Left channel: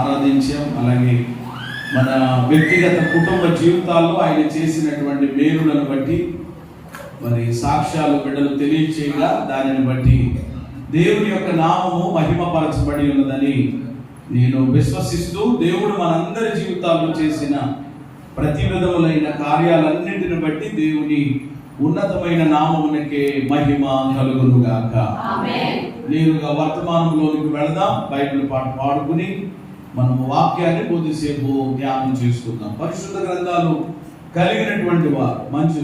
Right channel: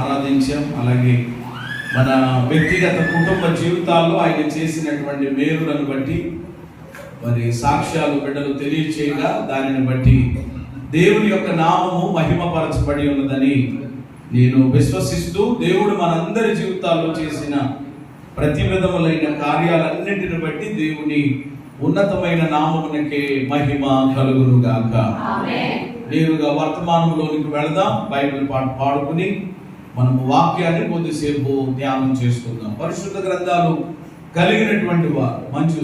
ఆరాధించాం. అలాగే మన వ్యక్తిగత కుటుంబ జీవితాల్లో ఆయన చేసినటువంటి మేలులను బట్టి మరి సాక్ష్యాలు బిడ్డలు తెలియచేయగా దానిని బట్టి దేవుని యొక్క నామము మహిమపరచబడి ఉన్నదని నేను విశ్వసిస్తూ, దేవుడు మనందరి జీవితాల్లో చేసిన ప్రతి విధములైన కార్యాలన్నింటిని బట్టి దేవుని ఉన్నతమైన నామమునకే మహిమ కలుగునుగాక. నేరుగా వర్తమానంలోనికి వెళదాం. బైబిల్ పాడుకుని మనం వాక్యాన్ని కొద్దిసేపు ధ్యానం చేసుకుందాం. పరిశుద్ధ గ్రంథాలు కలిగినటువంటి వారు మంచు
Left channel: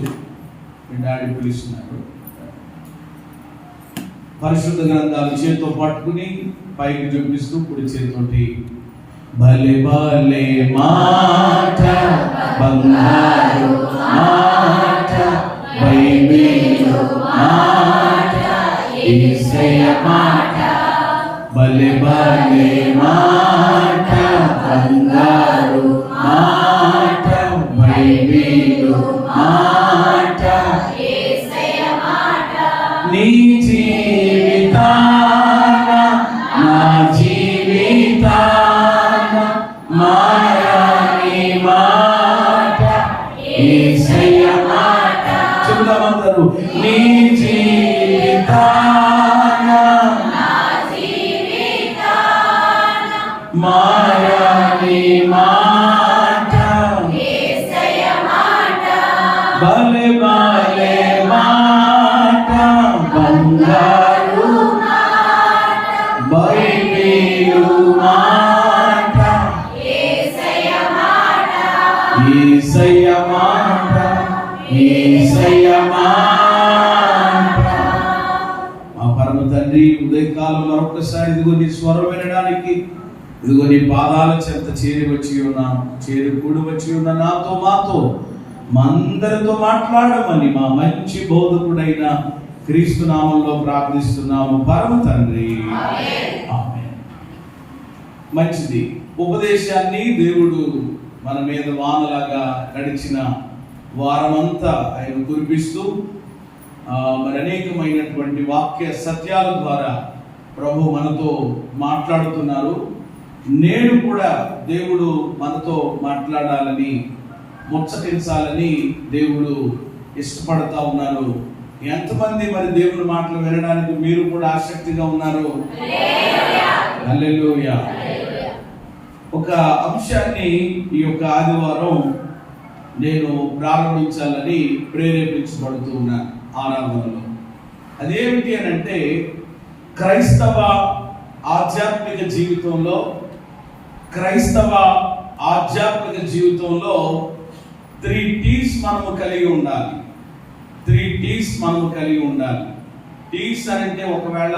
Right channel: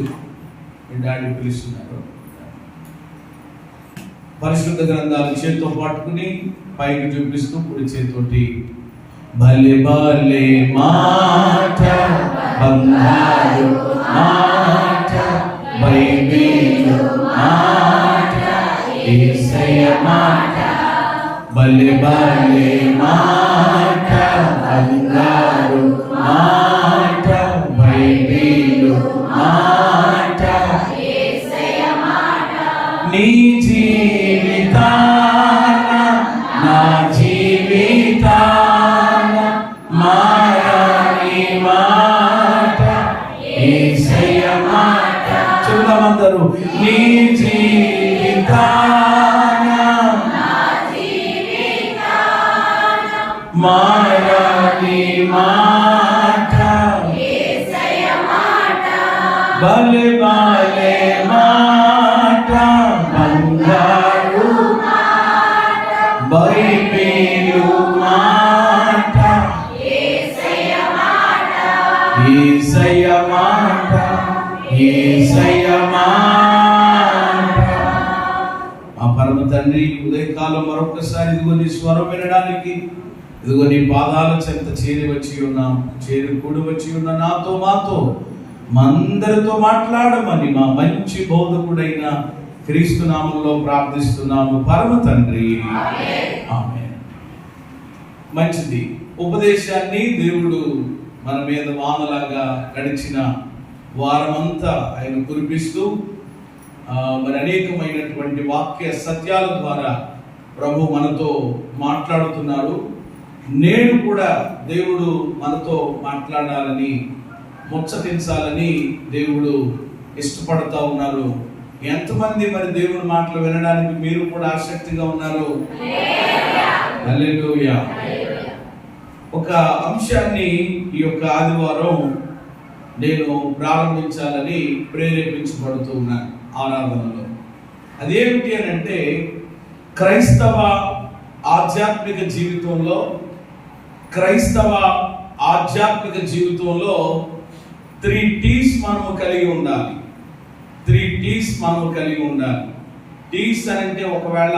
డాడీ పిలుస్తున్నారు. పరిశుద్ధ గ్రంథాలు చేతితో పట్టుకుని పైకి చూపిస్తూ కుడి చేతితోటి భలే భలే మాట బంగారు మాట బైబిలు మాట యేసయ్య మాట భలే భలే మాట బంగారు మాట బైబిలు మాట యేసయ్య మాట నీ జీవితాన నా జీవితాన మాయని మాట యేసయ్య మాట చూడమందరూ నీ జీవితాన నా జీవితాన మాయని మాట యేసయ్య మాట భలే భలే మాట బంగారు మాట బైబిలు మాట యేసయ్య మాట యేసయ్య మాట యేసయ్య మాట. మా పరమ తండ్రి, ఉదయకాలం మరొకసారి ఇదిగో నీ స్వరం వినడానికి ఇదిగో నీ పాదాల చెంత చేరి కూడి వచ్చి ఉన్న నాతో మాతో మా అందరితో మాట్లాడమని మా మంచి బోధకుడైన క్రీస్తు నామంలో ప్రార్థిస్తున్నాము పరమ తండ్రి, ఆమేన్. మంచిది. ఉపదేశాన్ని దేవుడు మన మీద వానలాగా గడిచిన వారమంతా ఆయన కురిపిస్తూ మరి అనేకమైనటువంటి వాక్య సత్యాల ద్వారా ప్రభు మనతో మాట్లాడుతున్నారు. నేను కూడా దేవుడు మనతో మాట్లాడాలని, ముచ్చటించాలని దేవుడు ఇష్టపడతా ఉన్నారు. ఎంతమంది మరి దేవుని మాటలు వినడానికి మీరు కూడా ఆసక్తిగా ఉన్నారు? హల్లెలూయా. ఒక అంశాన్ని ఈ యొక్క ఆదివారం నేను ప్రారంభించాలని ప్రేరేపించబడుతూ ఉన్నాను ఆరాధనలో. అదేమిటి అని అంటే, క్రైస్తవ ఆధ్యాత్మిక జీవితంలో 3 T's మనము కలిగి ఉండాలి. 3 T's మనము కలిగి ఉండాలి. టీస్ అని అంటే ఒకవేళ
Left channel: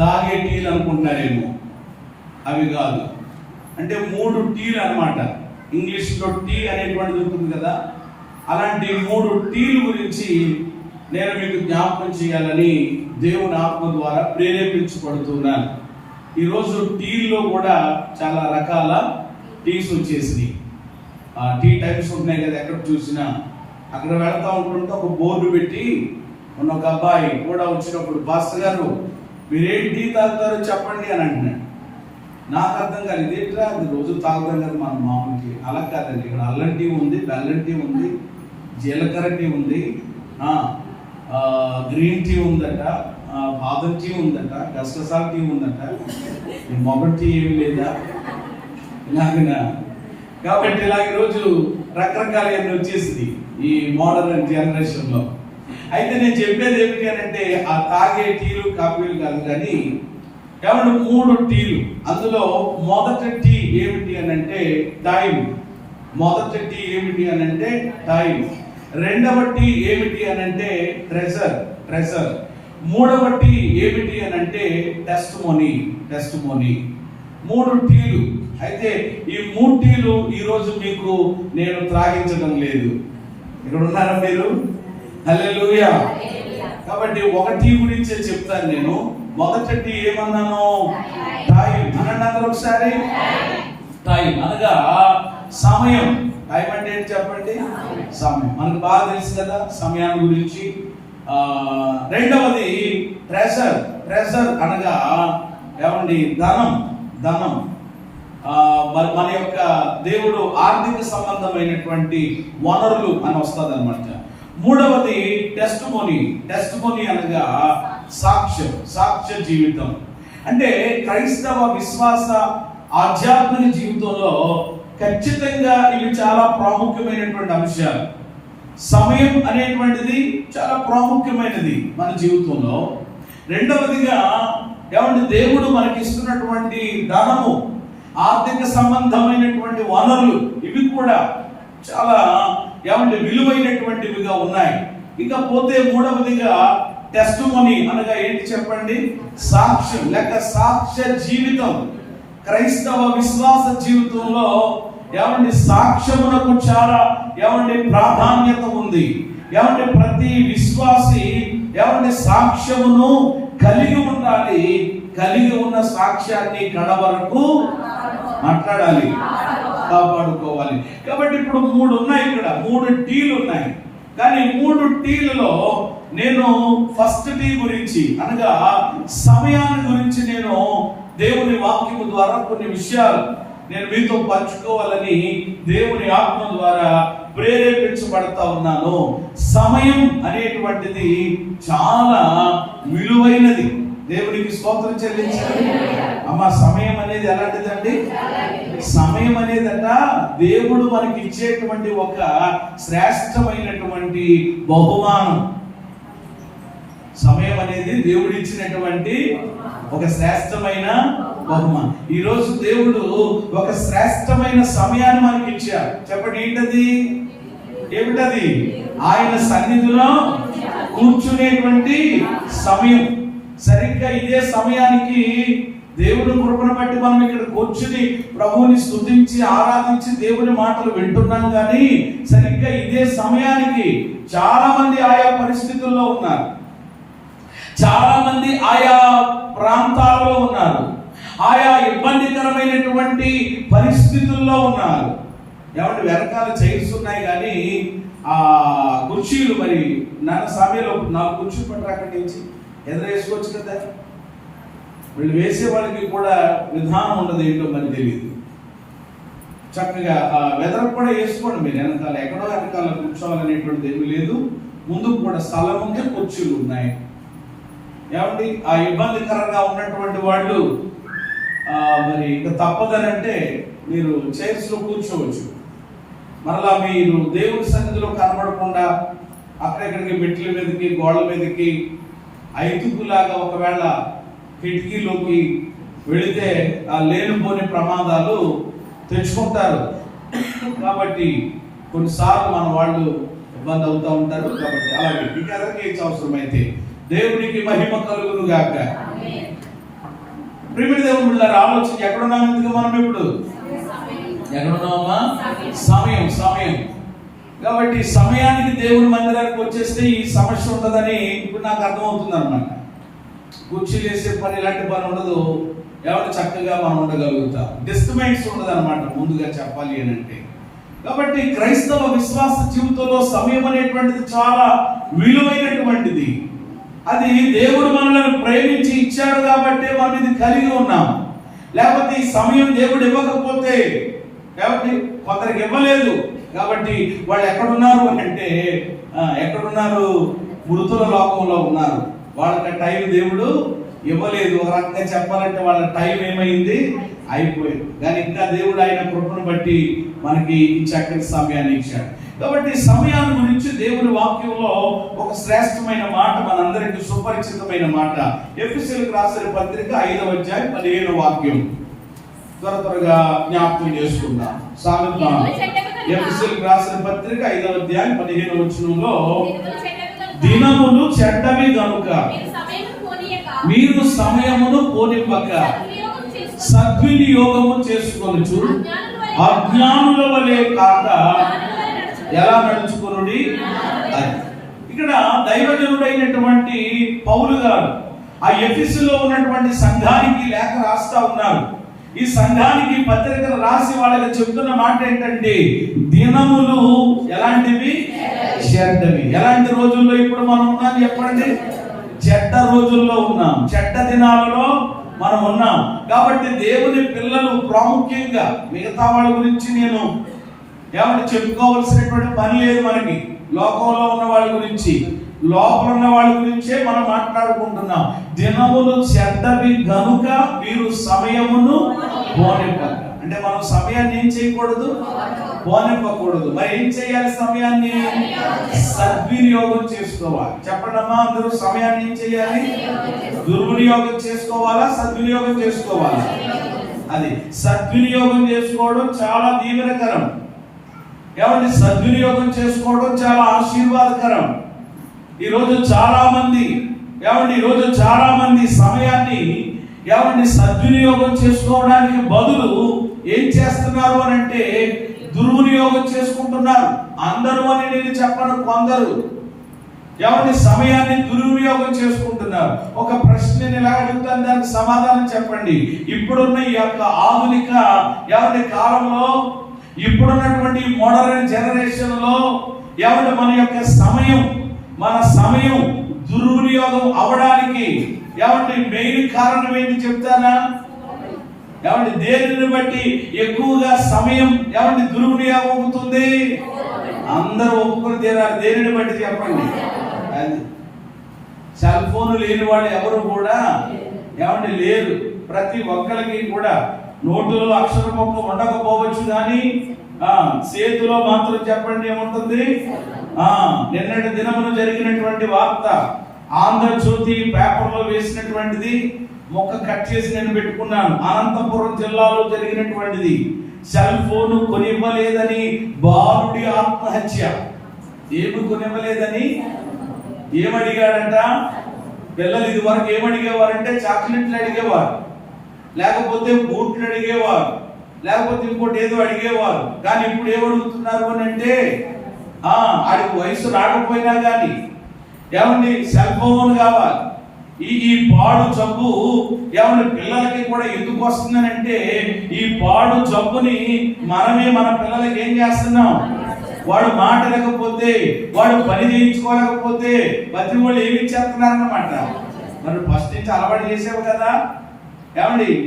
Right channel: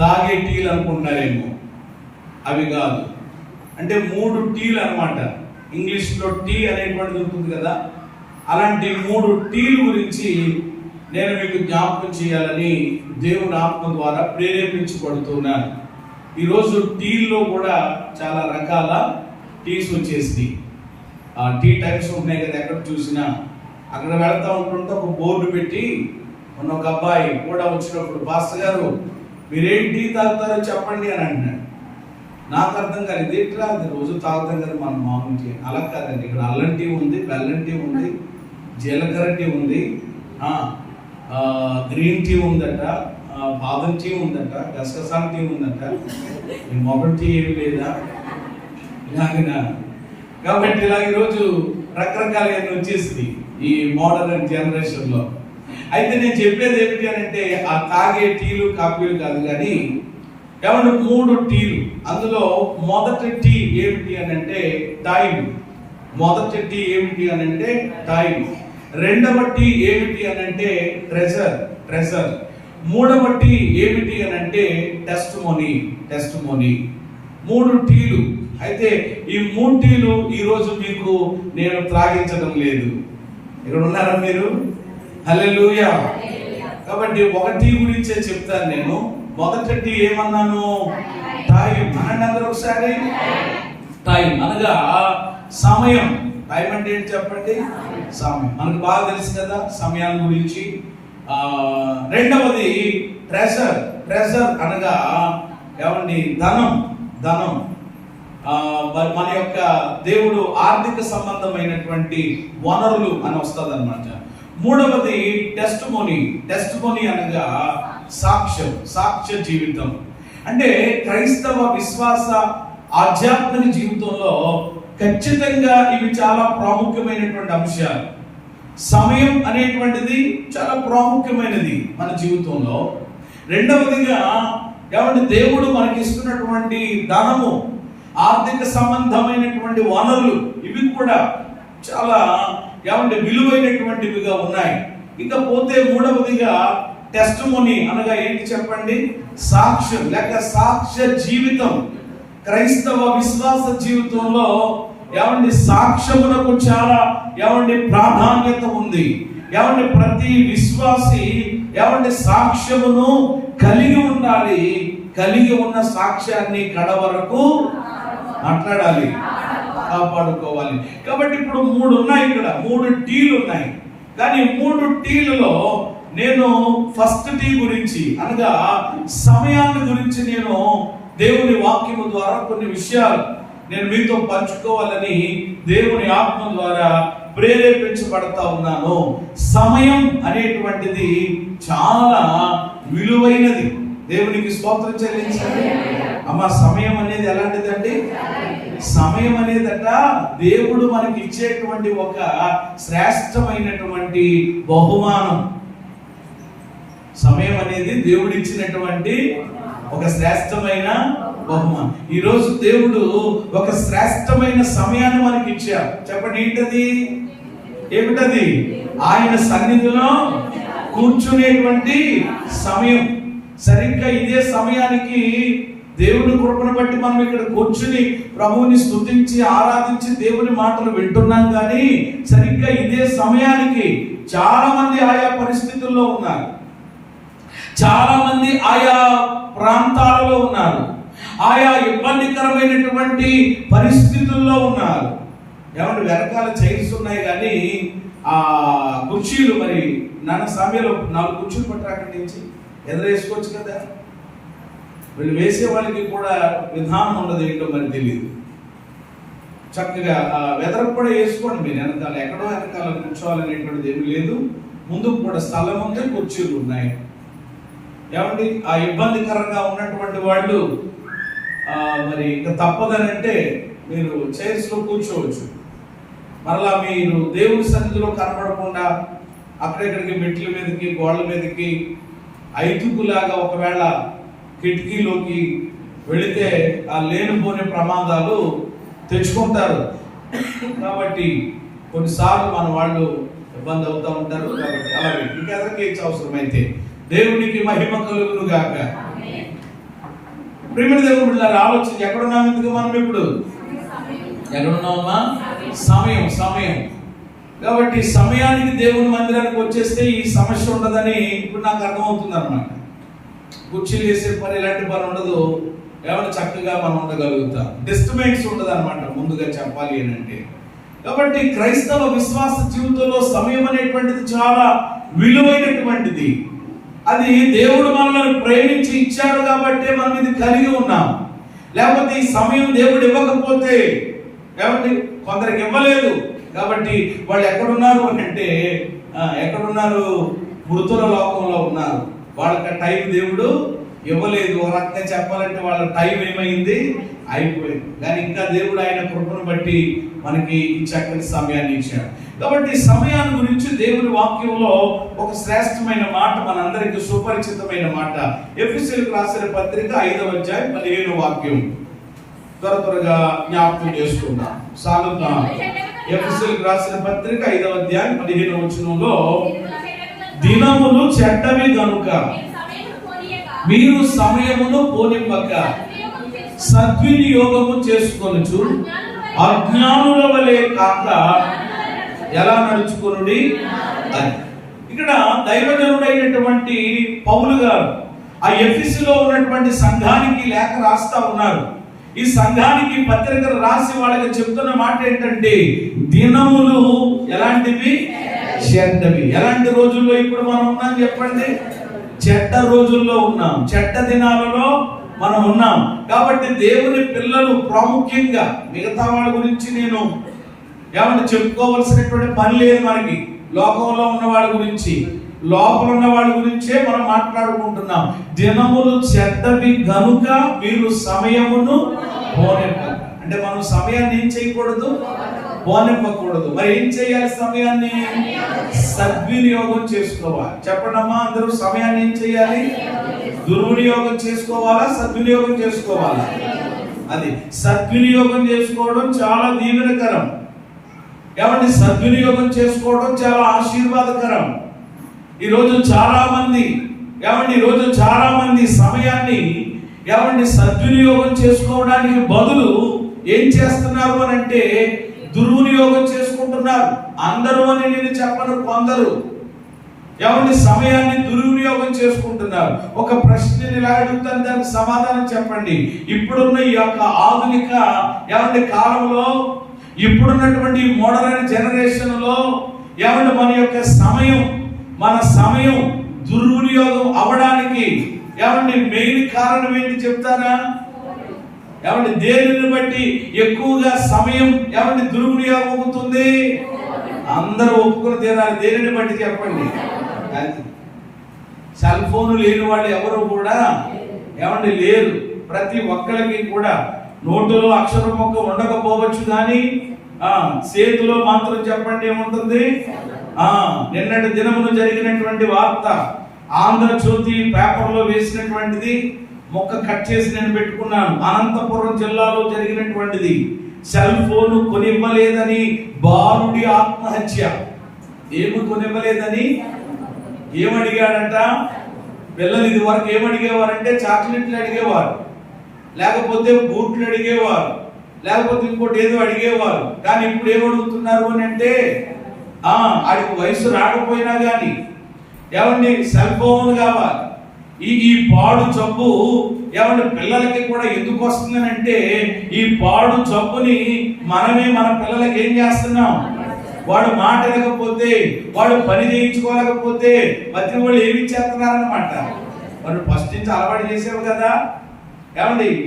తాగే టీలు అనుకుంటారేమో, అవి కాదు. అంటే 3 T's అన్నమాట. ఇంగ్లీష్లో టీ అనేటువంటిది ఉంటుంది కదా, అలాంటి 3 T's గురించి నేను మీకు జ్ఞాపకం చేయాలని దేవుని ఆత్మ ద్వారా ప్రేరేపించబడుతున్నాను. ఈరోజు టీల్లో కూడా చాలా రకాల టీస్ వచ్చేసి టీ టైప్స్ ఉన్నాయి కదా, ఎక్కడ చూసినా. అక్కడ వెళ్తా ఉంటుంటే ఒక బోర్డు పెట్టి మొన్న ఒక అబ్బాయి కూడా వచ్చినప్పుడు, పాస్టర్ గారు మీరేం టీ తాగుతారో చెప్పండి అని అంటున్నాడు. నాకు అర్థం కాదు, ఇదేంట్రా అది రోజు తాగుతాం కదా మన మామూలుకి. అలా కాదండి, ఇక్కడ అల్లం టీ ఉంది, బెల్లం టీ ఉంది, జీలకర్ర టీ ఉంది, గ్రీన్ టీ ఉందట, బాదం టీ ఉందట, గసగసాల టీ ఉందట, మొగటి టీ ఏమి లేదా ఇలాగనా. కాబట్టి ఇలా ఈరోజు రకరకాల వచ్చేసింది ఈ మోడర్న్ జనరేషన్లో. అయితే నేను చెప్పేది ఏమిటి అని అంటే, ఆ తాగే టీలు కాఫీలు కాదు కానీ కేవలం 3 టీలు. అందులో మొదటి టీ ఏమిటి అని అంటే టైం. మొదటి టీ ఏమిటి అని అంటే టైం. రెండవ టీ ఏమిటి అని అంటే ట్రెజర్. మూడవ టీ ఏమిటి అని అంటే టెస్టిమోనీ. 3 టీలు. అయితే ఈ 3 టీలు ఈరోజు మీకు నేను త్రాగించడం లేదు. ఇక్కడ ఉన్నారా మీరు? హల్లెలూయా. కాబట్టి ఒక టీ గురించే చెప్తాను నేను. మొదటి టీ ఏమన్నాను? టైం. అనండి అందరూ ఒకసారి. టైం అనగా సమయం. టైం అంటే ఏంటి చెప్పండి? సమయం. మనకు బాగా తెలుసు కదా సమయాన్ని గురించి. రెండవది ట్రెజర్ అనగా ఏమండి ధనం మన యొక్క దేవుడు ఆర్థిక సంబంధమైనటువంటి వనరులు అని వస్తుంది అనమాట. మూడవది టెస్టిమోనీ అనగా సాక్ష్య జీవితం. అంటే క్రైస్తవ విశ్వాస ఆధ్యాత్మిక జీవితంలో ఖచ్చితంగా ఇవి చాలా ప్రాముఖ్యమైనటువంటి అంశాలు. సమయం అనేటువంటిది చాలా ప్రాముఖ్యమైనది మన జీవితంలో. రెండవదిగా ఏమంటే దేవుడు మనకి ఇస్తున్నటువంటి ధనము, ఆర్థిక సంబంధమైనటువంటి వనరులు ఇవి కూడా చాలా ఏమంటే విలువైనటువంటివిగా ఉన్నాయి. ఇక పోతే మూడవదిగా టెస్టిమోనీ అనగా ఏంటి చెప్పండి? సాక్ష్యం లేక సాక్ష్య జీవితం. క్రైస్తవ విశ్వాస జీవితంలో ఏమంటే సాక్ష్యమునకు చాలా ఏమంటే ప్రాధాన్యత ఉంది. ఏమంటే ప్రతి విశ్వాసి ఏమంటే సాక్ష్యమును కలిగి ఉండాలి. కలిగి ఉన్న సాక్ష్యాన్ని కడవరకు మాట్లాడాలి, కాపాడుకోవాలి. కాబట్టి ఇప్పుడు 3 ఉన్నాయి, ఇక్కడ 3 టీలు ఉన్నాయి. కానీ 3 టీలలో నేను ఫస్ట్ టీ గురించి అనగా సమయాన్ని గురించి నేను దేవుని వాక్యము ద్వారా కొన్ని విషయాలు నేను మీతో పంచుకోవాలని దేవుని ఆత్మ ద్వారా ప్రేరేపించబడతా ఉన్నాను. సమయం అనేటువంటిది చాలా విలువైనది. దేవునికి స్తోత్రం చెల్లించాలి. అమ్మ, సమయం అనేది ఎలాంటిదండి? సమయం అనేదట దేవుడు మనకి ఇచ్చేటువంటి ఒక శ్రేష్టమైనటువంటి బహుమానం. సమయం అనేది దేవుడు ఇచ్చినటువంటి ఒక శ్రేష్టమైన బహుమానం. ఈ రోజు దేవుడు ఒక శ్రేష్టమైన సమయాన్ని మనకి ఇచ్చారు. చెప్పండి, ఏమిటది? ఆయన సన్నిధిలో కూర్చునేటువంటి సమయం. సరిగ్గా ఇదే సమయానికి దేవుని కృపను బట్టి మనం ఇక్కడ కూర్చుని ప్రభువుని స్తుతించి ఆరాధించి దేవుని మాటలు వింటున్నాం. కానీ సరిగ్గా ఇదే సమయానికి చాలా మంది ఆయా పరిస్థితుల్లో ఉన్నారు, చాలా మంది ఆయా ప్రాంతాలలో ఉన్నారు, ఆయా ఇబ్బందికరమైనటువంటి పరిస్థితుల్లో ఉన్నారు. ఏమంటే వెనకాల చైర్స్ ఉన్నాయి కానీ ఆ కుర్చీలు మరి నాన్న సమయంలో 4 కుర్చీలు పట్టారు, అక్కడి నుంచి ఎదురేసుకోవచ్చు కదా. వీళ్ళు వేసే వాళ్ళకి కూడా విధానం ఉండదు, ఏంటో మరి తెలియదు. చక్కగా వెదర్ కూడా వేసుకోండి మీరు. వెనకాల ఎక్కడో వెనకాల కూర్చోవాలనేటువంటిది ఏమీ లేదు. ముందుకు కూడా స్థలం ఉంది, కుర్చీలు ఉన్నాయి. ఏమండి ఆ ఇబ్బందికరంగా ఉన్నటువంటి వాళ్ళు మరి ఇంకా తప్పదనంటే మీరు చైర్స్ లో కూర్చోవచ్చు. మరలా మీరు దేవుని సన్నిధిలో కనబడకుండా అక్కడెక్కడికి మెట్ల మీదకి గోడల మీదకి ఐదుగులాగా ఒకవేళ కిటికీలోకి వెళితే ఆ లేనిపోని ప్రమాదాలు తెచ్చుకుంటారు. కాబట్టి కొన్నిసార్లు మన వాళ్ళు ఇబ్బంది అవుతూ ఉంటారు. కాబట్టి అలాగే ఇక ఎదరికేసి అవసరమైతే దేవునికి మహిమ కలుగును గాక. ప్రియమైన దేవుని బిడ్డలారా, ఆలోచన ఎక్కడున్నాం? ఎందుకు మనం ఇప్పుడు ఎక్కడున్నామా? సమయం. కాబట్టి సమయానికి దేవుని మందిరానికి వచ్చేస్తే ఈ సమస్య ఉండదని ఇప్పుడు నాకు అర్థమవుతుంది అనమాట. కుర్చీలు వేసే పని, ఇలాంటి పని ఉండదు. ఎవరు చక్కగా మనం ఉండగలుగుతాం. డిస్టర్బెన్స్ ఉండదు అనమాట, ముందుగా చెప్పాలి అని అంటే. కాబట్టి క్రైస్తవ విశ్వాస జీవితంలో సమయం అనేటువంటిది చాలా విలువైనటువంటిది. అది దేవుడు మనల్ని ప్రేమించి ఇచ్చాడు కాబట్టి మనం ఇది కలిగి ఉన్నాం. లేకపోతే ఈ సమయం దేవుడు ఇవ్వకపోతే, కాబట్టి కొందరికి ఇవ్వలేదు కాబట్టి వాళ్ళు ఎక్కడున్నారు అంటే ఎక్కడున్నారు? మృతుల లోకంలో ఉన్నారు. వాళ్ళకి టైం దేవుడు ఇవ్వలేదు. ఒక రకంగా చెప్పాలంటే వాళ్ళ టైం ఏమైంది? అయిపోయింది. కానీ ఇంకా దేవుడు ఆయన కృపను బట్టి మనకి ఈ చక్కని సమయాన్ని ఇచ్చాడు. కాబట్టి సమయాన్ని గురించి దేవుని వాక్యంలో ఒక శ్రేష్టమైన మాట, మనందరికీ సుపరిచితమైన మాట. ఎఫెసీయులకు రాసిన పత్రిక 5వ అధ్యాయం 15వ వాక్యం త్వరగా జ్ఞాపకం చేసుకుందాం. సాగుతాం. ఎఫెసీయులకు రాసిన పత్రిక 5వ అధ్యాయం 15వ వచనంలో, దినములు చెడ్డవి గనుక మీరు సమయమును పోనివ్వక సద్వినియోగము చేసుకొనుచు అజ్ఞానుల వలె కాక ఎలా నడుచుకొనుడి. ఇక్కడ దైవజనుడైనటువంటి పౌలు గారు ఆ ఎఫెసులో ఉన్నటువంటి సంఘానికి లేఖ రాస్తా ఉన్నారు. ఈ సంఘానికి పత్రికలు రాసి వాళ్ళకి చెప్తున్న మాట ఏంటంటే, దినములు ఎలాంటివి? చెడ్డవి. ఎలాంటి రోజుల్లో ఇప్పుడు మనం ఉన్నాం చెప్పండి? చెడ్డ రోజుల్లో ఉన్నాం, చెడ్డ దినాలలో మనం ఉన్నాం. కాబట్టి దేవుని పిల్లలు ప్రాముఖ్యంగా, మిగతా వాళ్ళ గురించి నేను చెప్పుకోవాల్సినటువంటి పని లేదు మనకి. లోకంలో ఉన్న వాళ్ళ గురించి, లోపల ఉన్న వాళ్ళ గురించే మనం మాట్లాడుకుంటున్నాం. దినములు చెడ్డవి గనుక మీరు సమయమును పోనివ్వక. అంటే మనం సమయాన్ని ఏం చేయకూడదు? పోనివ్వకూడదు. మరి ఏం చేయాలి? సమయాన్ని సద్వినియోగం చేసుకోవాలి. చెప్పడమ్మా అందరూ, సమయాన్ని ఏం చేయాలి? దుర్వినియోగం చేసుకోవాలా, సద్వినియోగం చేసుకోవాలా? అది సద్వినియోగం చేసుకోవడం చాలా దీవెనకరం. ఏమంటే సద్వినియోగం చేసుకోవడం చాలా ఆశీర్వాదకరం. ఈరోజు చాలా మంది సమయాన్ని సద్వినియోగం చేసుకోవడానికి బదులు ఏం చేస్తున్నారు అని అంటే దుర్వినియోగం చేసుకుంటున్నారు. అందరూ అని నేను చెప్పను, కొందరు సమయాన్ని దుర్వినియోగం చేసుకుంటున్నారు. ఒక ప్రశ్న నేను అడుగుతాను, దానికి సమాధానం చెప్పండి. ఇప్పుడున్న ఈ యొక్క ఆధునిక కాలంలో, ఇప్పుడున్నటువంటి మోడర్న్ జనరేషన్ లో మన సమయం దుర్వినియోగం అవడానికి మెయిన్ కారణం ఏంటి చెప్తారా? దేనిని బట్టి ఎక్కువగా సమయం దుర్వినియోగం అవుతుంది? అందరూ ఒప్పుకుని తీరాలి. దేనిని బట్టి చెప్పండి. సెల్ ఫోన్ లేని వాళ్ళు ఎవరు కూడా లేరు. ప్రతి ఒక్కరికి కూడా నోటులో అక్షరం మొక్క ఉండకపోవచ్చు, కానీ చేతిలో మాత్రం చెప్పండి ఏముంటుంది? నిన్నటి దినమును జరిగినటువంటి వార్త, ఆంధ్రజ్యోతి పేపర్లో వేసినటువంటిది మొక్క కట్ చేసి నేను పెట్టుకున్నాను. అనంతపురం జిల్లాలో జరిగినటువంటిది. సెల్ ఫోన్ కొనివ్వలేదని బాలుడి ఆత్మహత్య. ఏమి కొనివ్వలేదని ఏమడిగాడంట? పిల్లలు ఇది వరకు ఏమడిగేవారంటే చాక్లెట్లు అడిగేవారు, లేకపోతే బూట్లు అడిగేవారు, లేకపోతే ఇంకోటి ఏదో అడిగేవారు. కానీ ఇప్పుడు ఏమడుగుతున్నారు అని అంటే ఆడికి వయసు రాకపోయినా కానీ సెల్ ఫోన్ కావాలి. ఈ పాడు జబ్బు పిల్లలకి కూడా ఎందుకు వస్తుందని అంటే, ఈ పాడు జబ్బుని మనమే మన పిల్లలకి ఏం చేస్తున్నాం? వాడు మాట వినకపోతే, వాడు పని చేయించుకోలేకపోతే ప్రతి వాళ్ళు ఏమి ఇచ్చేస్తున్నారన్నమాట. మరి ఫస్ట్ నుంచి అలవాటు చేసావు కదా,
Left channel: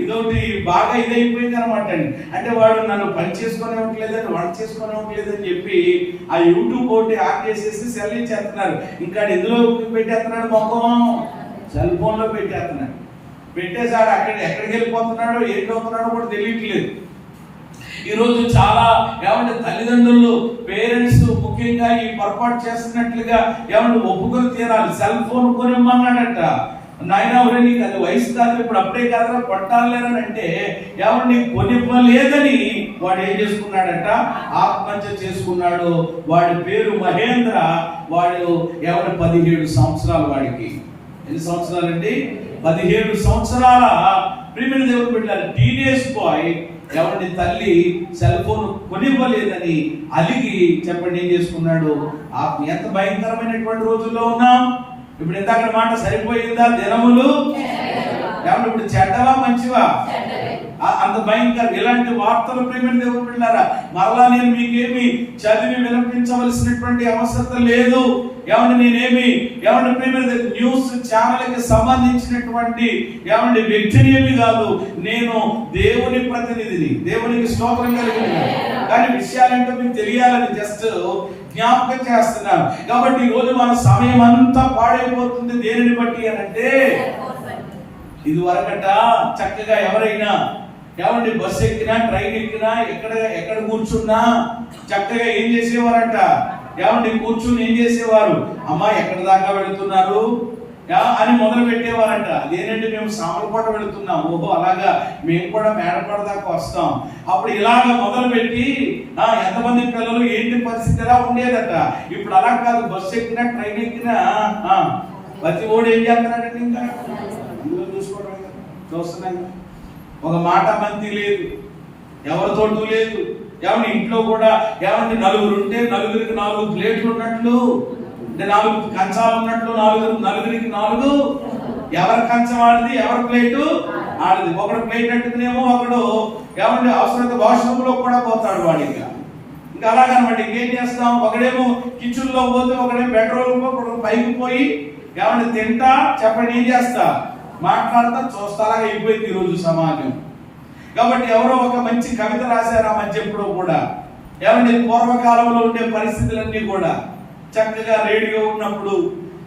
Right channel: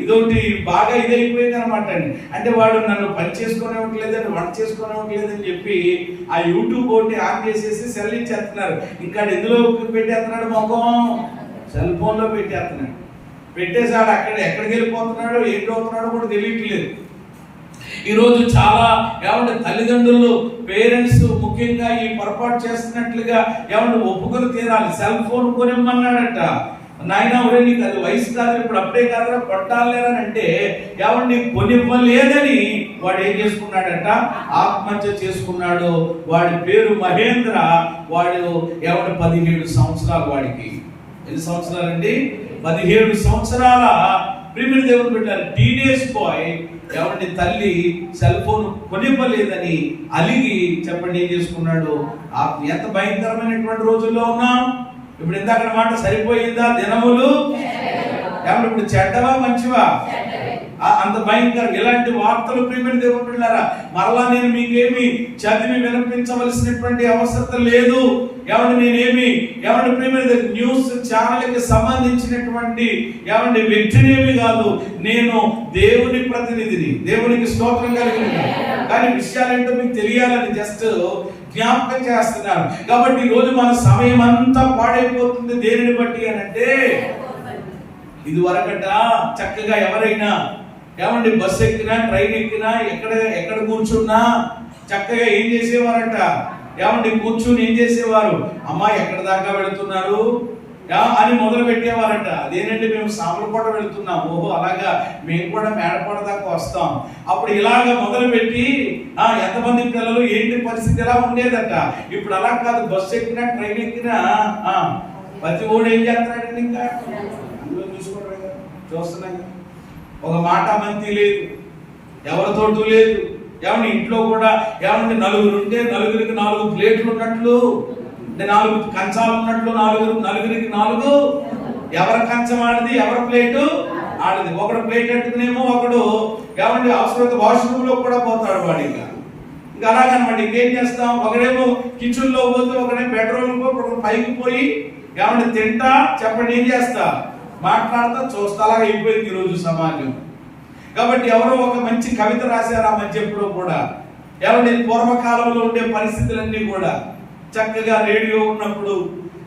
ఇదొకటి బాగా ఇదైపోయింది అనమాట అండి. అంటే వాడు నన్ను పని చేసుకునేవ్వట్లేదని, వంట చేసుకునేవ్వట్లేదని చెప్పి ఆ యూట్యూబ్ ఒకటి ఆన్ చేసేసి సెల్ ఇచ్చేస్తున్నారు. ఇంకా ఎందులో పెట్టేస్తున్నాడు? మొఖం సెల్ ఫోన్ లో పెట్టేస్తున్నాడు. పెట్టేసాడు. ఎక్కడికి వెళ్ళిపోతున్నాడో ఏంటవుతున్నాడో కూడా తెలియట్లేదు. ఈరోజు చాలా తల్లిదండ్రులు, పేరెంట్స్ ముఖ్యంగా ఈ పొరపాటు చేస్తున్నట్లుగా ఒప్పుకొని తీరాలి. సెల్ ఫోన్ కొనిమ్మన్నాడట. నాయన నీకు అది వయసు కాదు, ఇప్పుడు అప్పుడే కాదు కొట్టాలేరని అంటే కొనివ్వలేదని వాడు ఏం చేసుకున్నాడట? ఆత్మహత్య చేసుకున్నాడు. వాడి పేరు మహేంద్ర. వాడు 17 సంవత్సరాలు. వాడికి ఎన్ని సంవత్సరాలండి? 17 సంవత్సరాల ప్రిమిల్ దేవుడు పెట్టారు. టీనేజ్ బాయ్ తల్లి సెల్ ఫోన్ కొనివ్వలేదని అలిగి చెప్పండి ఏం చేసుకున్నాడు? ఎంత భయంకరమైనటువంటి రోజుల్లో ఉన్నాం. ఇప్పుడు ఇందాక మాట సరిపోయిందా? దినములు ఇప్పుడు చెడ్డవా మంచివా? అంత భయంకరం. ఇలాంటి వార్తలు ప్రియమైన దేవుని బిడ్డలారా, మరలా నేను మీకేమి చదివి వినిపించవలసినటువంటి అవసరం లేదు. నేనేమి ప్రియమైన న్యూస్ ఛానల్ కి సంబంధించినటువంటి వ్యక్తినేమి కాదు. నేను దేవుని ప్రతినిధిని, దేవునికి స్తోత్రం కలిగింది. కానీ విషయాలంటే మీకు తెలియాలని జస్ట్ జ్ఞాపకం చేస్తున్నాను. కాబట్టి ఈ రోజు మన సమయం అంతా పాడైపోతుంది. దేనిని బట్టి అని అంటే, ఇది వరకట చక్కగా ఎవరైనా బస్సు ఎక్కినా, ట్రైన్ ఎక్కినా, ఎక్కడ కూర్చున్నా చక్కగా ఏం చేసేవారంట? కూర్చుని ఏం చేసేవారు? అమ్మా ఎక్కడ దాకా వెళుతున్నారు అని మొదలు పెట్టేవారంట. అదేనండి మేము సామర్లకోట వెళుతున్నాం. ఓహో అలాగా, మేము కూడా మేడకోట దాకా వస్తాం. అప్పుడు ఇలాగ మొదలు పెట్టి ఎంతమంది పిల్లలు ఏంటి పరిస్థితి ఎలా ఉండేదట. ఇప్పుడు అలా కాదు. బస్సు ఎక్కినా, ట్రైన్ ఎక్కినా ప్రతి ఓడు ఏం చేస్తున్నాడండి? ఇంకా అందులో చూస్తున్నాం. ఒక మాట మంతి లేదు, ఎవరితోటూ లేదు. ఇంట్లో కూడా నలుగురు ఉంటే నలుగురికి 4 ప్లేట్లు ఉన్నట్లు, 4 కంచాలు ఉన్నట్లు, నలుగురికి 4. ఎవరి కంచం ఆడిది, ఎవరి ప్లేటు ఆడిది. ఒకడు ప్లేట్ అట్టుకునేమో ఒకడు అవసరమైతే వాష్రూమ్ లో కూడా పోతాడు వాడు. ఇంకా అలాగనమాట. ఇంకేం చేస్తాం? ఒకడేమో కిచెన్ లో పోతే, ఒకడే బెడ్రూమ్ లో, ఒకడు పైకి పోయి ఏమంటే తింటా చెప్పండి ఏం చేస్తా, మాట్లాడతా, చూస్తా, అలాగే అయిపోయింది ఈరోజు సమాజం. కాబట్టి ఎవరో ఒక మంచి కవిత రాశారు ఆ మధ్య ఎప్పుడో కూడా, ఏమంటే పూర్వకాలంలో ఉండే పరిస్థితులన్నీ కూడా చక్కగా రేడియో ఉన్నప్పుడు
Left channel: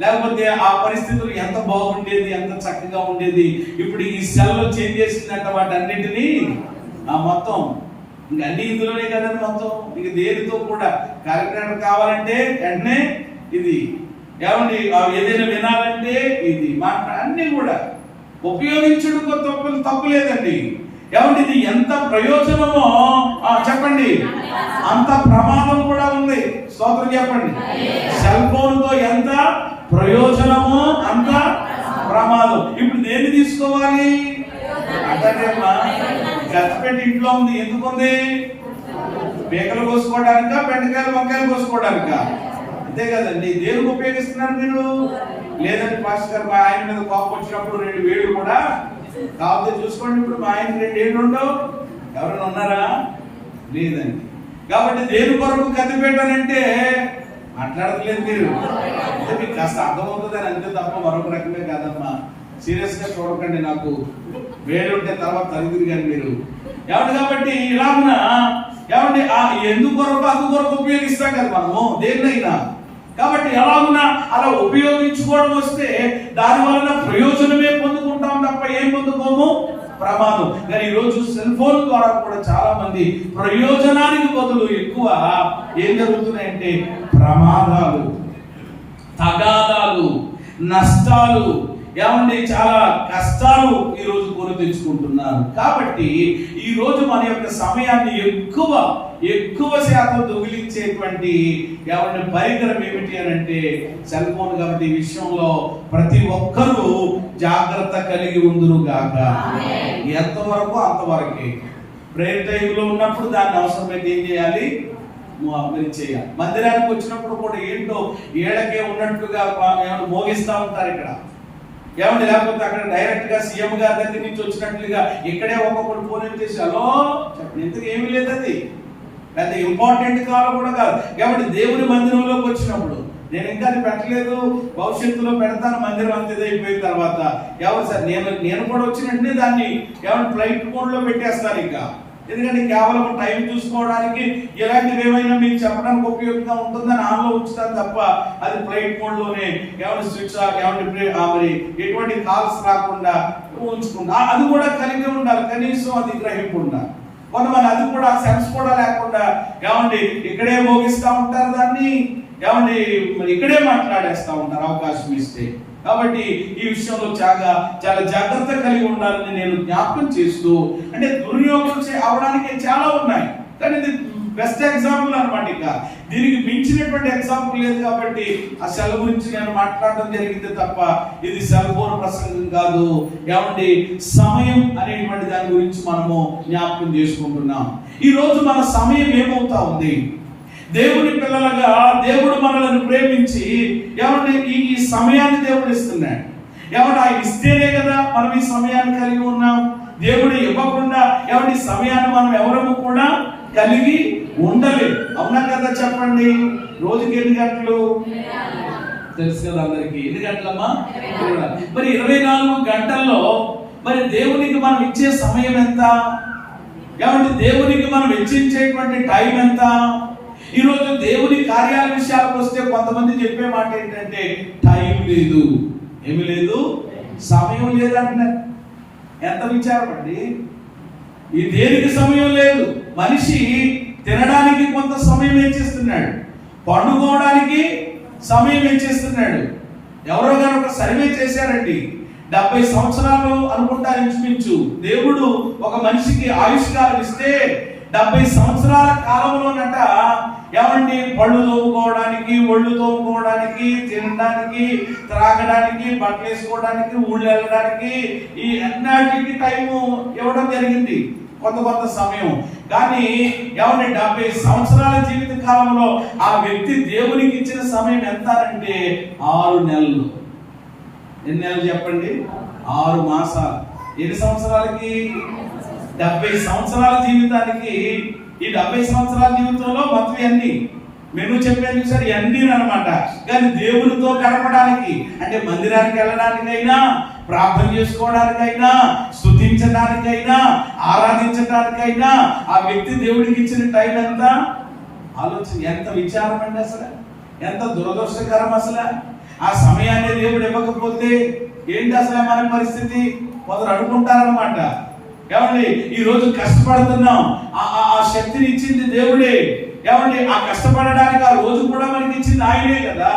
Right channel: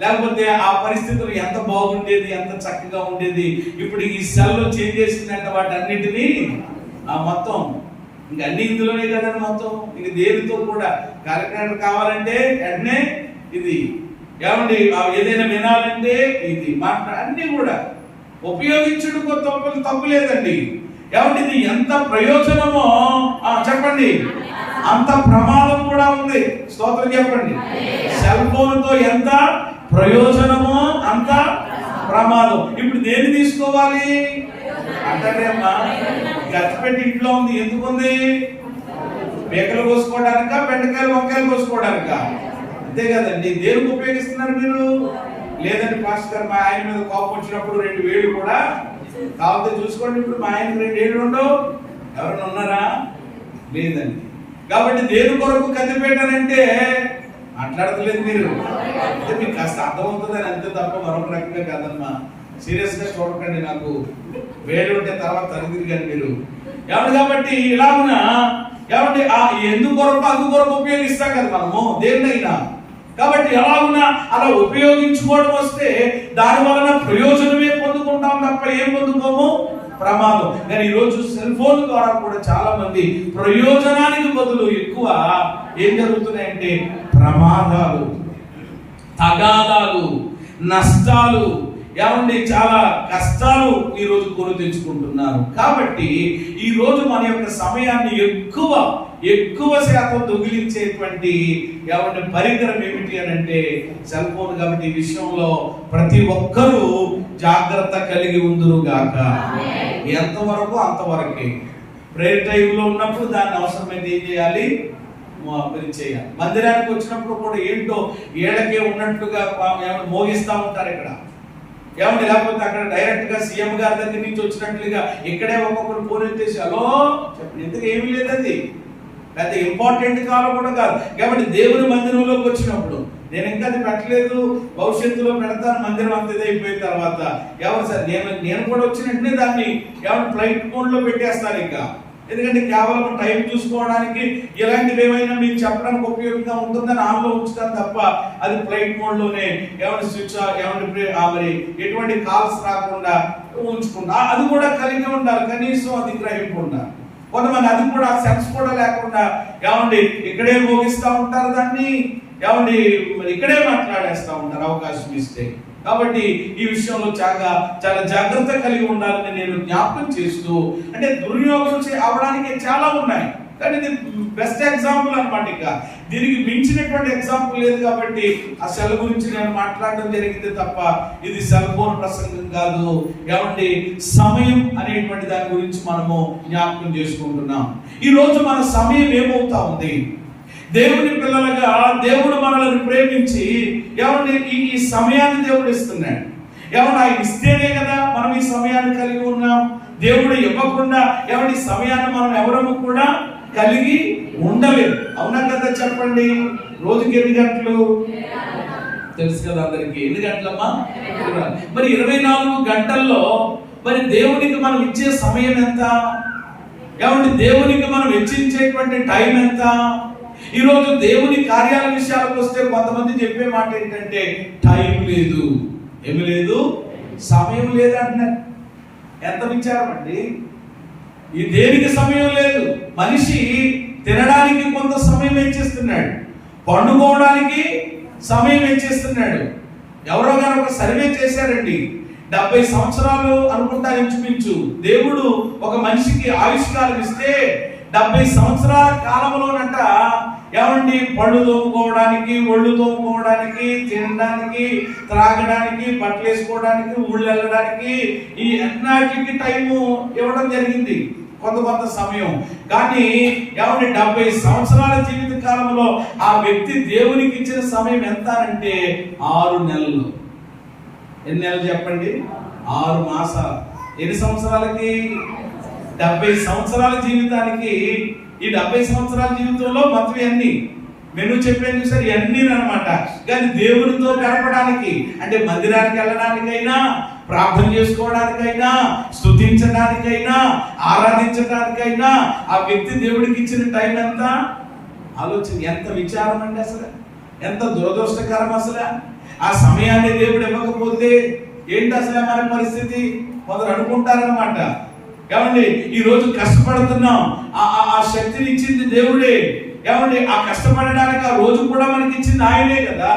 లేకపోతే ఆ పరిస్థితులు ఎంత బాగుండేది, ఎంత చక్కగా ఉండేది. ఇప్పుడు ఈ సెల్లో చేంజ్ చేసిందంట వాటి అన్నింటినీ మొత్తం ఇంక అన్ని ఇందులోనే కదండి మొత్తం. ఇంక దేనితో కూడా కార్యక్రమం కావాలంటే వెంటనే ఇది, ఏమండి ఏదైనా వినాలంటే ఇది, అన్ని కూడా ఉపయోగించుడు తప్పు లేదండి. ఏమంటే ఇది ఎంత ప్రయోజనమో చెప్పండి, అంత ప్రమాదం కూడా ఉంది. స్తోత్రం చెప్పండి. సెల్ ఫోన్ తో ఎంత ప్రయోజనమో అంత ప్రమాదం. ఇప్పుడు దేన్ని తీసుకోవాలి అంటే గచ్చిపెట్టి ఇంట్లో ఉంది, ఎందుకుంది? పీకలు కోసుకోవడానిక, బెండకాయలు వంకాయలు కోసుకోవడానిక? అంతే కదండి. దేనికి ఉపయోగిస్తున్నారు మీరు? లేదండి పాస్టర్ గారు మా ఆయన మీద కోపం వచ్చినప్పుడు 2 వేలు కూడా కాకపోతే చూసుకోండి. ఇప్పుడు మా ఆయన 2 ఏళ్ళు ఉండవు, ఎవరైనా ఉన్నారా? లేదండి. కాబట్టి దేని కొరకు కత్తి పెట్టానంటే మాట్లాడలేదు మీరు, అంటే మీకు కాస్త అర్థమవుతుంది అని అంతే తప్ప మరొక రకంగా కాదమ్మా. సీరియస్ గా చూడకండి, నాకు వేడు ఉంటే తర్వాత తరగతి కానీ మీరు ఏమంటే. కాబట్టి ఇలాగున ఏమంటే ఎందుకు కొరకు అందు కొరకు ఉపయోగిస్తాం కదా మనము దేన్నైనా. కాబట్టి ఎలాగున అలా ఉపయోగించుకోవడం వస్తే దాని వలన ప్రయోజనమే పొందుకుంటాం తప్ప ఏం పొందుకోము, ప్రమాదం. కానీ ఈరోజు సెల్ ఫోన్ ద్వారా కూడా చాలా మంది ప్రయోజనానికి బదులు ఎక్కువ ఏం జరుగుతున్నాయంటే ప్రమాదాలు, తగాదాలు, నష్టాలు, ఏమండి చాలా కష్టాలు ఈరోజు కొని తెచ్చుకుంటున్నారు. కాబట్టి ఈరోజు మన యొక్క సమయాన్ని ఎక్కువ శాతం దొంగిలించేటువంటి ఏమంటే పరికరం ఏమిటి అని అంటే సెల్ ఫోన్. కాబట్టి ఈ విషయంలో ప్రతి ఒక్కరూ జాగ్రత్త కలిగి ఉందురు గాక. ఎంతవరకు అంతవరకే. ప్రేయర్ టైంలో ఉన్నప్పుడు దాన్ని అవసరమైతే ఏం చేయాలి, మీరు చేయాలి. మందిరానికి వచ్చినప్పుడు కూడా ఏంటో ఏళ్ళకే ఉన్నట్టుగా మోగిస్తూ ఉంటారు ఇక్కడ, ఏమంటే. లేకపోతే అక్కడ డైరెక్ట్ గా సీఎం గారి దగ్గర నుంచి వచ్చినట్లుగా ఇక్కడే ఒక్కొక్కరు ఫోన్ చేసి హలో చెప్పండి. ఎందుకు ఏమీ లేదు, అది పెద్ద ఇంపార్టెంట్ కాలం కూడా కాదు. కాబట్టి దేవుని మందిరంలోకి వచ్చినప్పుడు నేను ఇంకా అది పెట్టలేదు, భవిష్యత్తులో పెడతాను, మందిరం అంత అయిపోయిన తర్వాత ఎవరు సార్ నేను కూడా వచ్చినట్టే దాన్ని ఎవరు ఫ్లైట్ మోడ్ లో పెట్టేస్తారు ఇంకా. ఎందుకంటే కేవలం టైం చూసుకోవడానికి ఇలాంటివి ఏమైనా మీకు చెప్పడానికి ఉపయోగంగా ఉంటుందని ఆన్లో ఉంచుతాను తప్ప అది ఫ్లైట్ మోడ్ లోనే ఏమంటే స్విచ్ మరి ఎటువంటి కాల్స్ రాకుండా ఉంచుకుంటా. అది కూడా కలిగి ఉండాలి, కనీసం అది గ్రహింపు ఉండాలి. కొంతమంది అది కూడా సెన్స్ కూడా లేకుండా ఏమండి ఇక్కడే మోగిస్తూ ఉంటారు దాన్ని, ఏమండి మరి ఇక్కడే మాట్లాడేస్తూ ఉంటారు అవకాశం ఇస్తే. కాబట్టి ఈ విషయంలో చాలా జాగ్రత్త కలిగి ఉండాలని నేను జ్ఞాపకం చేస్తూ, అంటే దుర్వినియోగం అవడానికి చాలా ఉన్నాయి, కానీ ఇది బెస్ట్ ఎగ్జాంపుల్ అనమాట. ఇక దీనికి మించినటువంటి ఎగ్జాంపుల్ లేదు. కాబట్టి ఆ సెల్ గురించి నేను మాట్లాడడం జరిగింది తప్ప ఇది సెల్ ఫోన్ ప్రసంగం కాదు. ఏమండి సమయం అనేటువంటి దాని గురించి మనము జ్ఞాపకం చేసుకుంటున్నాం. ఈ రోజు మన సమయం ఏమవుతా ఉంది? దేవుని పిల్లలుగా దేవుడు మనల్ని ప్రేమించి ఏమంటే ఈ సమయాన్ని దేవుడు ఇస్తున్నాడు. ఏమంటే ఆయన ఇస్తేనే కదా మనం ఈ సమయాన్ని కలిగి ఉన్నాం. దేవుడు ఇవ్వకుండా ఏమంటే సమయాన్ని మనం ఎవరము కూడా కలిగి ఉండలేదు. అవునా కదా చెప్పండి. రోజుకి ఎన్ని గంటలు తెలుసు కదా అందరికి? ఎన్ని గంటలమ్మా? మరి 24 గంటల్లో మరి దేవునికి మనం ఇచ్చే సమయం ఎంత? ఏమంటే దేవునికి మనం వెచ్చించేటువంటి టైం ఎంత? ఈరోజు దేవుని కార్యాల విషయాలకు వస్తే కొంతమంది చెప్పే మాట ఏంటంటే టైం లేదు, ఏమి లేదు, సమయం లేదంటున్నారు. ఎంత విచారం అండి. ఈ దేనికి సమయం లేదు. మనిషి తినడానికి కొంత సమయం వెచ్చిస్తున్నాడు, పండుకోవడానికి సమయం వెచ్చిస్తున్నాడు. ఎవరో కానీ ఒక సర్వే చేశారండి, 70 సంవత్సరాలు అనుకుంటా ఇంచుమించు దేవుడు ఒక మనిషికి ఆయుష్కాలం ఇస్తే 70 సంవత్సరాల కాలంలోనట ఏమండి పళ్ళు తోముకోవడానికి, ఒళ్ళు తోముకోవడానికి, తినడానికి, త్రాగడానికి, బట్టలు వేసుకోవడానికి, ఊళ్ళు వెళ్ళడానికి ఈ అన్నిటికి టైము ఇవ్వడం జరిగింది, కొంత సమయం. కానీ ఏమండి 70 సంవత్సరాల జీవిత కాలంలో ఆ వ్యక్తి దేవునికి ఇచ్చిన సమయం ఎంత అంటే 6 నెలలు. ఎన్ని నెలలు చెప్పండి? 6 మాసాలు. ఎన్ని సంవత్సరాలకి? 70 సంవత్సరాల జీవితానికి. ఈ 70 సంవత్సరాల జీవితంలో మొత్తం అన్ని మెను చెప్పాను సార్, ఇవన్నీ అనమాట. కానీ దేవునితో గడపడానికి, అంటే మందిరానికి వెళ్ళడానికైనా, ప్రార్థన చేసుకోవడానికైనా, స్తుతించడానికైనా, ఆరాధించడానికైనా ఆ వ్యక్తి దేవుడికి ఇచ్చిన టైం ఎంత ఆలోచన, ఎంత విచారం అండి అసలు, ఎంత దురదృష్టకరం అసలు. ఆ సమయాన్ని దేవుడు ఇవ్వకపోతే ఏంటి అసలు మన పరిస్థితి? కొందరు అనుకుంటారనమాట, ఏమండి ఈ రోజు కష్టపడుతున్నాం, ఆ శక్తిని ఇచ్చింది దేవుడే, ఏమండి ఆ కష్టపడడానికి ఆ రోజు కూడా మనకి ఇచ్చింది ఆయనే కదా.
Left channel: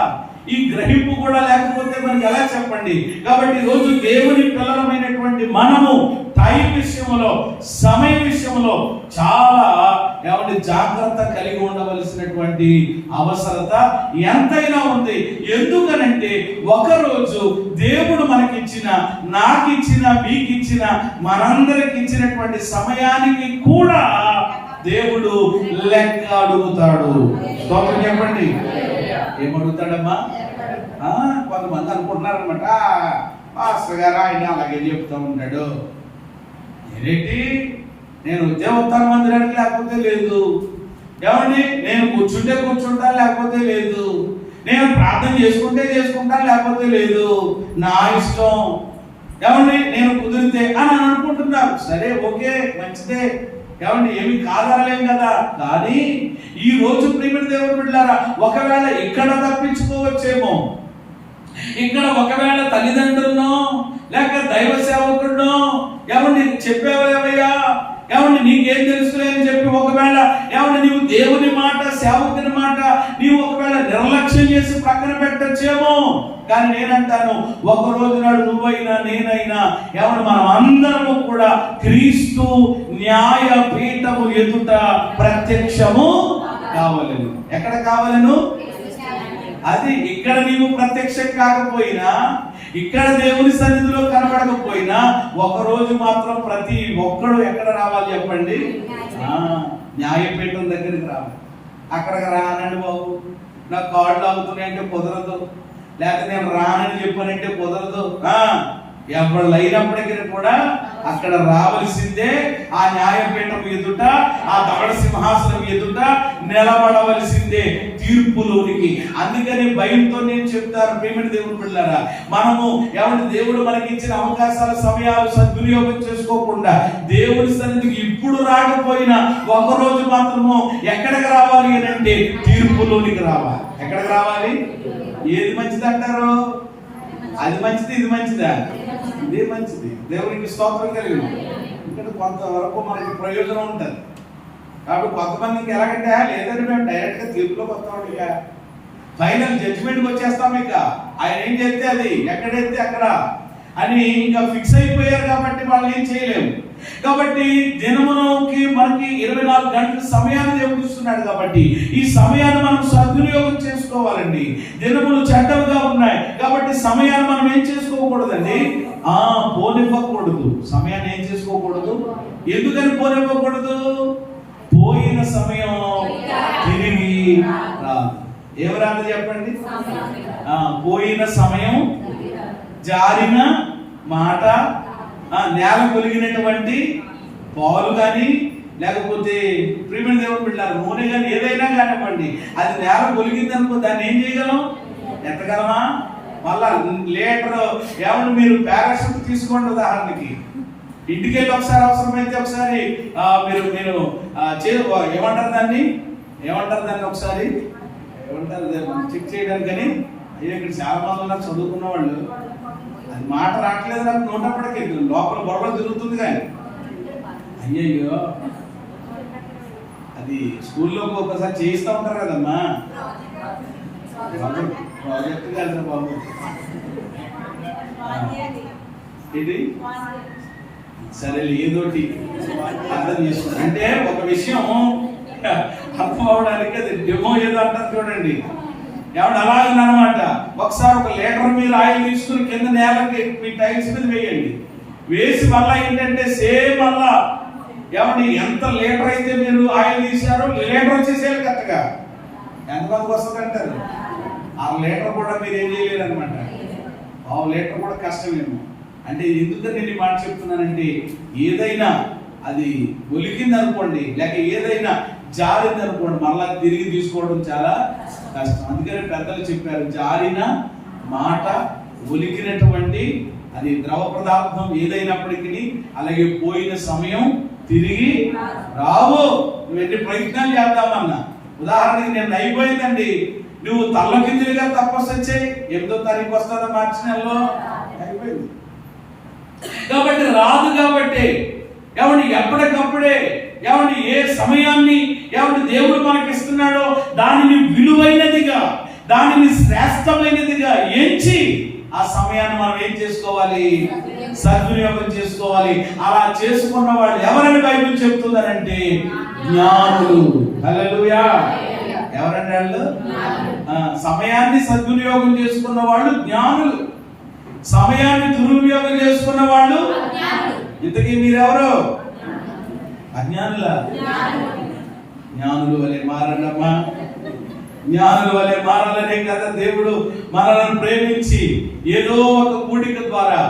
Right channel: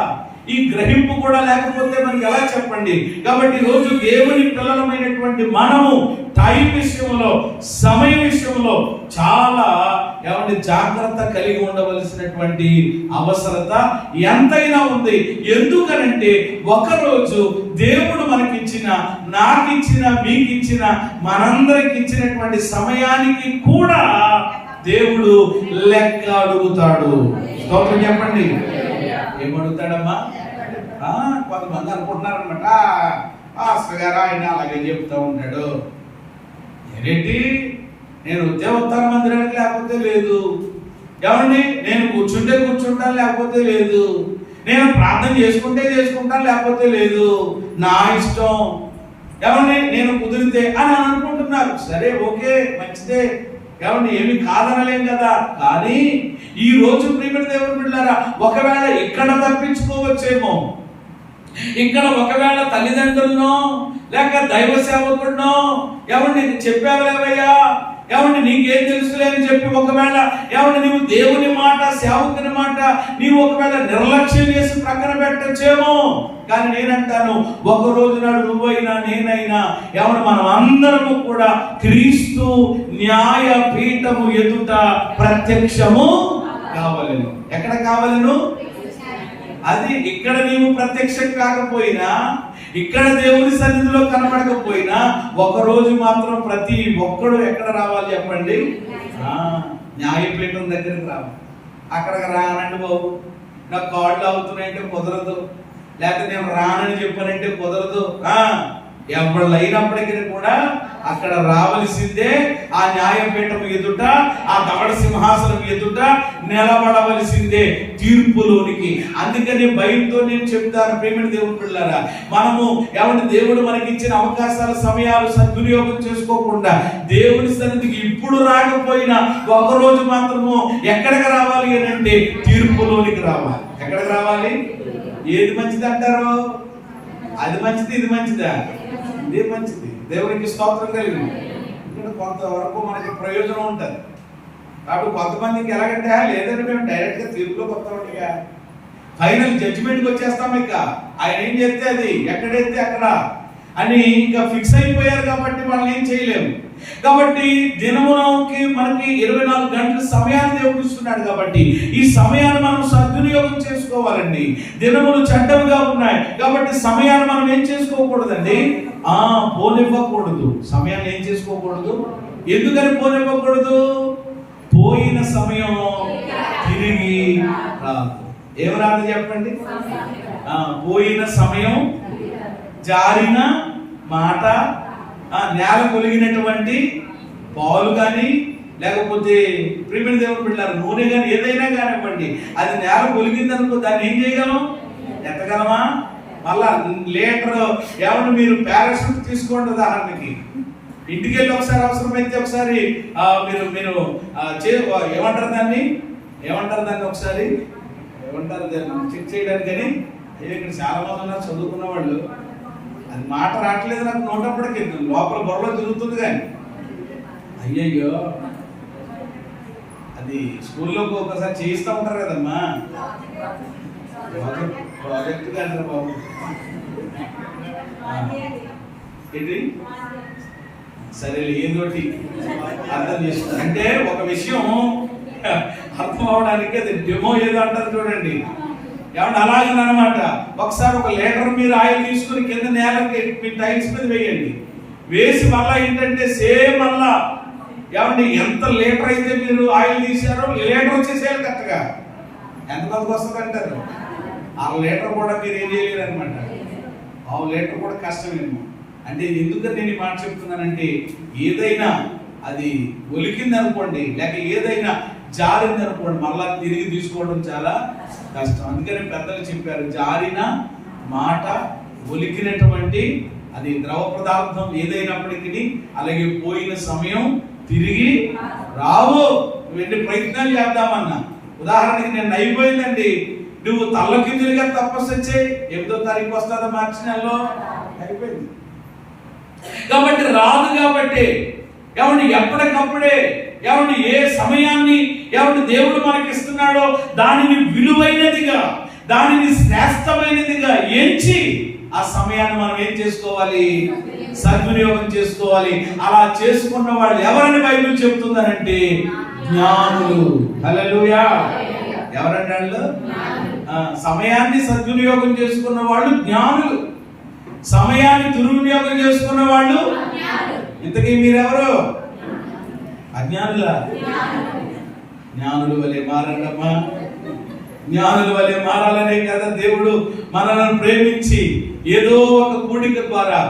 ఈ గ్రహింపు కూడా లేకపోతే మనకి ఎలా చెప్పండి? కాబట్టి ఈ రోజు దేవుని పిల్లలమైనటువంటి మనము టైం విషయంలో, సమయం విషయంలో చాలా ఏమంటే జాగ్రత్త కలిగి ఉండవలసినటువంటి అవసరత ఎంతైనా ఉంది. ఎందుకనంటే ఒకరోజు దేవుడు మనకిచ్చిన, నాకిచ్చిన, మీకిచ్చిన, మనందరికి ఇచ్చినటువంటి సమయానికి కూడా దేవుడు లెక్క అడుగుతాడు. స్తోత్రం చెప్పండి. ఏమడుగుతాడమ్మా? కొంతమంది అనుకుంటున్నారనమాట, పాస్టర్ గారు ఆయన అలాగే చెప్తూ ఉంటాడు. ఏంటి, నేను దేవోత్తర మందిరానికి లేకపోతే లేదు, ఏమండి నేను కూర్చుంటే కూర్చుంటాను లేకపోతే లేదు, నేను ప్రార్థన చేసుకుంటే చేసుకుంటాను లేకపోతే లేదు, నా ఇష్టం, ఏమండి నేను కుదిరితే అని అనుకుంటున్నారు. సరే, ఓకే, మంచిదే, ఏమండి ఏమి కాదనలేం కదా. కానీ ఈ రోజు ప్రియమైన దేవుని బిడ్డలారా, ఒకవేళ ఇక్కడ తప్పించుకోవచ్చేమో, ఇక్కడ ఒకవేళ తల్లిదండ్రులను లేక దైవ సేవకుడునో, ఏమండి చెప్పావలేవయ్యా, ఏమండి నీకేం తెలుసులే అని చెప్పి ఒకవేళ ఏమండి నీవు దేవుని మాట, సేవకుని మాట నీవు ఒకవేళ నిర్లక్ష్యం చేసి ప్రక్కన పెట్టచ్చేమో. కానీ నేనంటాను, ఒక రోజు నాడు నువ్వైనా నేనైనా ఏమన్నా మనం అందరము కూడా క్రీస్తు న్యాయ పీఠము ఎదుట ప్రత్యక్షము కావాలను. ఎక్కడ కావాలను? అది ఇక్కడ నీవు ప్రత్యక్షం కాకపోయినా, ఇక్కడ దేవుని సన్నిధిలో కనబడకపోయినా, ఒక రోజు మాత్రం ప్రతి ఒక్కడు ఎక్కడ రావాలి చెప్పండి? న్యాయపీఠం దగ్గరికి రావాలి. అక్కడికి రానండి బాబు, నాకు కాళ్ళు అవుతున్నాయంటే కుదరదు, లేకపోతే నేను రానని చెప్పానంటే కుదరదు. ఎవరు అయినప్పటికీ కూడా అక్కడ రావలసిందే. ఆ న్యాయపీఠం ఎదుట, ఆ దవడ సింహాసనం ఎదుట నిలబడవలసిందే తీర్పులోనికి. అందుకని భయంతో నేను చెప్తాను, ప్రియమైన దేవుని పిల్లలారా, మనము ఎవరి దేవుడు మనకి ఇచ్చిన అవకాశాల, సమయాలు సద్వినియోగం చేసుకోకుండా దేవుని సన్నిధికి ఇప్పుడు రాకపోయినా ఒకరోజు మాత్రము ఎక్కడికి రావాలి అని అంటే తీర్పులోనికి రావాలి. ఎక్కడికి రావాలి? ఏది మంచిది అంటారు? అది మంచిది, ఇది మంచిదా? ఇదే మంచిది. దేవునికి స్తోత్రం కలిగింది. ఇక్కడ కొంతవరకు మనకి ప్రయోజనం ఉంటుంది. కాబట్టి కొంతమందికి ఎలాగంటే, లేదంటే మేము డైరెక్ట్గా తీర్పులోకి వస్తాం, ఇక ఫైనల్ జడ్జిమెంట్కి వచ్చేస్తాం, ఇక ఆయన ఏం చేస్తే అది, ఎక్కడైతే అక్కడ అని ఇంకా ఫిక్స్ అయిపోయారు. కాబట్టి వాళ్ళు ఏం చేయలేము. కాబట్టి దినమునకి మనకి 24 గంటల సమయాన్ని దేవుడు ఇస్తున్నాడు. కాబట్టి ఈ సమయాన్ని మనం సద్వినియోగం చేసుకోవాలండి. దినములు చెడ్డవిగా ఉన్నాయి కాబట్టి సమయాన్ని మనం ఏం చేసుకోకూడదండి, పోనివ్వకూడదు. సమయాన్ని ఏం చేసుకోకూడదు. ఎందుకని పోనివ్వకూడదు? పోయిన సమయం తిరిగి రాదు. ఏం రాదు చెప్పండి? పోయిన సమయం, జారిన మాట, నేల కొలిగినటువంటి పాలు కానీ, లేకపోతే ప్రియమైన దేవుని బిడ్డలారా నూనె కానీ, ఏదైనా కానివ్వండి, అది నేల కొలిగిందనుకో దాన్ని ఏం చేయగలం? ఎత్తగలమా? మళ్ళా లీటర్ ఏమన్నా మీరు పారాషూట్ తీసుకోండి. ఉదాహరణకి ఇంటికి వెళ్ళి ఒకసారి అవసరమైతే ఒకసారి మీరు ఏమంటారు దాన్ని ఒకసారి ఏమంటారు చెక్ చేయడానికి. కానీ అయ్యో ఇక్కడ చాలా మంది ఉన్నారు చదువుకున్న వాళ్ళు, అది మాట రావట్లేదు నాకు నోటప్పటికి, లోపల బొరలో తిరుగుతుంది. కానీ అయ్యయ్యో అది స్కూల్లో ఒకసారి చేయిస్తూ ఉంటారు కదమ్మా, ప్రాజెక్ట్ కాదు బాబు, ఇది సరే ఏదోటి అర్థం చేసుకుంటారు. అంటే ఒక విషయం అర్థం అవడానికి అది డెమో ఏదో అంటారు చూడండి. ఏమన్నా అలాగనమాట. ఒకసారి ఒక లీటర్ మీరు ఆయిల్ తీసుకుని కింద నేలకి మీ టైల్స్ మీద వేయండి. వేసి మళ్ళీ ఏంటంటే సేమ్ మళ్ళా ఏమండి ఎంత లీటర్ అయితే మీరు ఆయిల్ తీసారో లీటర్ వచ్చేసేయాలి కరెక్ట్గా. ఎంతమందికి వస్తుంది అంటారు? 6 లీటర్ కూడా మీరు ఏం చేయలేరు అనమాట. 1/2 లీటర్ కూడా కష్టమేమో. అంటే ఎందుకని నేను ఈ మాట చెప్తున్నానంటే, ఏదైనా అది ఒలికింది అనుకోండి, లేక ఏదైనా జారింది అనుకోండి, మళ్ళా తిరిగి తీసుకోవడం చాలా కష్టం. అందుకని పెద్దలు చెప్పారు, జారిన మాట, ఒలికినటువంటి అది ద్రవ పదార్థం ఏదైనప్పటికీ, అలాగే పోయిన సమయం తిరిగి రావు. నువ్వు ఎన్ని ప్రయత్నాలు చేద్దామన్నా, ఉదాహరణకి నేను అయిపోయిందండి, నువ్వు తల్లకిందులుగా తపస్సు చేయి, 8వ తారీఖు వస్తుందో మార్చి నెలలో, అయిపోయింది. కాబట్టి రాదు. కాబట్టి ఏమండి ఎప్పటికప్పుడే ఏమండి ఏ సమయాన్ని ఏమండి దేవుడు మనకిస్తున్నాడో దానిని విలువైనదిగా, దానిని శ్రేష్టమైనదిగా ఎంచి ఆ సమయాన్ని మనం ఏం చేసుకోవాలి? సద్వినియోగం చేసుకోవాలి. అలా చేసుకున్న వాళ్ళు ఎవరని బైబిల్ చెప్తుందనంటే జ్ఞానులు. హల్లెలూయా. ఎవరండి వాళ్ళు? సమయాన్ని సద్వినియోగం చేసుకున్న వాళ్ళు జ్ఞానులు, సమయాన్ని దుర్వినియోగం చేసుకున్న వాళ్ళు ఇంతకీ మీరెవరు? అజ్ఞానులా? జ్ఞానుల వలె మారండమ్మా. జ్ఞానుల వలె మారాలనే కదా దేవుడు మనల్ని ప్రేమించి ఏదో ఒక కూడిక ద్వారా,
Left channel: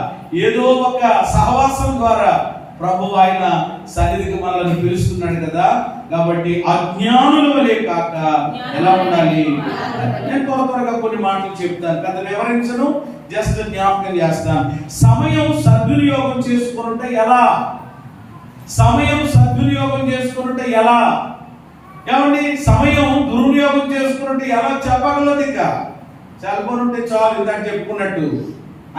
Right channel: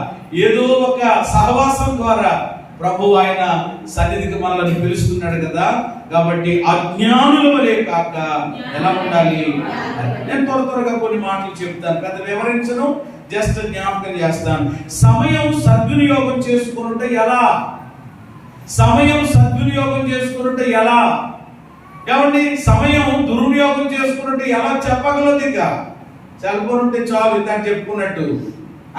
ఏదో ఒక సహవాసం ద్వారా ప్రభు ఆయన సన్నిధికి మనల్ని పిలుస్తున్నాడు కదా. కాబట్టి అజ్ఞానుల వలె కాక ఎలా ఉండాలి? నేను త్వరగా కొన్ని మాటలు చెప్తాను, పెద్ద వివరించను, జస్ట్ జ్ఞాపకం చేస్తాను. సమయం సద్వినియోగం చేసుకుంటే ఎలా? సమయం సద్వినియోగం చేసుకుంటే ఎలా? ఏమండి సమయం దుర్వినియోగం చేసుకుంటే ఎలా చెప్పగలదు? ఇంకా సెల్ ఫోన్ ఉంటే చాలు, ఇందాక చెప్పుకున్నట్టు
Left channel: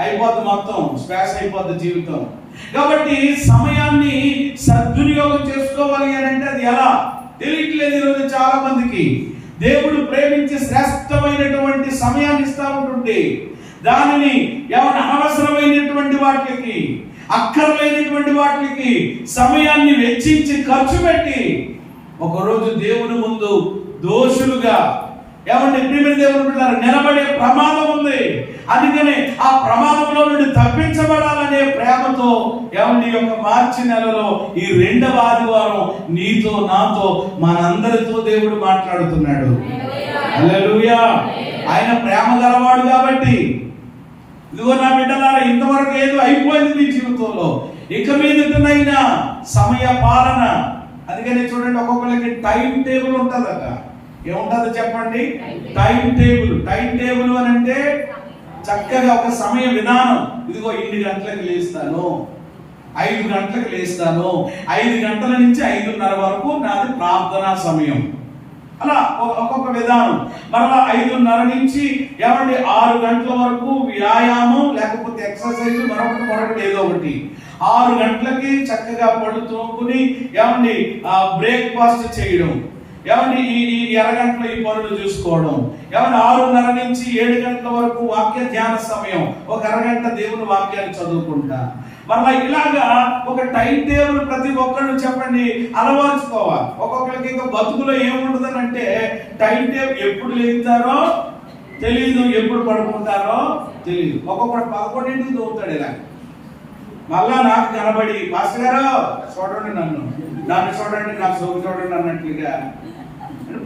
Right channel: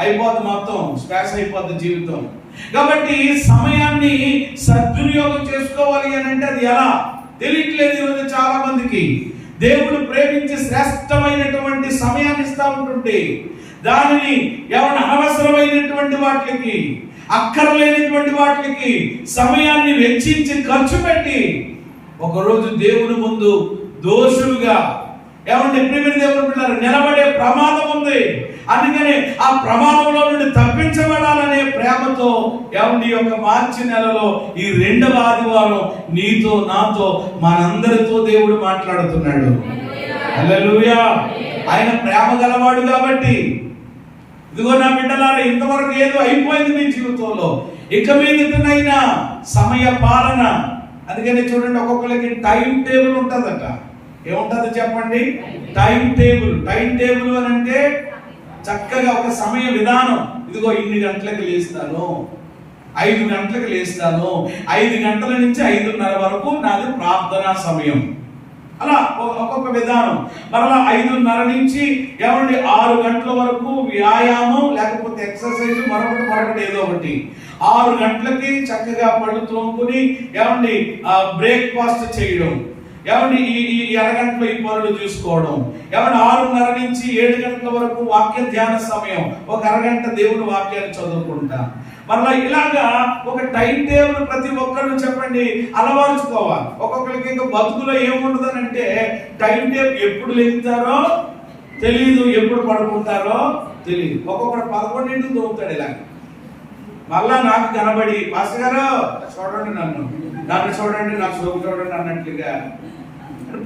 అయిపోద్ది, మొత్తం స్పాష్ అయిపోద్ది జీవితం. కాబట్టి సమయాన్ని సద్వినియోగం చేసుకోవాలి అని అంటే అది ఎలా తెలియట్లేదు ఈరోజు చాలా మందికి. దేవుడు ప్రేమించి శ్రేష్టమైనటువంటి సమయాన్ని ఇస్తా ఉంటుంటే దానిని ఏమన్నా అనవసరమైనటువంటి వాటికి, అక్కర్లేనటువంటి వాటికి సమయాన్ని వెచ్చించి ఖర్చు పెట్టి ఒకరోజు దేవుని ముందు దోషులుగా ఏమన్నా ప్రియమైన దేవుని బిడ్డలారా నిలబడే ప్రమాదం ఉంది. అందుకని ఆ ప్రమాదంలో నుండి తప్పించబడాలనే ప్రేమతో ఏమన్నా ఈ యొక్క మార్చి నెలలో ఈ 2వ ఆదివారం నీతో నాతో మనందరితో దేవుడు మాట్లాడుతున్నాడు. హల్లెలూయా. ఆయన ప్రేమ గలవాడు కాబట్టి ఇదిగో నా బిడ్డలారా, ఇంతవరకు ఏదో అయిపోయింది మీ జీవితంలో, ఇక మీదటైనా సమయ పాలన. అందుకని చూడండి, ఒక్కొక్కరికి టైం టేబుల్ ఉంటుందట. ఏముంటుందో చెప్పండి? Time table. టైం టేబుల్ అని అంటే చక్కగా ఒక సమయ విధానం. ఇదిగో ఇన్ని గంటలకు లేస్తాను, 5 గంటలకు లేస్తాను, 5 గంటల నుంచి 5:30 వరకు నాది ప్రార్థనా సమయం. అలా ఒక్కొక్క విధానం. మరలా 5:30 నుంచి ఏమండి 6 గంటల వరకు వ్యాయామం లేకపోతే ఎక్సర్సైజ్, మరొకటి ఏదో ఒకటి. 6 గంటలకి చక్కగా పళ్ళు తోముకుని ఏమండి బ్రేక్ఫాస్ట్ చేయడం, ఏమండి ఈ అరగంటలో ఈ పనులు చూసుకోవడం, ఏమండి 6:30 నుంచి 7 గంటల వరకు వాక్య ధ్యాన సమయం, ఒక అరగంట దేవుని వాక్యాలు చదువుకుంటా. మళ్ళీ ఇలాగా ఒక టైం టేబుల్ ప్రతి ఒక్కరు చెప్పండి అలవార్చుకోవాలి. ఒక్కొక్కరికి ఇంకా బతుకులో ఏముంటుందని అంటే టైం టేబుల్, ఎప్పుడు లేస్తారో తెలియదు, ఎప్పుడు పడుకుంటారో తెలియదు. ఒక్కొక్కరు 11ంటికి దొరుకుతాడు ఇలా. మళ్ళా నాకు కనబడి మాస్టర్ గారు చూడండి, నన్ను చూడండి, నాకు సోపు చూడండి అన్నట్లుగా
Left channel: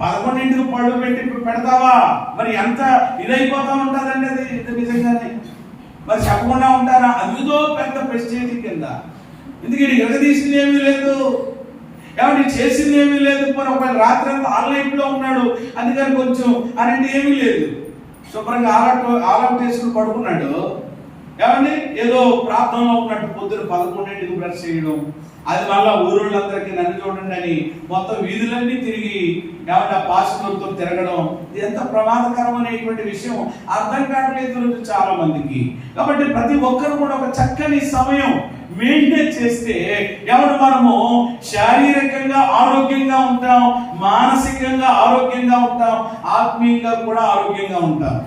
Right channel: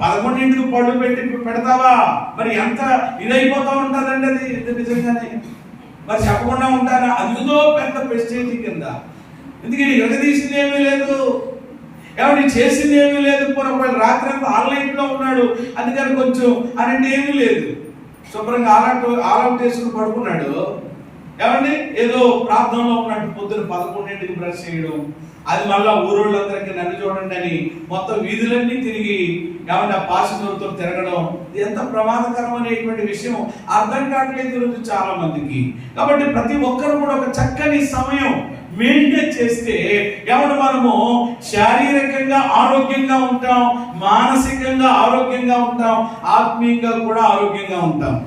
11ంటికి పళ్ళు పెడతావా? మరి ఎంత ఇదైపోతా ఉంటుందండి అది నిజంగానే. మరి చెప్పకుండా ఉంటారా? అదిదో పెద్ద ప్రెస్టేజ్ కింద. ఎందుకంటే ఎగదీసింది ఏమీ లేదు, ఏమంటే చేసింది ఏమీ లేదు. ఒకవేళ రాత్రి అంతా ఆన్లైన్లో ఉన్నాడు, అందుకని కొంచెం అనంటే ఏమీ లేదు, శుభ్రంగా ఆల్అౌట్ వేసుకుని పడుకున్నాడు. ఏమండి ఏదో ప్రార్థనలో ఉన్నట్టు పొద్దున 11ంటికి బ్రష్ చేయడం, అది మళ్ళా ఊరోళ్ళందరికీ నన్ను చూడండి అని మొత్తం వీధులన్నీ తిరిగి ఏమంటే పాసిదూరుతో తిరగడం. ఇది ఎంత ప్రమాదకరం అనేటువంటి విషయం అర్థం కావట్లేదు ఈరోజు చాలా మందికి. కాబట్టి ప్రతి ఒక్కరు కూడా ఒక చక్కని సమయం మెయింటైన్ చేస్తే ఏమంటే మనము శారీరకంగా ఆరోగ్యంగా ఉంటాం, మానసికంగా ఆరోగ్యంగా ఉంటాం, ఆత్మీయంగా కూడా ఆరోగ్యంగా ఉంటాం.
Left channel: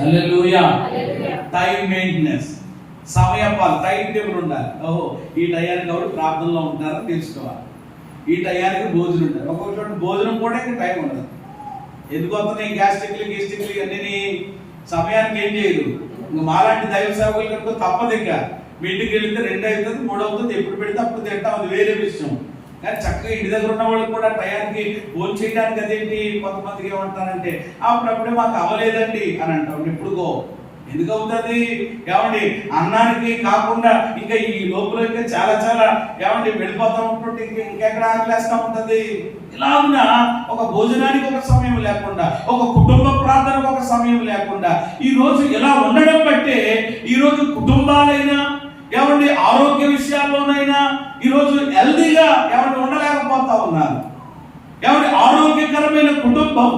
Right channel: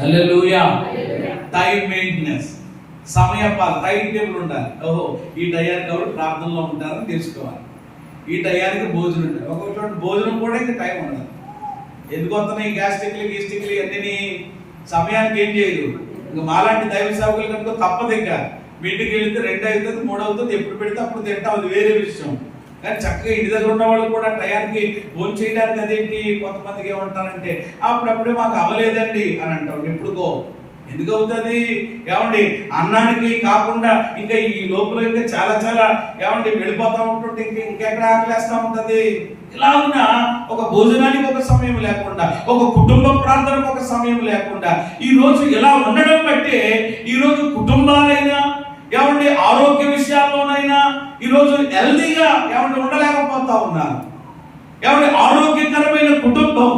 హల్లెలూయా. టైం మెయింటెనెన్స్, సమయపాలన, టైం టేబుల్ ఉండాలి. ఓహో ఈ టయానికి ఎవరు ప్రార్థనలో ఉంటారని తెలుసుకోవాలి, ఈ టయానికి భోజనం ఉంటారు. ఒక్కొక్క చోట భోజనం కూడా ఇంకా టైం ఉండదు. ఎందుకు వస్తున్నాయి గ్యాస్ట్రిక్లు అన్నీ సమయానికి ఏం చేయరు. ఇంకా మాలాంటి దైవ సేవకులు కనుక తప్పదు. ఇంకా మీ ఇంటికి వెళ్తే 2 అవుతుంది, 3 అవుతుంది, ఎప్పుడు పెడితే అప్పుడు తింటాం, అది వేరే విషయం. కానీ చక్కగా ఇంటి దగ్గర ఉన్న వాళ్ళు కూడా టయానికి భోజనం చేయడానికి అదేంటి కొంతమందికి ఏమంటారంటే అప్పుడప్పుడే మాకు అవ్వలేదండి అని అంటాం. ఎప్పుడుకో ఎందుకు అవుతుంది? ఏమండి అన్నానికి కాకుండా ఇంకా ఈ లోపల ఇంకా చాలా చాలా ఏమంటే వెళ్ళిపోతా ఉంటుంటే ఇంకెక్కడ ఆకలేస్తా ఉంటుంది. ఇలా ఉన్న ఒక భోజనానికి ఒక సమయం లేకుండా, ఒక కుటుంబ ప్రార్థనకు ఒక సమయం లేకుండా ఈ రోజు ఇలా ఉండడం బట్టే ఈ రోజు కుటుంబాలైనా ఏమండి ఆరోగ్య విషయాల్లోనైనా ఈరోజు హెల్దీగా ఏమంటే ఉండలేకపోతా ఉన్నారు. ఏమంటే ఆరోగ్యకరమైన కుటుంబం,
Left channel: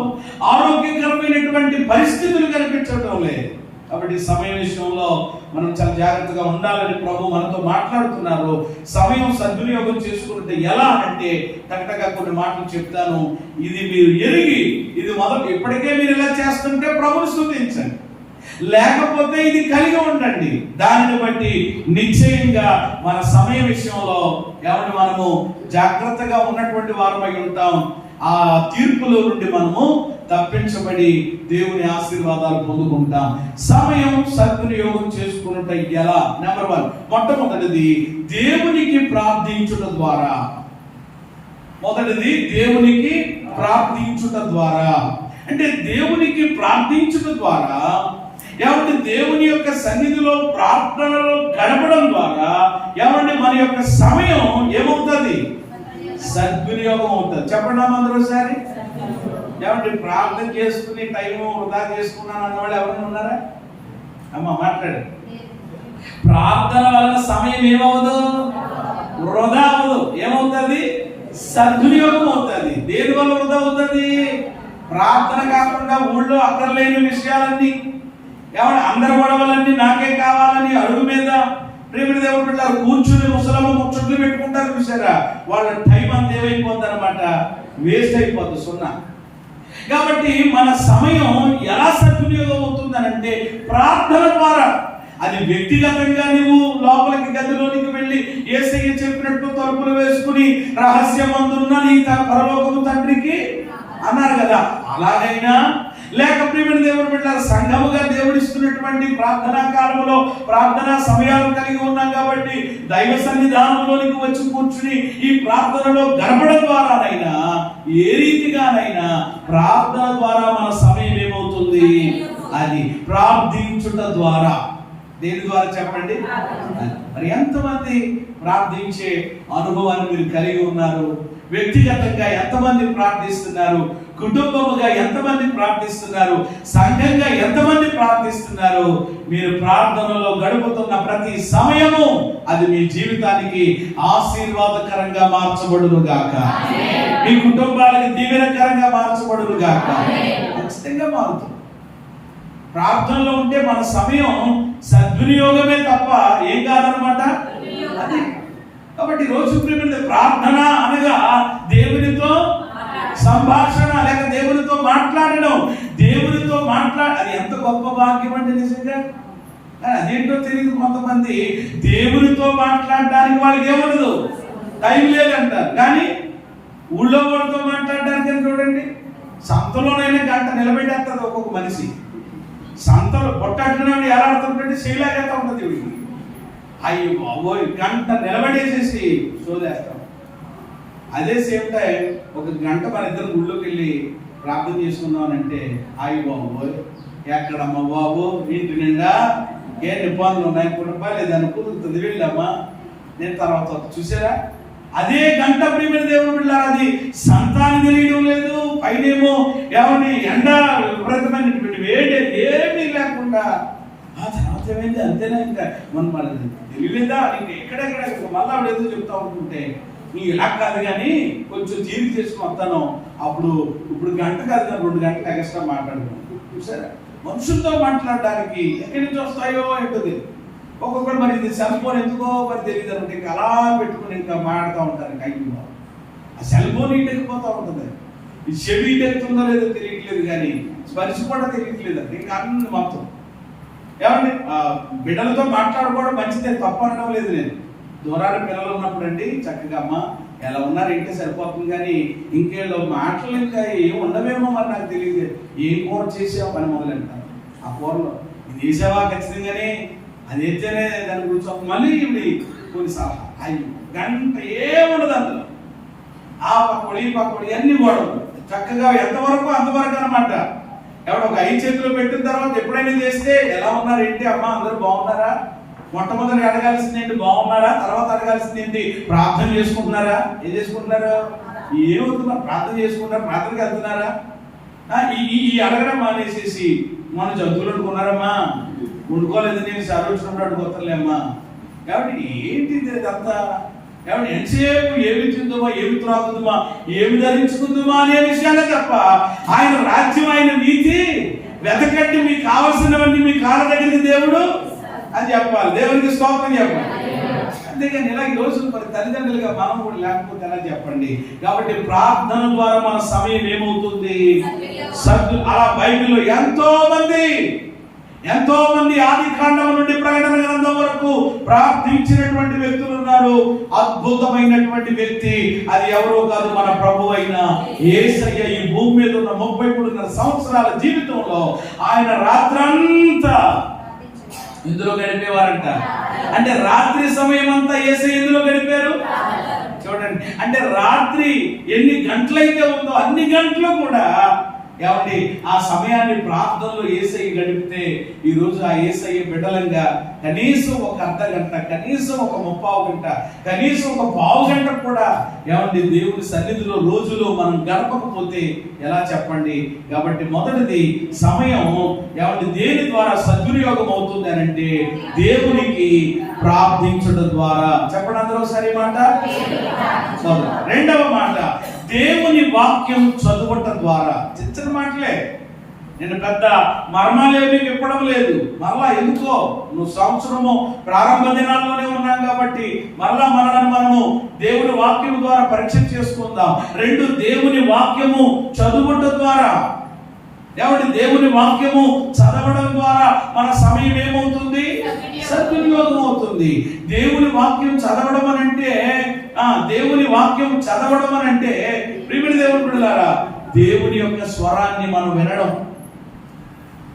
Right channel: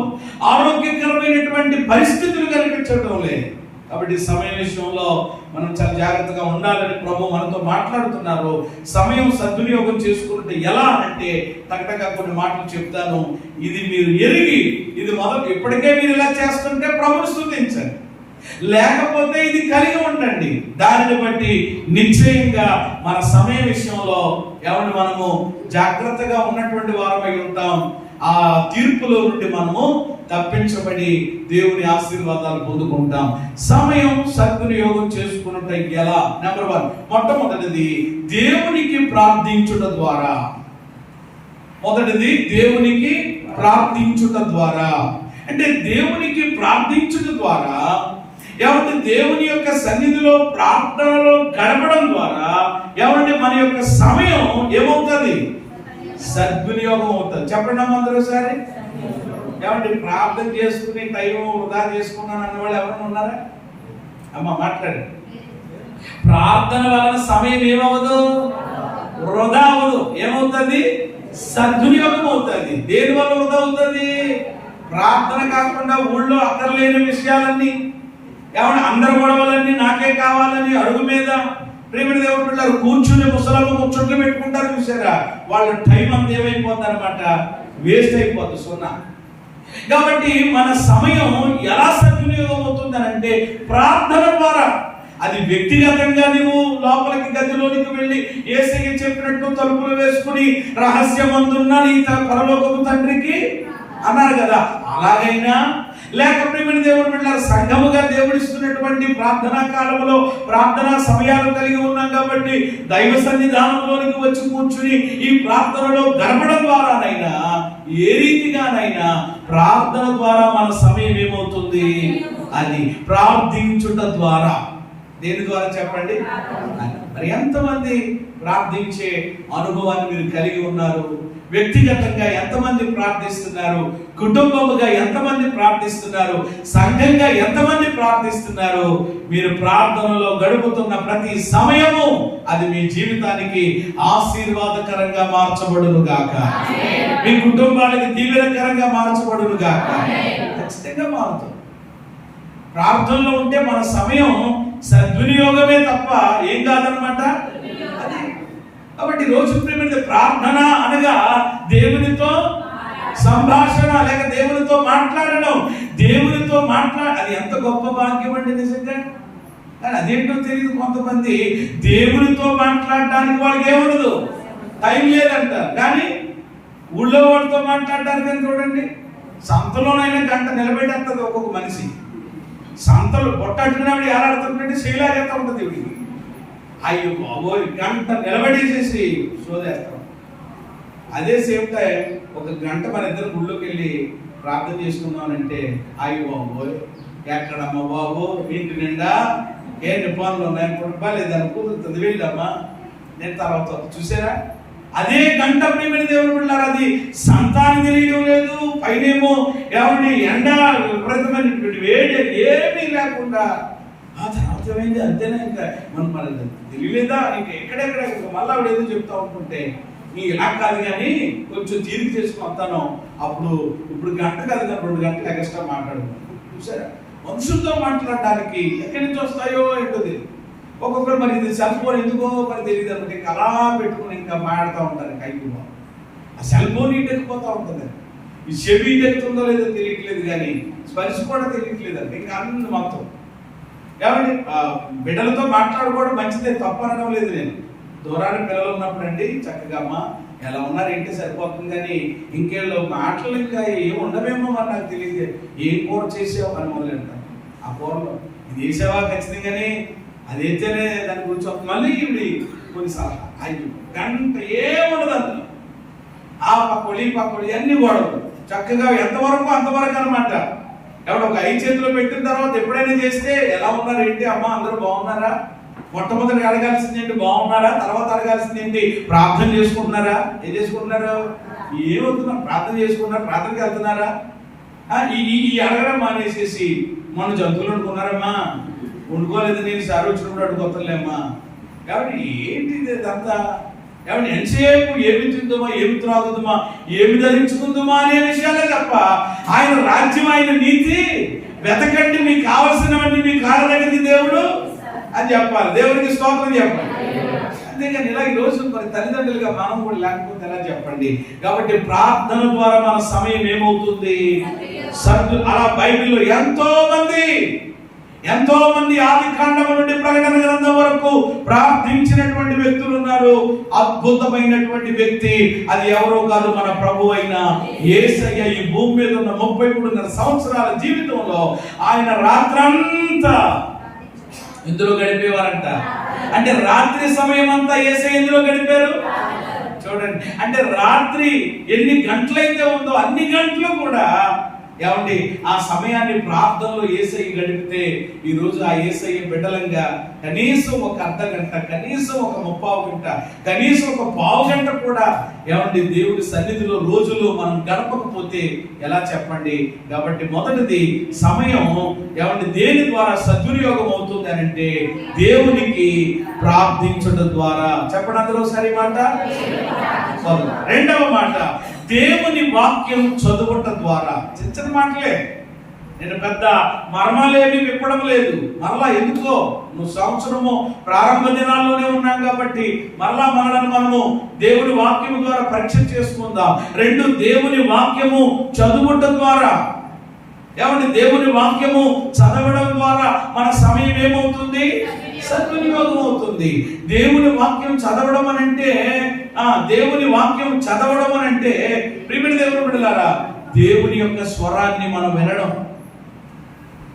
ఆరోగ్యకరమైనటువంటి పరిస్థితులు కనిపించడం లేదు. కాబట్టి సమయం విషయంలో మనం చాలా జాగ్రత్తగా ఉండాలని ప్రభు మనతో మాట్లాడుతున్నారు. సమయం సద్వినియోగం చేసుకుంటే ఎలా అంటే టకటగా కొన్ని మాటలు చెప్తాను. ఇది మీరు ఎరిగి ఇది మొదలు ఇప్పటికే మీరు ఇలా చేస్తుంటే ప్రభుని స్తుతించండి, లేకపోతే ఇది కలిగి ఉండండి. దానిని బట్టి నిశ్చయంగా మన సమయ విషయంలో ఎవరిని మనము జాగ్రత్తగా ఉన్నటువంటి వారమై ఉంటాం. ఆ తీర్పుల నుండి మనము తప్పించబడి దేవుని ఆశీర్వాదాలు పొందుకుంటాం. సమయం సద్వినియోగం చేసుకున్నట్టు ఎలా? నెంబర్ 1, మొట్టమొదటిది దేవునికి ప్రార్థించుట ద్వారా. మొదటిది దేవునికి ప్రార్థించుట ద్వారా. అంటే దేవునికి ప్రార్థించుట ద్వారా ఏమంటే దేవుని యొక్క సన్నిధిలో ప్రార్థనలో గడపడం ద్వారా ఏమంటే మన యొక్క సమయం ఏమవుతుంది? సద్వినియోగం అవుతుంది. చెప్పండి అందరూ ఒకసారి. ఏమంటే ప్రార్థన చేసుకుని టైం వృధా చేసుకున్నాను అన్నవాళ్ళు ఎవరైనా ఉన్నారా? అమ్మ మాట్లాడు. ప్రార్థన వలన సమయం ఏమవుదు? వృధా అవ్వదు. ఏమవుతుంది? సద్వినియోగం అవుతుంది. దేని వల్ల వృధా అవుతుంది? ప్రార్థన కాకుండా ఊళ్ళో అక్కర్లేని విషయాలన్నీ ఏమన్నా అందరి గొడవలన్నీ నాకే కావాలని అడుగు మీద ప్రేమిడి దేవుడు పిల్లలు కూర్చుని ముసలమ్మ ముచ్చట్లు పెట్టుకుంటారు చూసారా, వాళ్ళ టైం అంతా ఏమైపోతుంది అనమాట, వేస్ట్ అయిపోతుంది, సున్నా. కాబట్టి మన సమయం ఎలా సద్వినియోగం అవుతుందనంటే ప్రార్థన ద్వారా. అది వ్యక్తిగతంగా నువ్వు లోపలికి గదిలోనికి వెళ్ళి యేసయ్య చెప్పినట్టు తలుపులు వేసుకుని రహస్యమందున్న నీ పరలోకపు తండ్రికి అన్నారు కదా, అలాగైనా లేక ప్రియమైన దేవుని బిడ్డలారా సంఘముగా దేవుడిస్తున్నటువంటి ప్రార్థనా కాలంలో ప్రార్థనా సమయాలు కలిగి ఉన్నాం కాబట్టి దైవ సన్నిధానంలోనికి వచ్చి కూర్చుని ఈ ప్రార్థనలో గడపడం ద్వారానైనా ఏ రీతిగానైనా ప్రార్థన ద్వారా మన సమయం ఏమవుతుంది? అది ప్రార్థించుట ద్వారా. దేని ద్వారా చెప్పండి? మరి ఎంతమంది ప్రార్థించే అనుభవాన్ని మీరు కలిగి ఉన్నారు? వ్యక్తిగతంగా ఎంతమంది ప్రార్థిస్తున్నారు? కుటుంబముగా ఎంతమంది ప్రార్థిస్తున్నారు? సంఘంగా ఎంతమంది ప్రార్థిస్తున్నారు? మీరు ప్రార్థనలో గడుపుతున్న ప్రతి సమయము అది మీ జీవితానికి ఆశీర్వాదకరంగా మార్చబడును గాక, మీ కుటుంబానికి దీవెనకరంగా మార్చబడును గాక. ఖచ్చితంగా మారుతుంది. ప్రార్థనలో ఉంటే మన సమయం సద్వినియోగమే తప్ప ఏం కాదనమాట. అది కాబట్టి రోజు ప్రేమ ప్రార్థన అనగా దేవునితో సంభాషణ, లేక దేవునితో మాట్లాడడం. దేవునితో అది ఎంత గొప్ప భాగ్యం అండి నిజంగా. అదేంటో తెలియదు కొంతమంది. దేవునితో మాట్లాడడానికి వాళ్ళకి ఏమనదు, టైం లేదంటారు. కానీ ఊళ్ళో వాళ్ళతో మాట్లాడడానికి చూడండి, సంతలోనైనా గంట నిలబెట్టేస్తుంది ఒక్కొక్క మనిషి. సంతలో పొట్టట్టుకునేవాడు ఎలాడుతుంటే శైలాగేస్తా ఉంటుంది వీడికి. అయ్యో బాబోయ్, గంట నిలబడేసేసి సోదేస్తాం. అదే సేమ్ టైం ఒక గంట మన ఇద్దరు గుళ్ళోకి వెళ్ళి ప్రార్థన చేసుకున్నామనంటే అయ్యో బాబోయ్ ఎక్కడమ్మా బాబు, ఇంటి నిండా ఏ నిబ్బందులు ఉన్నాయి, లేదని కుదురుతుంది, వెళ్ళమ్మా నేను తర్వాత చూసారా. అదే గంట ప్రియమైన దేవుడు బిడ్డలారా, అది సంతానం తెలియడం లేదు, పైనేమో ఏమండి ఎండ విపరీతమైనటువంటి వేడి ఏమీ లేకుండా ఆ తర్వాత ఏమైంది అంతేనా, ఇంకా మన తెలియలేదా, ఇంకా ఎక్కడెక్కడ మళ్ళీ ఆవిడ ఏదో చెప్తా ఉంటుంటే నీ ఇలా కాదు కానీ కొంచెం తీరిక చేసుకుని వస్తాను, అప్పుడు ఇప్పుడు గంట కాదు కానీ 2 గంటలు ఎక్స్ట్రా మాట్లాడుతున్నాను. చూసారా, మనుషులతో మాట్లాడడానికి ఎక్కడి నుంచి వస్తాయో ఏంటది. ఒక్కొక్కరు మరి ఇది సెల్ ఫోన్ ఎందుకో మరి తెలియదు అనమాట, ఇంకా అలా పెట్టుకుని ఇంకా మాట్లాడుతూ ఉంటారు. కైకులో ఆ సెల్ ఫోన్ ఇటెక్కిపోతూ ఉంటుంది. ఈ చెవి ఇటెక్కుతుందో లేదో తెలియట్లేదు, కానీ స్పర్శ కూడా తెలియట్లేదు. అంటే ఇంకా అన్ని మొత్తం ఏమండి బిడ్డలతో మాట్లాడుకోవడం మంచిదే, తప్పు అనడం లేదు. నేను దూరాన పిల్లలు ఉన్నప్పుడు అండి చక్కగా అమ్మ ఎలా ఉన్నారు ఏంటి సరిపోతుంది, కానీ ఇంకేళ్ళు మాటలు ఇంకా ఏం ఉండవేమో మరి నాకు తెలియదు. ఏం కూర చేసావు అని మొదలంటారు. ఆ కూరలో ఇది వేసావా ఖచ్చితంగానే, అది అయితేనే దాని గురించి మళ్ళీ ఇవి కొన్ని సలహా. అయ్యి గంట ఏముండదు అందులో. ఆ పకోడి పకోడి అన్ని గొడవలు చక్కగా ఎంతవరకు అంతవరకు అనమాట. ఎవడో ఒక 5 చేతులు పెట్టిన తర్వాత ఎప్పుడైనా చేస్తే ఎలా ఉన్నారు ఏంటి అమ్మ అందరూ బాగున్నారా, మొట్టమొదటి అడగాల్సింది ఏంటి బాగున్నారు అడగాల్సింది ఏంటి? ప్రార్థన చేసుకుంటున్నారా? ఏం చేసుకుంటున్నారు? ఏమవుతున్నారు? ప్రార్థన చేసుకుంటున్నారు, ప్రార్థనకి వెళ్తున్నారా? ఈ అడగడం మానేసేసి మన జంతువులు వండుకున్నారమ్మా, వండుకోలేదు, నేను సర్వ వచ్చినప్పుడు అడుగుతానులేమ్మా. కాబట్టి ఏంటిది అదంతా? కాబట్టి ఎంతసేపు ఏమి తిందుమా, ఏమి త్రాగుతుందా, ఏమి ధరించుకుందామా అనే విషయాలే తప్ప ఆయన రాజ్యం, ఆయన నీతి వెతకండి, మీకు కావలసినవన్నీ మీ కాళ్ళ దగ్గరికి దేవుడు అని చెప్పాలి. దేవునికి స్తోత్రం చెప్పాలి. అంతేగాని ఇలా ఈరోజు మరి తల్లిదండ్రులుగా మనం కూడా లేకపోతే ఎలా చెప్పండి? కాబట్టి ప్రార్థన ద్వారా మన సమయం ఏమవుతుంది? అలా బైబిల్లో ఎంతో మంది ఆది కాండం నుండి ప్రకటన గ్రంథం వరకు ప్రార్థించినటువంటి వ్యక్తులు ఉన్నారు. అద్భుతమైనటువంటి వ్యక్తి అది ఎవరో కాదు, మన ప్రభు అయిన యేసయ్య. ఈ భూమి మీద ఉన్న 33 సంవత్సరాల జీవితంలో ఆయన రాత్రంతా ఇందులో గడిపేవారంట. అంటే రాత్రి సమయం అంతా యేసయ్య ఎందులో గడిపారు చూడండి. అంటే రాత్రి ఎన్ని గంటలైతే ఉందో అన్ని గంటలు కూడా ఏమండి ఆ సమయాన్ని ప్రార్థనలో యేసయ్య గడిపితే ఈ రోజు ఆ యేసయ్య బిడ్డలంగా కనీసం ఒక అర్ధ గంట, కనీసం ఒక 30 గంట, కనీసం ఒక పావు గంట కూడా ఏమండి దేవుడి సన్నిధిలో రోజులో మనం గడపకపోతే ఎలా చెప్పండి? కాబట్టి మొదటిది సమయం ఏమండి దేని ద్వారా సద్వినియోగం అవుతుంది అని అంటే దేవునికి ప్రార్థించడం ద్వారా. చెప్పండి అందరూ సరే మాట. రెండవ మాట దేవుని వాక్యం చదువుట ద్వారా. చిన్న మాటలే, నేను పెద్ద మర్మాలేమి విప్పడం లేదు. మరలా ఎందుకో నువ్వు సంవత్సరము ప్రారంభ దినాల్లోనే ఉన్నాం కాబట్టి మరలా మనము దేవుని వాక్యం ద్వారా పరీక్ష చేసుకుందాం. 2 దేవుని వాక్యము చదువుట ద్వారా. ఏమంటే దేవుని వాక్యము చదవడం ద్వారా మన సమయం ఏమవుతుంది? సద్వినియోగం అవుతుంది. దేవుని వాక్యం చదవడం అని అంటే ప్రియమైన దేవుని బిడ్డలారా, దేవుని యొక్క స్వరాన్ని మనం వినడం,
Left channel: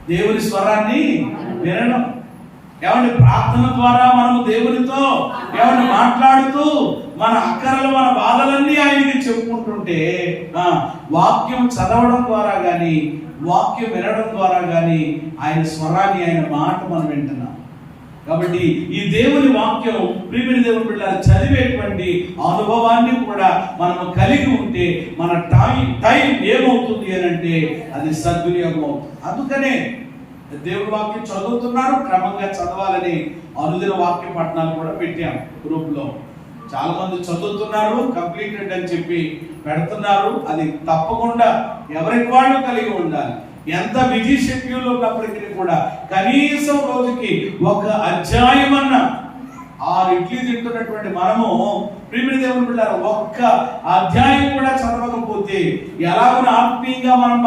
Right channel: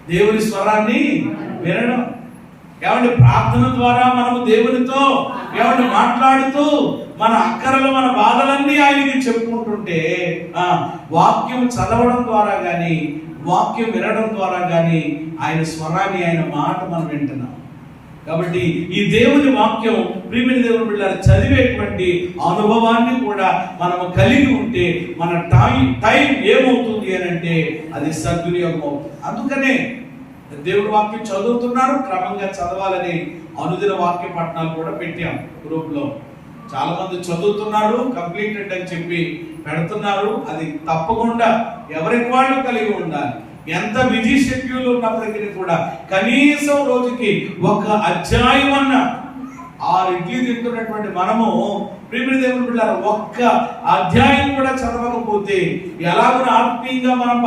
దేవుని స్వరాన్ని వినడం. ఏమంటే ప్రార్థన ద్వారా మనము దేవునితో ఏమంటే మాట్లాడుతూ మన అక్కరలు, మన బాధలన్నీ ఆయనకి చెప్పుకుంటుంటే వాక్యం చదవడం ద్వారా కానీ, వాక్యం వినడం ద్వారా కానీ ఆయన స్వరాన్ని, ఆయన మాట మనం వింటున్నాం. కాబట్టి ఈ దేవుని వాక్యం ప్రియమైన దేవుని బిడ్డలారా చదివేటువంటి అనుభవాన్ని కూడా మనము కలిగి ఉంటే మన టైం ఏమవుతుంది అని అంటే అది సద్వినియోగం అవుతుంది. అందుకనే దేవుడి వాక్యం చదువుతున్నారు, క్రమంగా చదవాలని అనుదిన వాక్య పఠనాలు కూడా పెట్టాం గ్రూప్ లో. చాలా మంది చదువుతున్నారు, కంప్లీటెడ్ అని చెప్పి పెడుతున్నారు. అది తప్పకుండా ఎవరికి వాళ్ళు కలిగి ఉండాలి. ఎంత బిజీ షెడ్యూల్ ఉన్నప్పటికీ కూడా కనీసం రోజుకి ఒక అధ్యాయం అన్న 6 ఇడ్లీ తింటున్నటువంటి మనము ప్రియమైన దేవుని బిడ్డలారా ఒక్క అధ్యాయం కూడా చదవకపోతే ఎలాగో ఆత్మీయంగా మనం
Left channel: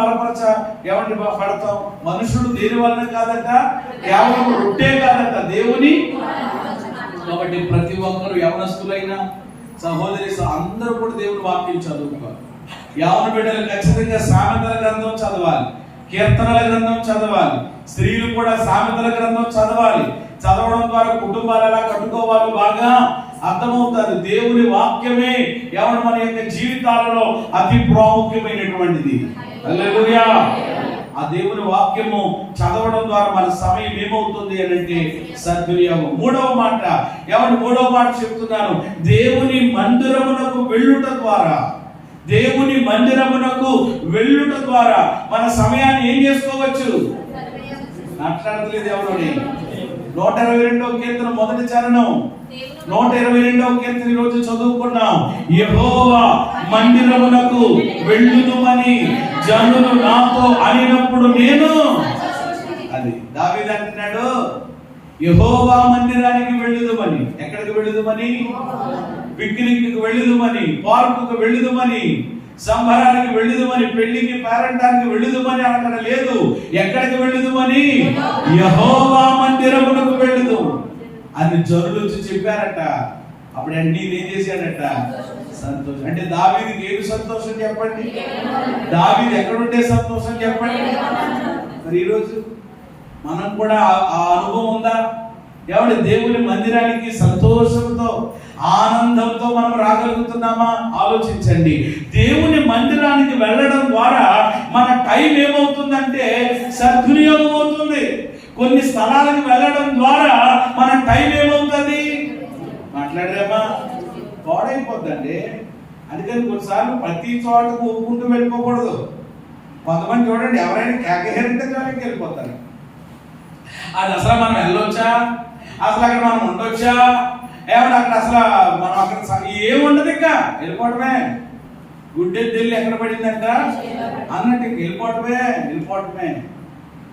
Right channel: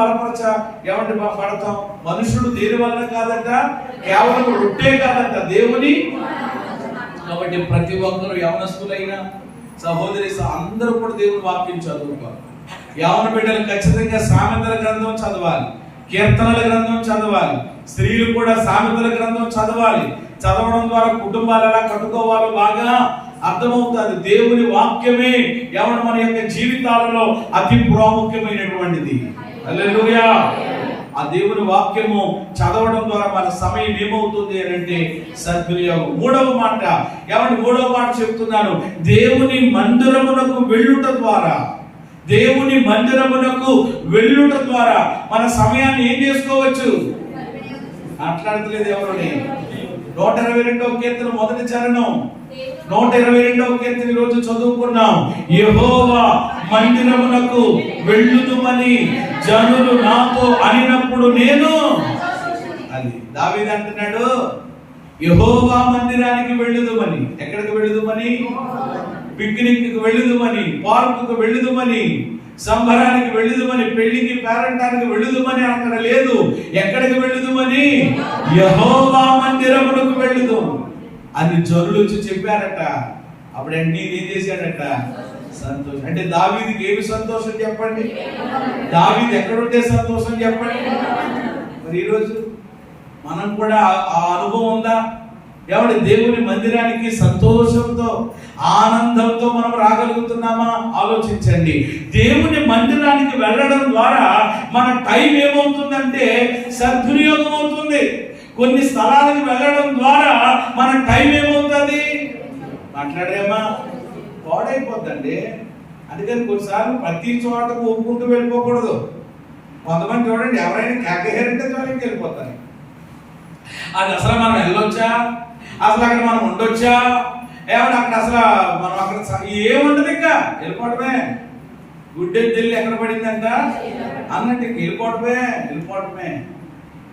ఏమంటే పడతాం? మనుషులు దేని వల్ల కాదంట, కేవలం రొట్టే కాదంట, దేవుని. కాబట్టి ప్రతి ఒక్కరు యవనస్తులైనా సహోదరి అందరూ కూడా దేవుని వాక్యం చదువుకోవాలి. యవన బిడ్డలు ఖచ్చితంగా సామెతల గ్రంథం చదవాలి, కీర్తనల గ్రంథం చదవాలి. స్త్రీలు కూడా సామెతల గ్రంథం చదవాలి. చదవడం ద్వారా కుటుంబాలు ఎలా కట్టుకోవాలో బాగా అర్థమవుతుంది. దేవుని వాక్యమే ఎవరు మన యొక్క జీవితాలలో అతి ప్రాముఖ్యమైనటువంటిది. హల్లెలూయా. ఆ దేవుని వాక్యము చదవడం ద్వారా మన సమయం ఏమవుతుంది అని అంటే సద్వినియోగం. మూడవ మాట చెప్తున్నాను, దేవుని మందిరమునకు వెళ్ళుట ద్వారా. దేవుని మందిరమునకు వెళ్ళుట ద్వారా మన సమయాన్ని ఏం చేసుకోవచ్చు? మాట్లాడలేదు ఎవరు? 122వ కీర్తన మొదటి చరణం, 122వ కీర్తన ఈ రోజు చదువుకున్నాం. యెహోవా మందిరమునకు వెళ్ళుదుమని జనులు నాతో అనినప్పుడు నేను. అది దావీదు అంటున్నాడు, యెహోవా మందిరానికి వెళ్ళుదుమని. ఎక్కడికి వెళ్ళుదుమని? పిక్నిక్ వెళ్ళుదుమని, పార్కుకు వెళ్ళుదుమని, సంబరానికి వెళ్ళుదుమని, పెళ్లికి పేరంటానికి వెళ్ళుదుమని అక్కడ లేదు. ఎక్కడికి వెళ్ళుదుమని? యెహోవా మందిరమునకు వెళ్ళుదు అని జనులు వచ్చి చెప్పారట. అప్పుడు అన్ని ఏం చేశాడట? సంతోషం. అంటే దావీదుకి ఏమి సంతోషం చెప్పండి? దావీదు ఎక్కడుంటే సంతోషం చెప్పండి? మరి ఈరోజు మనం కూడా ఆ అనుభవం ఉందా? ఏమంటే దేవుని మందిరానికి సంతోషంతో, ఆనందంతో మనం రాగలుగుతున్నామా? ఆలోచించండి. దేవుని మందిరానికి వెళ్ళడం ద్వారా మన టైం ఏమవుతుందంటే సద్వినియోగం అవుతుంది. కొన్ని స్థలాలకు వెళ్ళడం ద్వారా మన టైం ఏమవుతుంది? మాట్లాడరేమా? పాడైపోద్దండి. అందుకని కొన్నిసార్లు ప్రతి చోటకు ఒప్పుకుంటూ వెళ్ళిపోకూడదు. కొంతమంది చూడండి, ఎవరైనా కేకహేరంటే చాలకి వెళ్ళిపోతారు. అది అసలు మనం వెళ్ళొచ్చా, అసలు అక్కడ మనం ఉండొచ్చా, ఏమన్నా అక్కడ అసలు మనం అక్కడ ఏముండదు, ఇంకా వెళ్ళిపోవటమే. గుడ్డెత్తి వెళ్ళి ఎక్కడ పడిందంట అన్నట్టు వెళ్ళిపోవటమే.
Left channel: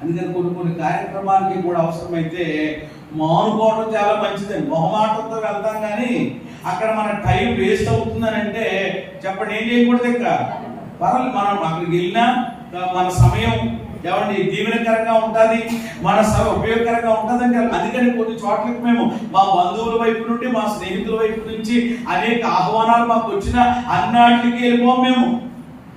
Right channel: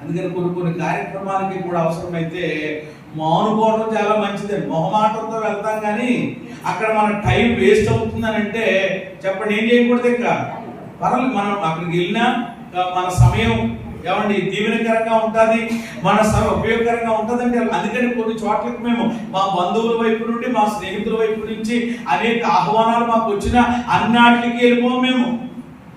అందుకని కొన్ని కార్యక్రమాలకి కూడా అవసరమైతే మానుకోవడం చాలా మంచిదండి. మొహమాటంతో వెళ్తాం కానీ అక్కడ మన టైం వేస్ట్ అవుతుందని అంటే చెప్పండి, ఏం చేయకూడదు. ఇంకా పర్వాలేదు, మనం అక్కడికి వెళ్ళినా మన సమయం ఏమండి దీవెనకరంగా ఉంటుంది, మన ఉపయోగకరంగా ఉంటుందండి. అందుకని కొన్ని చోట్లకి మేము మా బంధువుల వైపు నుండి, మా స్నేహితుల వైపు నుంచి అనేక ఆహ్వానాలు మాకు వచ్చిన అన్నిటికి వెళ్ళిపోం మేము.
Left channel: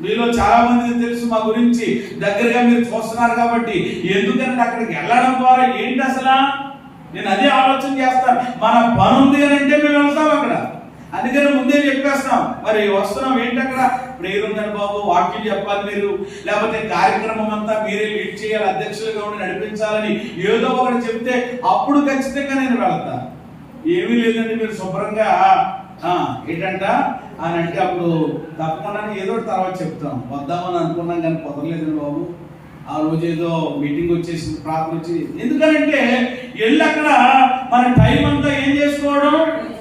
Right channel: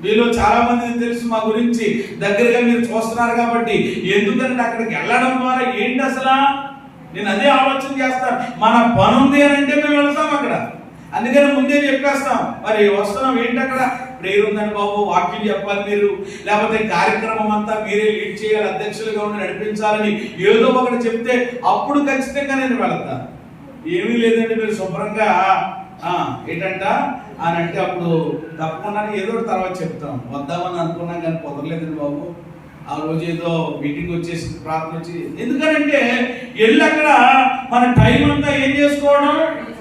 మీలో చాలా మంది తెలుసు మా గురించి, దగ్గరగా మీరు చూస్తున్నారు కాబట్టి. ఎందుకంటే అక్కడికి వెళ్ళడం ద్వారా ఏంటి అసలు, నేను అదే ఆలోచన చేస్తాను. మన పని ఉంది అని అంటే మేము వెళ్తాం అక్కడ. అందుకని ముందే చెప్పేస్తాం, మరి వస్తున్నాం ఏంటి అక్కడ ప్రేయర్ ఉందని బాబు, వాక్యం చెప్పాలి మీరు, లేకపోతే కార్యక్రమం అంతా మీరే లీడ్ చేయాలి, అధ్యక్షులుగా ఉండి నడిపించాలని ఏదో ఒకటి చెప్తే అప్పుడు ఖచ్చితంగా నేను వెళ్తాను. ఏమీ లేదండి, మీరు శుభ్రంగా ఏంటంట అని అంటే అప్పుడు తప్పకుండా ఏదో తర్వాత చెప్తాం. వద్దామని అనుకున్నాం కానీ కుదరలేదండి బాబు. ఆ రోజు ఏదో మీటింగ్ వచ్చేసి ప్రార్థన వచ్చి, ఎందుకనంటే వెళ్ళి అక్కడ మన టైం అంతా ఏం చేసుకోవడం,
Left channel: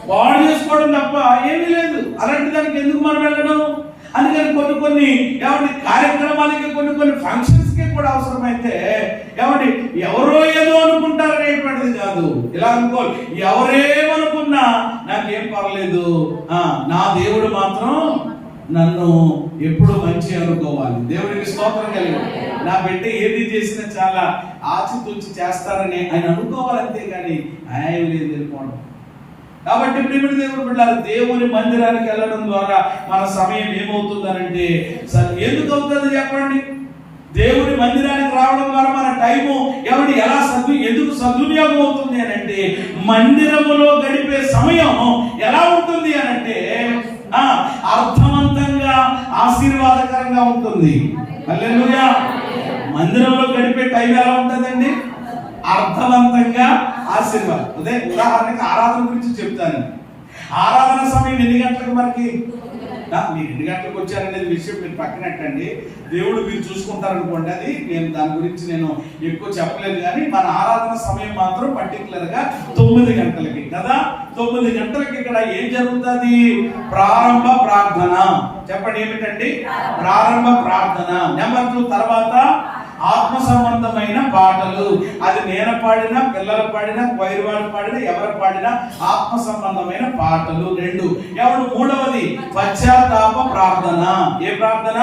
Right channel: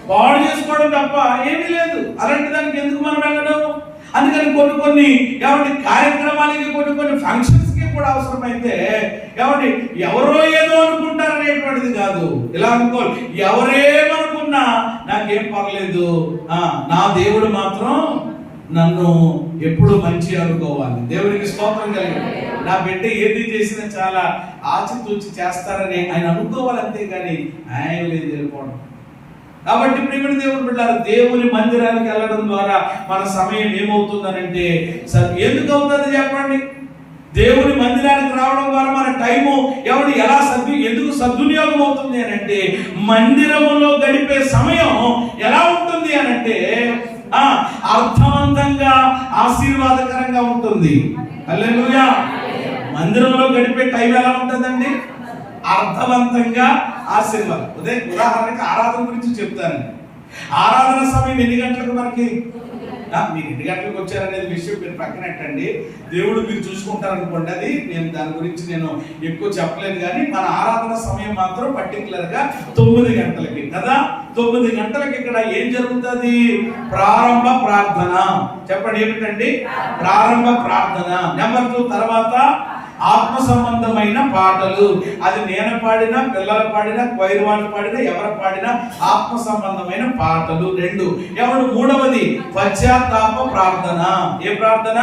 పాడు చేసుకోవడం తప్ప ఏమీ లేదు. అలాంటి దానికి ఎందుకు మనం వెళ్ళడం? అందుకని కొన్ని కార్యక్రమాలకి కొన్ని ఫంక్షన్స్కి కూడా అవసరమైతే ఎవరో ఏదో అనుకుంటారు అనేటువంటిది కాదు. ఇలా అనుకోవాలి, ఎవరేమనుకున్నా నాకేం పర్లేదు, నా దేవుడు మాత్రం నన్ను ఎప్పుడు మంచి అనుకోవాలి. దేవుడికి స్తోత్రం కలిగి నా బిడ్డ ఏది చేసినా చాలా ఆచితూచి చేస్తారని ఆయన అనుకోవాలి, అంతేగాని ఆయన లేదు వెళ్ళిపోవడం. కాబట్టి ప్రియమైన దేవుని బిడ్డలారా, దేవుని మందిరానికి వెళ్ళడం ద్వారా మన సమయం ఏమవుతుందనంటే, ఎందుకు అవుతుంది చెప్పండి? దేవుని మందిరానికి రావడం ద్వారా మన టైము ఎలా ఎందుకు సద్వినియోగం అవుతుంది అని అంటే, మందిరములో గడిపే సమయం ఎలా ఉంటుంది అని అంటే అర్థవంతంగా ఆశీర్వాదకరంగా ఉంటుంది. హల్లెలూయా. మందిరంలో గడిపే టైం ఎలా ఉంటుందండి? అర్థవంతంగా ఆశీర్వాదం. ఉదాహరణకి ఆరాధన గురించి చెప్తానండి. ఆరాధన సమయం ఎన్ని గంటలకు మనకి? మీరు 2 గంటలకు వచ్చారనేది విషయం మీరు పక్కనట్టండి, దేవుడు మీరు చూసుకుంటారనుకోండి. అది దాని గురించి నేను ఎక్కువ చెప్పలేదు. కానీ మన ఆరాధన సమయం మాత్రం పర్టికులర్ గా 9 గంటలకి కదా. 9 గంటలకి ఇక్కడ ఏం జరుగుతుంది? ప్రారంభ ప్రార్థన. చెప్పండి ఏమిటండి? ప్రారంభ ప్రార్థన. నెంబర్ 2 తర్వాత ఆత్మ సంబంధమైన పాటలు. అది నేను పాడినా, పిల్లలు పాడినా, క్వైర్ వాళ్ళు పాడినా, ఎవరు పాడినా ఆత్మ సంబంధమైన పాటలు 2. మూడవది పశ్చాత్తాప ప్రార్థన. ఏ ప్రార్థన?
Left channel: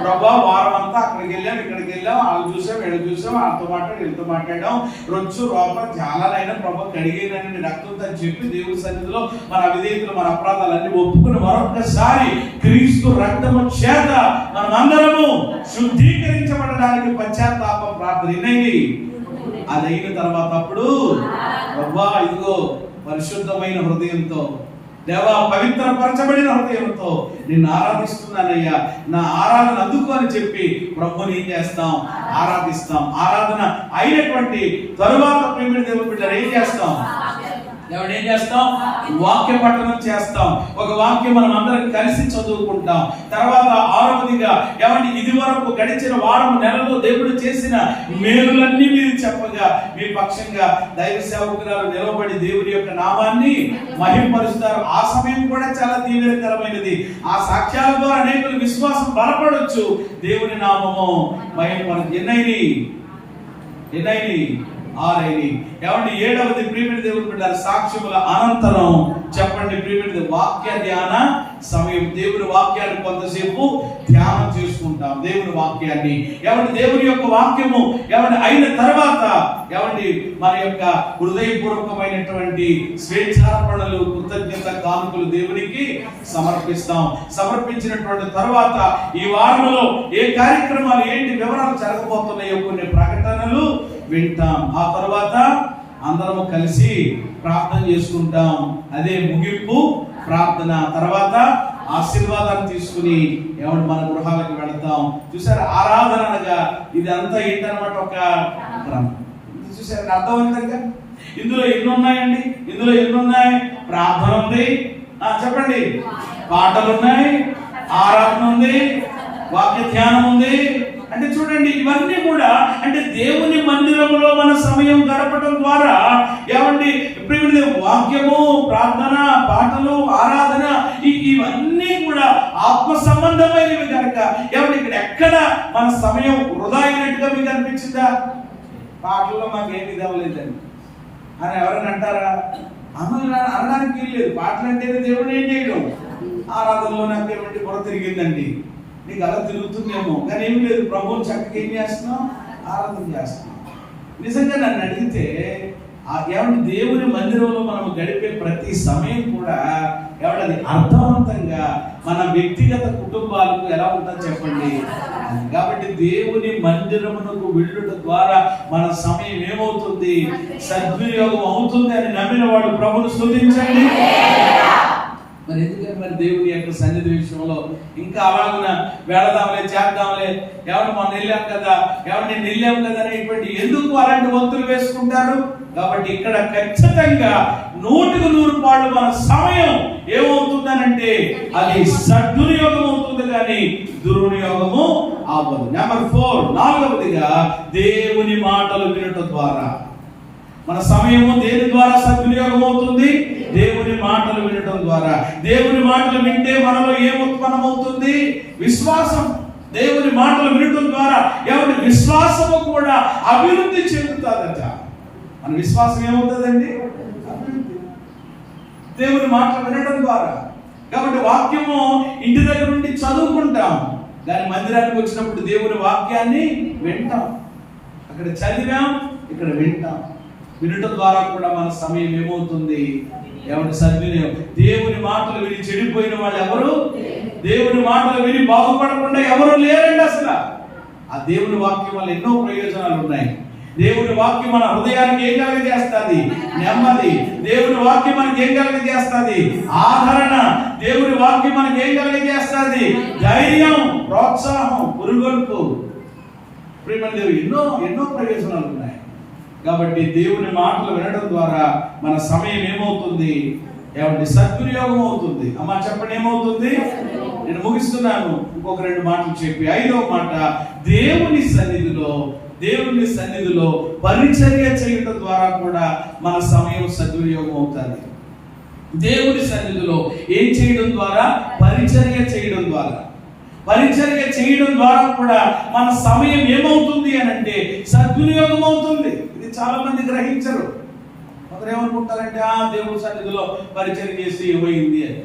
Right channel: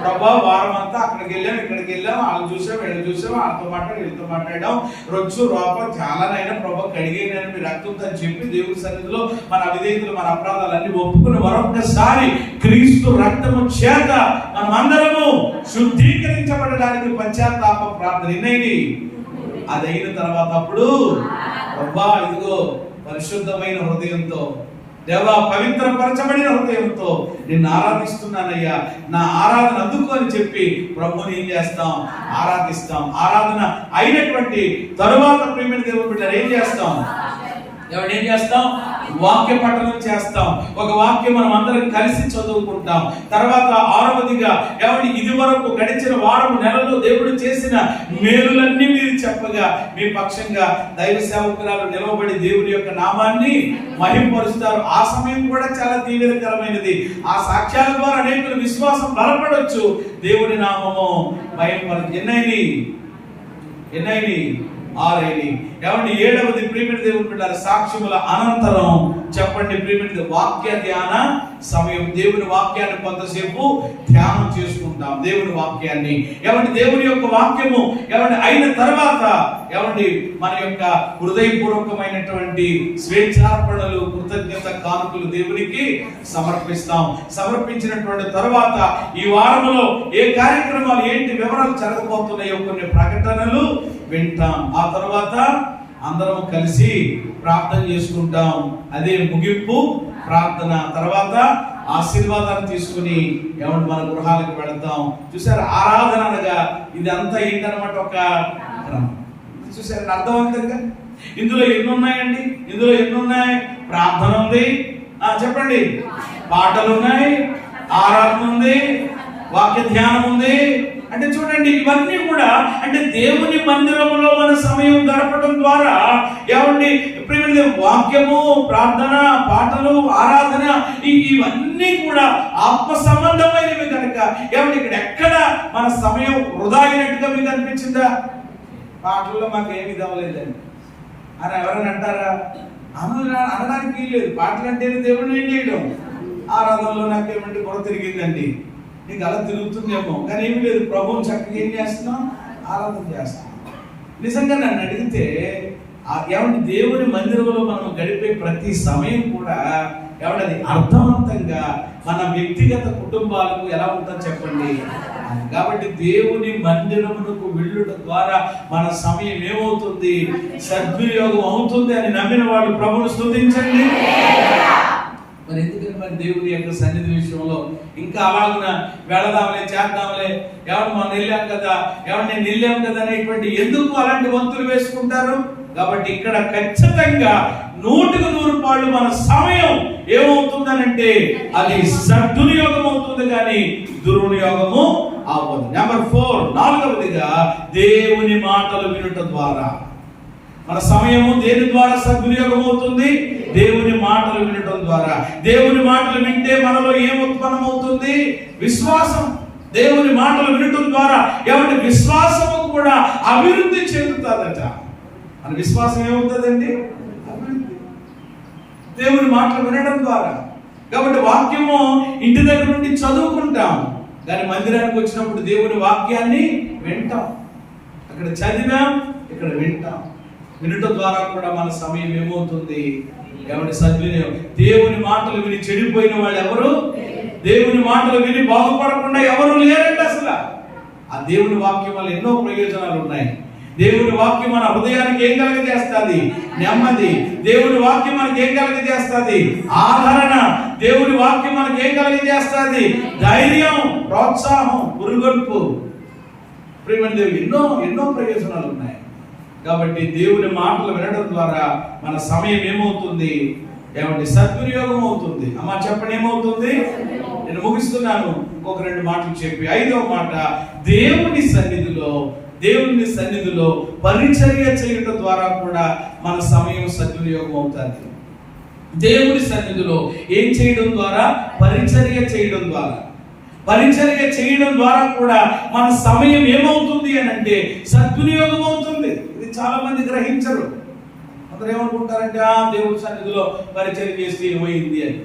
ప్రభా వారం అంతా అక్కడికి వెళ్ళాం, ఇక్కడికి వెళ్ళాం, వాళ్ళు చూసాం, వీళ్ళు చూసాం, వాళ్ళతో మాట్లాడి వీళ్ళతో మాట్లాడాం, రొచ్చు రూప చాలానైనా ప్రభా కడిగేనని మీ రక్తంతో అని చెప్పి దేవుడి సన్నిధిలో మన అవిధేయతలు, మన అపరాధాలన్నీ ఒప్పుకుని మరొకసారి క్రీస్తు రక్తము చేత మనమందరము శుద్ధీకరించబడడానికి పశ్చాత్తాప ప్రార్థన ఎన్నైంది. అదైన తర్వాత అప్పుడు ప్రభా ఇదిగో పరిశుద్ధమైన హృదయంతో, దేవా పవిత్రపరచబడిన హృదయంతో నిన్ను ఆరాధిస్తున్నానయ్యా, నా ఆరాధన అందుకు అని చెప్పి ప్రభుని ఏం చేస్తాం? ఆరాధిస్తాం. ఆరాధన అయినటువంటి తరువాత ప్రియమైన దేవుని బిడ్డలారా ఏం చేస్తాం? ఏం చేస్తాం? వాక్య పఠనం చేస్తాం. ఒక వాక్యం మనం అందరం కలిసి చదువుకుంటాం. తర్వాత 6వదిగా ఇది వరకు గడిచిన వారం నెలలో దేవుడు చేసిన మేలులన్నీ మీరు చెప్పగా మీ పక్షంగా దైవ సేవకురాలు నిలవబడి దేవుడి యొక్క నామాన్ని మహిమపరుస్తారు. ఆ సమయం కూడా చాలా దీవెనకరమైనది. ఆ సాక్ష్యాల ద్వారా అనేకుల విశ్వాసం బలపడొచ్చు. దేవుడి నామము మహిమపరచు. ఎన్నైని 6. 7వది ప్రియమైన దేవుని బిడ్డలారా సాక్ష్యముల అనంతరం. చెప్పండి ప్రియమైన వాక్య ధ్యాన సమయం. దేవుని వాక్యాన్ని కొంతసేపు ధ్యానం చేసుకుంటాం. దేవుని వాక్యాన్ని దేవుని యొక్క వాక్యము అయిన తర్వాత మన యొక్క హృదయపూర్వకమైనటువంటి స్వేచ్ఛార్పణలు, కృతజ్ఞత కానుకలు దేవునికి సమర్పిస్తాం. సమర్పించినటువంటి తర్వాత ఈ వారంలో ఏ కార్యక్రమాలు ఏంటి వివరాలు జరగబోతున్నాయో కొన్ని ప్రకటనలు వింటాం. ఆ తర్వాత అందరం కలిసి ప్రార్థన చేసుకుంటాం. అదే ముగింపు ప్రార్థన. తర్వాత ఆశీర్వాదాన్ని తీసుకుని మన గృహాలకు వెళతాం. చూసారు, ఆరాధన అనగా ఇది అంతా ఏంటన్నమాట, ఒక క్రమం. చూసారు అర్థవంతంగా. ఇందులో ఎన్ని ఉన్నాయండి? ఇందులో ఎన్ని ఉన్నాయి? ప్రార్థన ఉంది, చెప్పండి. పాటలు ఉన్నాయి, ఆరాధన ఉంది, వాక్య ధ్యానం ఉంది. అంటే చూడండి, ఇవన్నీ కూడా అంటే దేవుని మందిరంలో మన సమయం గడపడం ద్వారా ఏమండి వాక్యము, ప్రార్థన, పాటలు, ఆరాధన ఇవన్నీ కూడా ఆత్మ సంబంధమైనవి కనుక ఏమండి ఇక్కడ ఎక్కడ మన సమయం వృధా అయినట్టుగా మీకు అనిపించిందా? పాటల్లో మాకు ఏమి ఇదవ్వలేదండి అని ఎవరైనా అంటారా? అనడానికి లేదు. పాటలు అంటే దేవుని ఏం చేయడం, ఆరాధనలో నాకు ఏమంటే కొర తిరిగిందండి, నీకు అలా తిరుగుతుందేమో, కానీ ఏమి లేదు. ప్రభువుని చక్కగా ఏం చేస్తున్నాం, ఆరాధన చేస్తున్నాం. నిజంగా నన్ను అడిగితే ఏమంటే దేవుని మందిరంలో మనం గడిపే ప్రతి సమయం కూడా ఏమంటే అది అర్థవంతంగా మన వ్యక్తిగత కుటుంబాలకు ఎలా ఉంటుందో చెప్పండి. కాబట్టి దేవుని మందిరమునకు వెళ్ళుట ద్వారా మన సమయం ఏమవుతుంది, సద్వినియోగం అవుతుంది అని నమ్మిన వాళ్ళు ప్రభువును స్తుతించండి. మరి ఎందుకంటే మరి దేవుని యొక్క సన్నిధి విషయంలో ఇంకా అలాగున వెళదాంలే, చేద్దాంలే, ఎవరు మనం వెళ్ళాం కదా, ఎవరు నేను వెళ్ళాం కదా అనేటువంటి ఎందుకు అలాంటి వంతులు వేసుకుంటారు? కాబట్టి ఇక్కడ ఖచ్చితంగా 100% మన సమయం ఏమవుతుందనంటే అది సద్వినియోగం అవుతుంది, కానీ దుర్వినియోగము అవ్వదు. నెంబర్ 4, 4వదిగా దేవుని మాటలు వినటం ద్వారా మన సమయము దేని ద్వారా సద్వినియోగం అవుతుంది? దేవుని మాటలు వినటం ద్వారా. దేవుని మాటలు వింటే మనలో ఏం ఉత్పన్నమవుతుంది? విశ్వాసం. దేవుని మాటలు వినటం ద్వారా ఎవరి విశ్వాసము కూడా అభివృద్ధి చెందుతుందట. మన విశ్వాసం ఏమవుతుందండి? దేవుని మాటలు వినడం ద్వారా. కాబట్టి వాక్యము ఇంటి దగ్గర నుండి చదువుకుంటాం, కానీ మందిరానికి వచ్చినప్పుడు దేవుని వాక్యాన్ని వింటాం. అక్కడ చదివాం, ఇక్కడ వింటాం. వినటం ద్వారా కూడా మన సమయం ఏమవుతుంది? ఎవరి సద్వినియోగం. దేవుని మాటలు విని చెడిపోయిన వాళ్ళు ఎవరు? దేవుని మాటలు విని బాగుపడకుండా ఎవరు లేరండి అసలు. ఆ దేవుని వాక్యం వల్ల ఎన్నో ప్రయోజనాలు ఉన్నాయి. దేవుని వాక్యం మన హృదయానికి ఏం కలగజేస్తుంది? నెమ్మది. దేవుని వాక్యం మనకి ఏం కలగజేస్తుంది? ఆదరణ. దేవుని వాక్యం మనకి ఏం కలగజేస్తుంది? ధైర్యం, ప్రోత్సాహం, పురుగొల్పు. ఎన్నో ఎన్నో ప్రయోజనాలు ఉన్నాయి. కాబట్టి దేవుని మాటలు వినడం ద్వారా మన సమయం ఏమవుతుంది? ఏమంటే సద్వినియోగం అవుతుంది. అమ్మ చెప్పండి, ఏమవుతుంది? నేను ముగిస్తున్నాను, ఇంకొక 2 మాటలు చెప్పి 5వ మాట, దేవుని సన్నిధిలో పరిచర్య చేయడం ద్వారా కూడా మన సమయం సద్వినియోగం అవుతుంది. దేవుని సన్నిధిలో ఏం చేయడం ద్వారా? పరిచర్య చేయడం ద్వారా. పరిచర్య చేయడం ద్వారా కూడా మన సమయం ఏమవుతుంది అని అంటే సద్వినియోగం అవుతుంది. ఇది చాలా మంది గ్రహించరు. కొందరు ఏమనుకుంటారంటే దేవుడి సన్నిధిలో పరిచర్య చేసి ఏమైంది అని.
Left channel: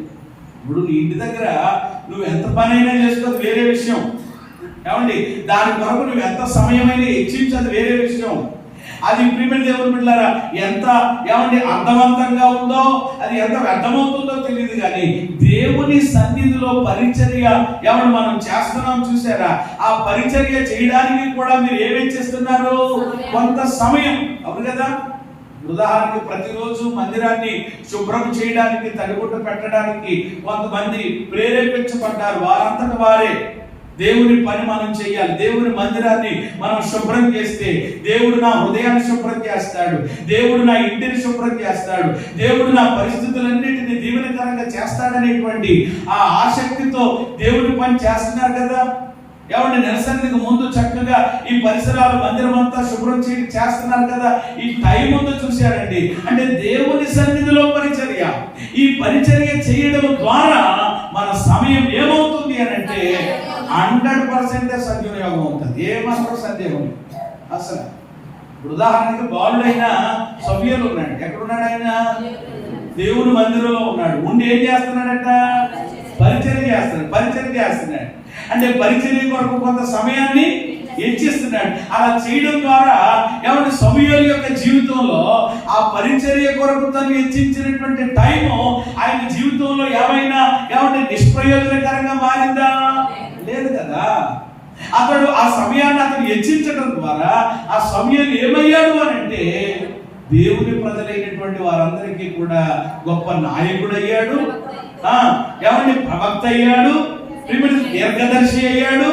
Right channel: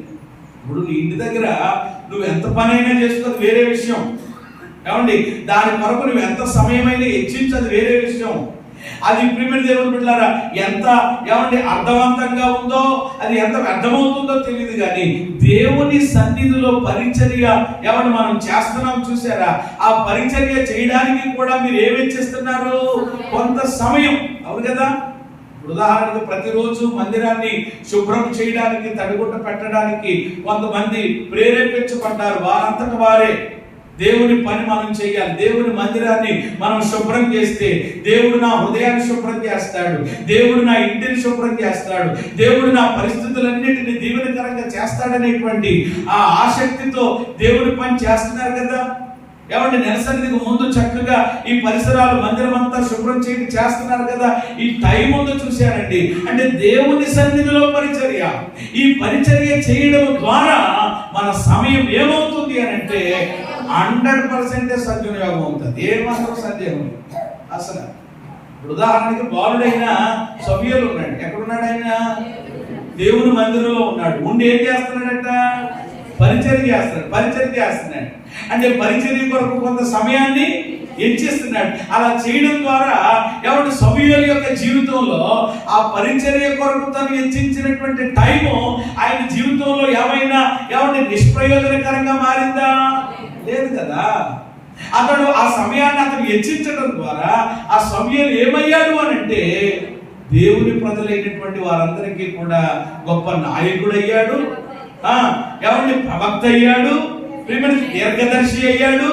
ఇప్పుడు నీ ఇంటి దగ్గర నువ్వు ఎంత పని అయినా చేసుకోదు, వేరే విషయం. ఏమండి, దాని కొరకు నువ్వు ఎంత సమయమైనా హెచ్చించదు, వేరే విషయం. అది ప్రియమైన దేవుని బిడ్డలారా ఎంత ఏమండి అర్థవంతంగా ఉందో, అది ఎంత వ్యర్థమవుతుందో తెలియదు, కానీ దేవుని సన్నిధిలో పరిచర్య ఏమండి మనం చేస్తున్నాం చూసారా? ఆ పరిచర్య చేయడానికి కూడా మీరు ఏమేం చేస్తున్నారు? కొంత సమయం. అవును కదా? ఉదాహరణకు ప్రతిరోజు మందిరాన్ని శుభ్రం చేయడానికి, తడిగుడ్డ పెట్టడానికి కొంతమంది ప్రేరేపించబడ్డారు. వారంతట వారే దేవుని పని మనం చేయాలి. దేవుని మందిరాన్ని మనం శుభ్రం చేస్తే దేవుడు నా హృదయాన్ని శుభ్రం చేస్తాడు, దేవుడు నా ఇంటిని శుభ్రం చేస్తాడు, దేవుడు నా పరిస్థితులన్నింటినీ దీవెనకరంగా చేస్తాడనేటువంటి ఆ ఆసక్తితో దేవుడి పని చేస్తున్నారు కదా. ఏమంటే నెలసరికి ముందు చక్కగా ఈ పరిసరాలు మందిరం అంతా శుభ్రం చేయడం చేస్తున్నారు కదా. ఈ టైం ఉందో చూశారండి. అంటే దేవుని సన్నిధిలో పరిచర్య, ఈ పరిచర్య చేయడం ద్వారా మన సమయం ఏమవుతుంది అని అంటే 100% సద్వినియోగం అవుతుంది. ఏమాత్రం సందేహం అసలు. ఉదాహరణకి బాలుడైన సభ్యులు ఉన్నాడు. ఎక్కడున్నాడు ఆయన? దేవుని మందిరంలో ఉన్నాడు. ఉండి ఏం చేస్తున్నాడట? పరిచర్య చేస్తున్నాడు. అంటే పరిచర్య కొరకు కొంత సమయాన్ని హెచ్చిస్తున్నాడు. అలా చేయడం ద్వారా ఎవరి సభ్యుల యొక్క జీవితంలో ఆ పరిచర్య కొరకు తను హెచ్చించినటువంటి టైము ఆయన జీవితంలో ఏమైనా ఎవరి నిష్ప్రయోజనకరంగా మారిందా? లేదు కదా. అతడు ఆ సమయాన్ని అతను హెచ్చించడం ద్వారా ఆ సమయాన్ని ఏమయ్యాడు అని అంటే దేవుని ప్రజలైనటువంటి వారందరికీ కూడా గొప్ప నాయకుడు అయ్యాడు, ఎవరిని ప్రవక్త అయ్యాడు, దీర్ఘదర్శి అయ్యాడు.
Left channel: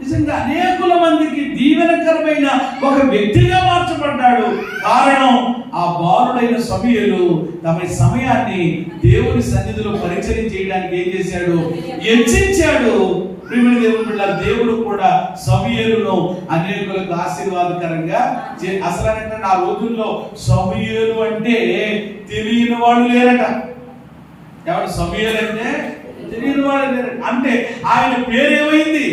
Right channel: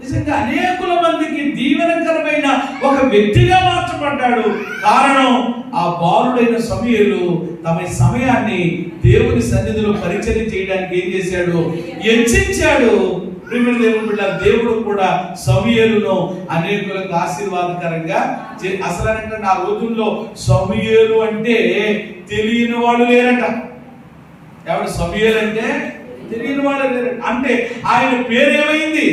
నిజంగా అనేకుల మందికి దీవెనకరమైన ఒక వ్యక్తిగా మార్చబడ్డాడు. కారణం ఆ బాలుడైన సమూయేలు తమ సమయాన్ని దేవుని సన్నిధిలో పరిచర్య చేయడానికి ఏం చేశాడు? హెచ్చించాడు. ప్రియమైన దేవుని బిడ్డ, దేవుడు కూడా సమూయేలును అనేకులకు ఆశీర్వాదకరంగా అసలు అంటే ఆ రోజుల్లో సమూయేలు అంటే తెలియని వాళ్ళు లేరట. ఎవరు సమూయేలు అంటే తెలియని వాళ్ళు లేరట. అంటే ఆయన పేరు ఏమైంది?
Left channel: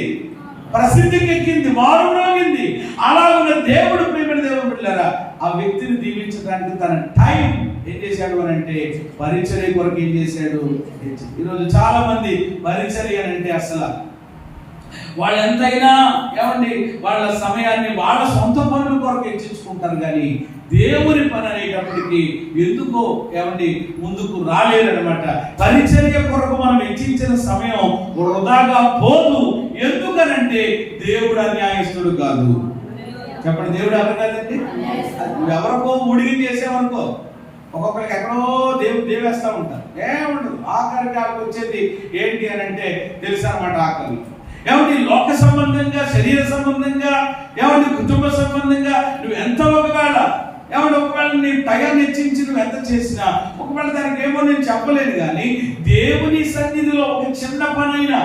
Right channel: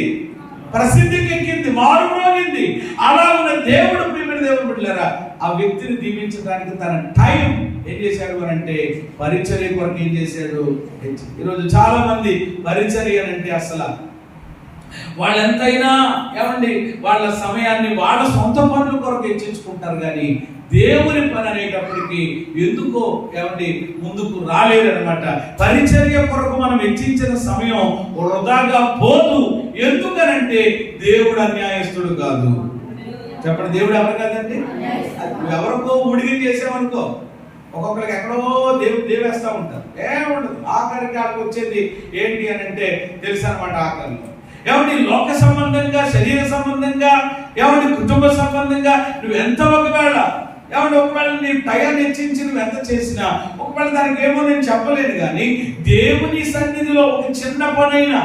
ప్రసిద్ధికి ఎక్కింది, మారుమోగింది. అలాగే దేవుడు, ప్రియమైన దేవుని బిడ్డలారా, ఆ వ్యక్తిని దీవించడానికి తన టైం ఏం చేశాడు అని అంటే పరిచర్య కొరకు ఏం చేశాడు? ఈరోజు చాలా మంది పరిచర్య అంటే అసలు వాళ్ళు ఎంతైనా ఏమండి వాళ్ళ సమయాన్ని వాళ్ళ సొంత పనుల కొరకు హెచ్చించుకుంటారు, కానీ దేవుని పని అనేటప్పటికి ఎందుకో ఏమండి ముందుకు రాలేదన్నమాట. పరిచర్య కొరకు మనం హెచ్చించిన సమయం వృధాగా పోదు. ఎందుకనంటే దేవుడు అన్యాయస్తుడు కాదు. చెప్పండి, దేవుడు ఎవరు కాదండి. ఎవరికో ఉడిగి చేసామనుకో, ఒక్కొక్కరికి ఎక్కడో దేవేస్తూ ఉంటారు, ఏముండదు. ఆఖరికి వాళ్ళకి వచ్చేది ఏంటి అని అంటే తెలుసు అనమాట. ఆఖరి ఏమంటే లోక సంబంధంగా, శరీర సంబంధంగా, ఏమంటే కుటుంబ సంబంధంగా నువ్వు ఎంత ఒకవేళ నీ టైం హెచ్చించి నువ్వు ఎంత చేసినా ఒకవేళ దానికి ఏమో నేను చెప్పలేను, కానీ దేవుని సన్నిధిలో ఒక చిన్న పనైనా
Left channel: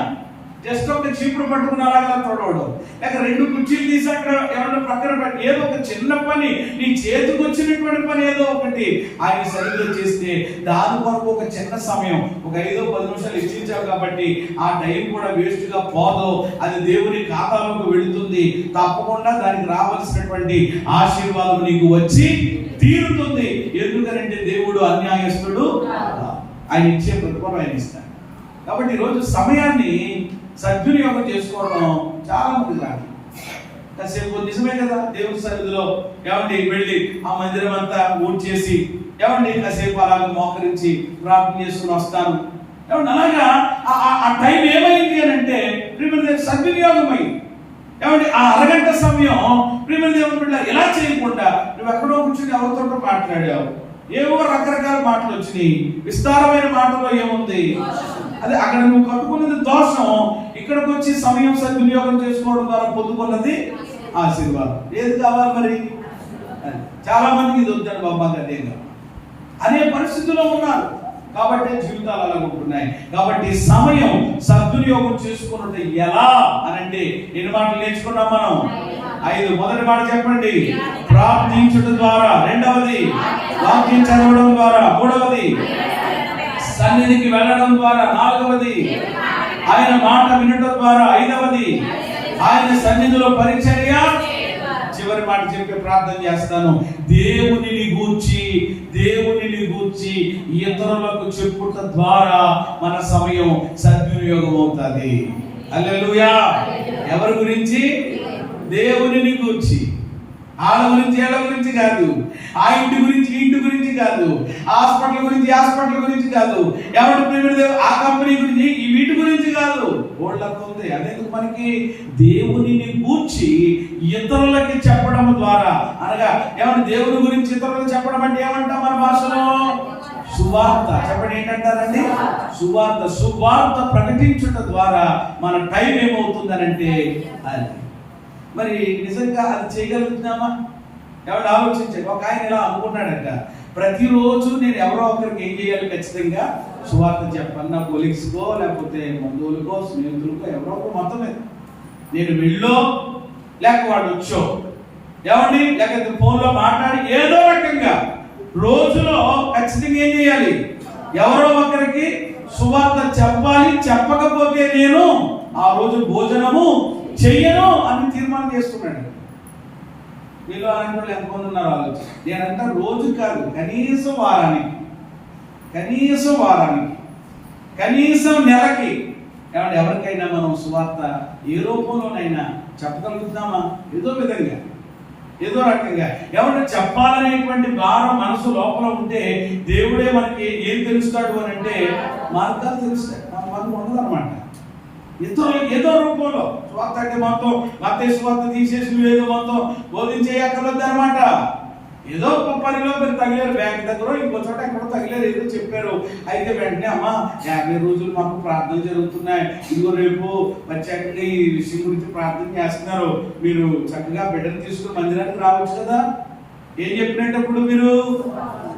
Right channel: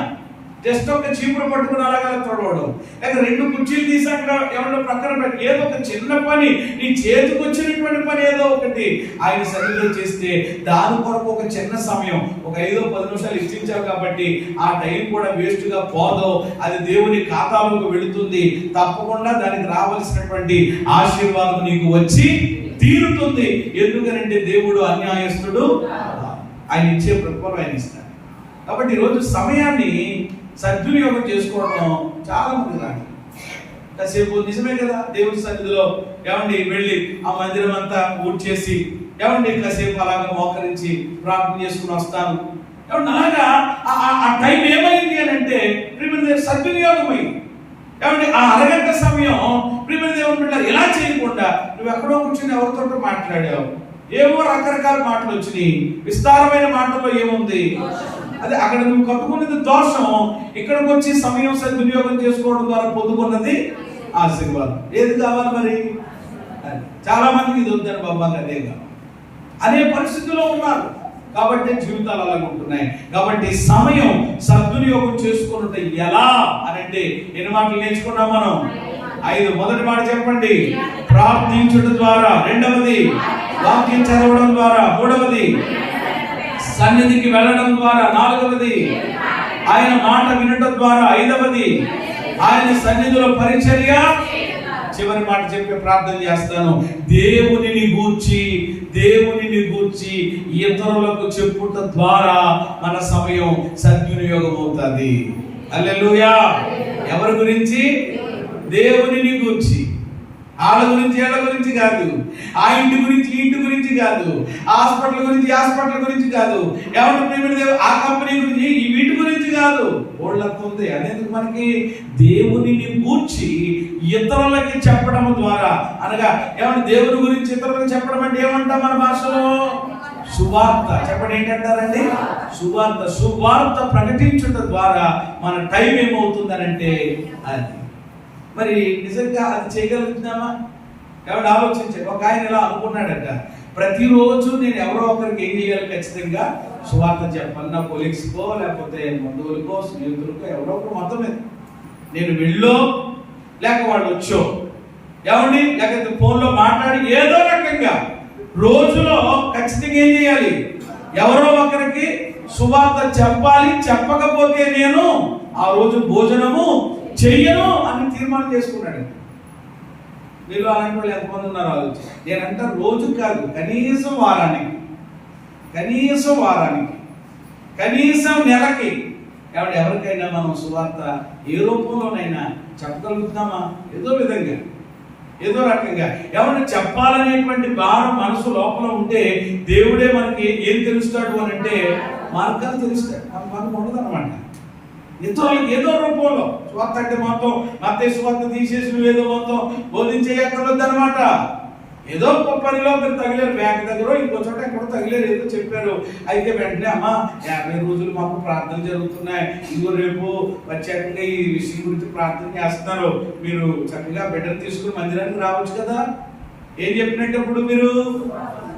జస్ట్ ఒక చీపురు పట్టుకుని అలాగలా తొడవడం, లేక 2 కుర్చీలు తీసి అక్కడ ఏమన్నా ప్రక్కన పెట్టి ఏదో ఒక చిన్న పని, నీ చేతికి వచ్చినటువంటి పని ఏదో ఒకటి ఆయన సరిగ్గా చేస్తే దాని కొరకు ఒక చిన్న సమయం, ఒక 5-10 నిమిషాలు ఇచ్చించావు కాబట్టి ఆ టైం కూడా వేస్ట్గా పోదు. అది దేవుని ఖాతాలోకి వెళుతుంది. తప్పకుండా దానికి రావాల్సినటువంటి ఆశీర్వాదం నీకు వచ్చి తీరుతుంది. ఎందుకనంటే దేవుడు అన్యాయస్తుడు. ఆయన ఇచ్చే ప్రతిఫలం ఆయన ఇస్తాడు. కాబట్టి ఈరోజు సమయాన్ని సద్వినియోగం చేసుకోవడం చాలా మంది రాదు. కాసేపు నిజమే కదా, దేవుని సన్నిధిలో ఏమండి వెళ్ళి ఆ మందిరం అంతా ఊడ్చేసి ఏమండి కాసేపు అలాగా మోకరించి ప్రార్థన చేసుకుని వస్తాను. ఏమంటే అలాగా ఆ టైం ఏమైంది అని అంటే ప్రియమైన సద్వినియోగం అయింది. ఏమంటే ఆ అరగంట సమయం ప్రియమైన దేవుని బిడ్డ ఇలా చేయకుండా నువ్వు ఎక్కడో కూర్చొని ఎవరితో మాట్లాడావు, ఏవో రకరకాల మాటలు వచ్చినాయి. విస్తారమైన మాటల్లో ఏముంది? అదే అక్కడ నువ్వు కట్టుకున్నది దోషం, ఇక్కడికి వచ్చి సమయం సద్వినియోగం చేసుకోవడం ద్వారా పొందుకున్నది ఆశీర్వాదం. ఏది కావాలి మరి? చాలా మందికి ఇది వద్దని బాబా అదే కావాలి అనే పరిస్థితిలో ఉన్నారు. కాబట్టి జీవితాలు అలాగే ఉంటున్నాయి. కాబట్టి సమయం సద్వినియోగం చేసుకున్నట్టు ఎలా అని అంటే ఎన్ని మాటలు నేర్చుకున్నాం మనం? 5. మొదటి మాట చెప్పండి, ప్రార్థించడం ద్వారా. రెండవది, వాక్యం చదవడం ద్వారా. మూడవది, సన్నిధికి వెళ్ళడం ద్వారా. నాలుగవది, ఆయన మాట వినడం ద్వారా. ఐదవది, ఆయన సన్నిధిలో పరిచర్య. చివరి మాట చెప్పి ప్రార్థన చేస్తాను, దేవునిని గూర్చి ఇతరులకు చెప్పుట ద్వారా మన సమయం సద్వినియోగం అవుతుంది. హల్లెలూయా. ఎవరి గురించి? దేవునిని గూర్చి. వాళ్ళ గురించి ఏళ్ళ గురించి కాదు, ఆ ఇంటి గురించి ఈ ఇంటి గురించి కాదు, హాస్పిటల్ గురించి కాదు, ఎవరి ఆ కంపెనీ గురించి ఈ వీటి గురించి కాదు. ఓళ్ళంతా ఉంది. అదేందుకు మనకి? దేవునిని గూర్చి ఇతరులకి చెప్పడం ద్వారా. అనగా ఏమన్నా దేవుని గురించి ఇతరులకు చెప్పడం అంటే ఏమంటాం మన భాషలో? సువార్త. చెప్పండి, ఏంటంటారండి? సువార్త ప్రకటించడం ద్వారా మన టైం ఏమవుతుందనంటే అది. మరి నిజంగా అది చేయగలుగుతున్నామా? ఎవరు ఆలోచించారు? ఒక ఆయన ఇలా అనుకున్నాడట, ప్రతిరోజు నేను ఎవరో ఒకరికి ఏం చేయాలి? ఖచ్చితంగా సువార్త చెప్పాలి. నా కొలీగ్స్కో లేకపోతే బంధువులకో స్నేహితులకో ఎవరో ఒకరు మొత్తం మీద నేను వెళ్ళో లేక వాళ్ళు వచ్చో ఏమండి లేకపోతే ఫోన్లో మాట్లాడి ఏదో రకంగా రోజులో ఖచ్చితంగా ఏం చేయాలి? ఎవరో ఒకరికి సువార్త చెప్పాలి. చెప్పకపోతే నేను ఆ రోజు భోజనము చెయ్యను అని తీర్మానం చేసుకున్నాడు. వీళ్ళు అలాంటి వాళ్ళు ఎంతమంది ఉన్నారు ఆలోచన. నేనంతా రోజు కాదు, కనీసం వారానికి, కనీసం నెలకి ఏమంటే ఎవరికైనా మనం సువార్త ఏ రూపంలోనైనా చెప్పగలుగుతున్నామా? ఏదో విధంగా, ఏదో రకంగా ఏమంటే చెప్పాలనేటువంటి భారం మనసు లోపల ఉంటే దేవుడే మనకి ఏం తెలుస్తాడు అని అంటే మార్గాలు తెలుస్తాడు. మనకు ఉండదు అనమాట. ఇతరులకు ఏదో రూపంలో స్వార్థ అంటే మొత్తం మత్తయి స్వార్థ తీసేసి ఏదో మొత్తం బోధించేయక్కర్లేదు అనమాట. ఏదో ఒక పనిలో మీరు తగిలేరు, బ్యాంక్ దగ్గర ఇంకో చోట ఎక్కడో తగిలేరు, ఏదో చెప్పారు. అయితే వెంటనే అమ్మా 50 రోజులు మాకు ప్రార్థనలు జరుగుతున్నాయి, ఇంకో రేపు వచ్చాక ఈ విషయం గురించి ప్రార్థన చేస్తున్నారు, మీరు చక్కగా బిడ్డను తీసుకుని మందిరానికి రావచ్చు కదా. ఏం చెప్పినప్పుడు మీరు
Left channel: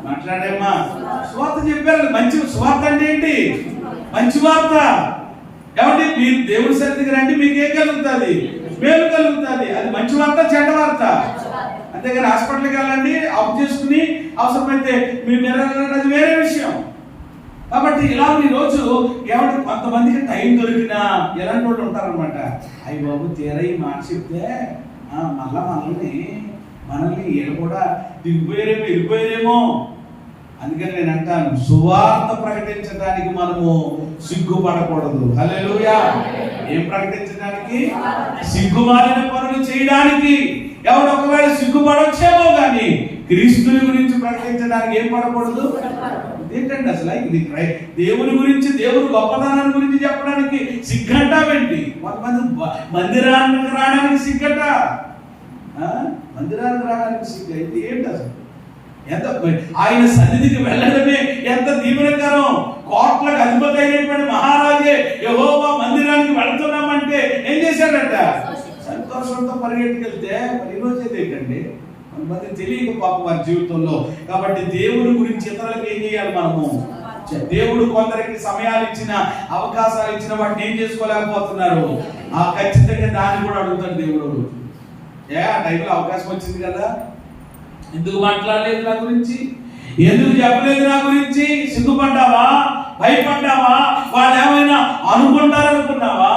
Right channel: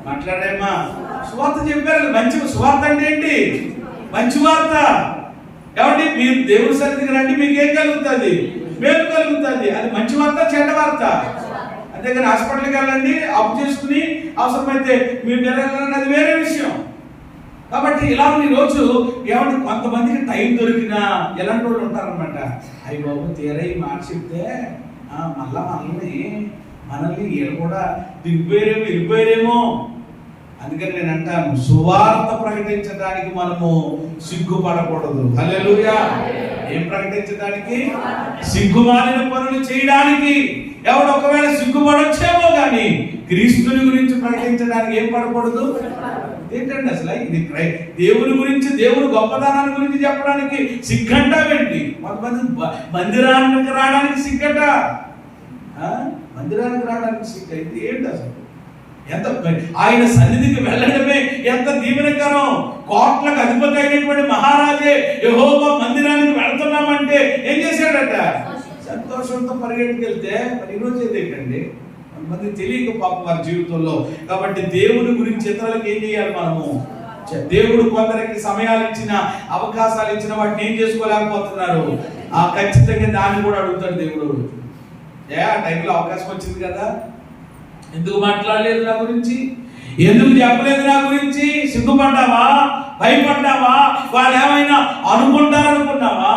మాట్లాడేమా? సువార్త చెప్పారు. మంచి సువార్త అంటే ఏంటి? మంచి వార్త. కాబట్టి మీరు దేవుని సన్నిధికి రండి, మీకేం కలుగుతుంది? మేలు కలుగుతుంది. అది మంచి వార్త, చెడ్డ వార్త. అంతేగాని హాస్పిటల్కి వెళ్ళండి, అప్పు చేసుకుని అవసరమైతే మీ మెరగాలండి, అది వేరే విషయం. కాబట్టి ఇలా ఈ రోజు ఏమంటే కొంతమందికి టైం దొరికినా ఎలాంటి వాళ్ళు ఉంటారనమాట. అయ్యి బాబు తీరా ఈ మాట చెప్తే మళ్ళా మనల్ని వీళ్ళు కూడా వెళ్ళిపోయారేమో. అందుకని నేను అంటాను, సువార్త ప్రకటించడానికి మనము సిగ్గుపడకూడదు. హల్లెలూయా. ఏం ప్రకటించడానికి? సిగ్గుమాలిన పనులు చేయడానికి. ఎవడు ఒకవేళ సిగ్గుపడొచ్చేమో కానీ క్రీస్తుని గురించి ప్రకటించడానికి ఏం పడకూడదు. ఏంటండి అసలు ఇది? దేవుని గురించి, దేవుని గొప్పతనాన్ని గురించి చెప్పడానికి సిగ్గంటావేంటి? కొంతమంది మందిరానికి రావడానికి సిగ్గట. మందిరానికి రావడానికి సిగ్గు అయితే ఏంటి అసలు? ఎంత ఆయన సన్నిధికి వెళ్ళడమే ఎంత దీవెనకరం. కోట్లకు అధిపతి అయినటువంటి మహారాజే యెహోవా మందిరానికి వెళుతున్నామంటే ఏం చేశాడట? సంతోషంతో పరిగెట్టుకెళ్తే మరి ఈరోజు ఏంటండి? కొంతమంది తెలియక పాప వారి జీవితంలో. కాబట్టి దేవుని గురించి ఇతరులకు ఏం చేయాలి మనము? దేవుడు కొందరికి సమయాలు ఇచ్చిన, అవకాశాలు ఇచ్చిన వాటిని ఏం చేసుకోలేకపోతున్నారు. ఖచ్చితంగా దాన్ని కూడా అడుగుతాడు దేవుడు. ఆ టైంలో అవకాశం వచ్చింది కదా, ఎందుకు మాట్లాడలేదు నా గురించి? ఎందుకు చెప్పలేదు నా గురించి? సిగ్గుపడ్డావా? భయపడ్డావా? వాళ్ళు ఏమైనా అనుకుంటారనుకున్నావా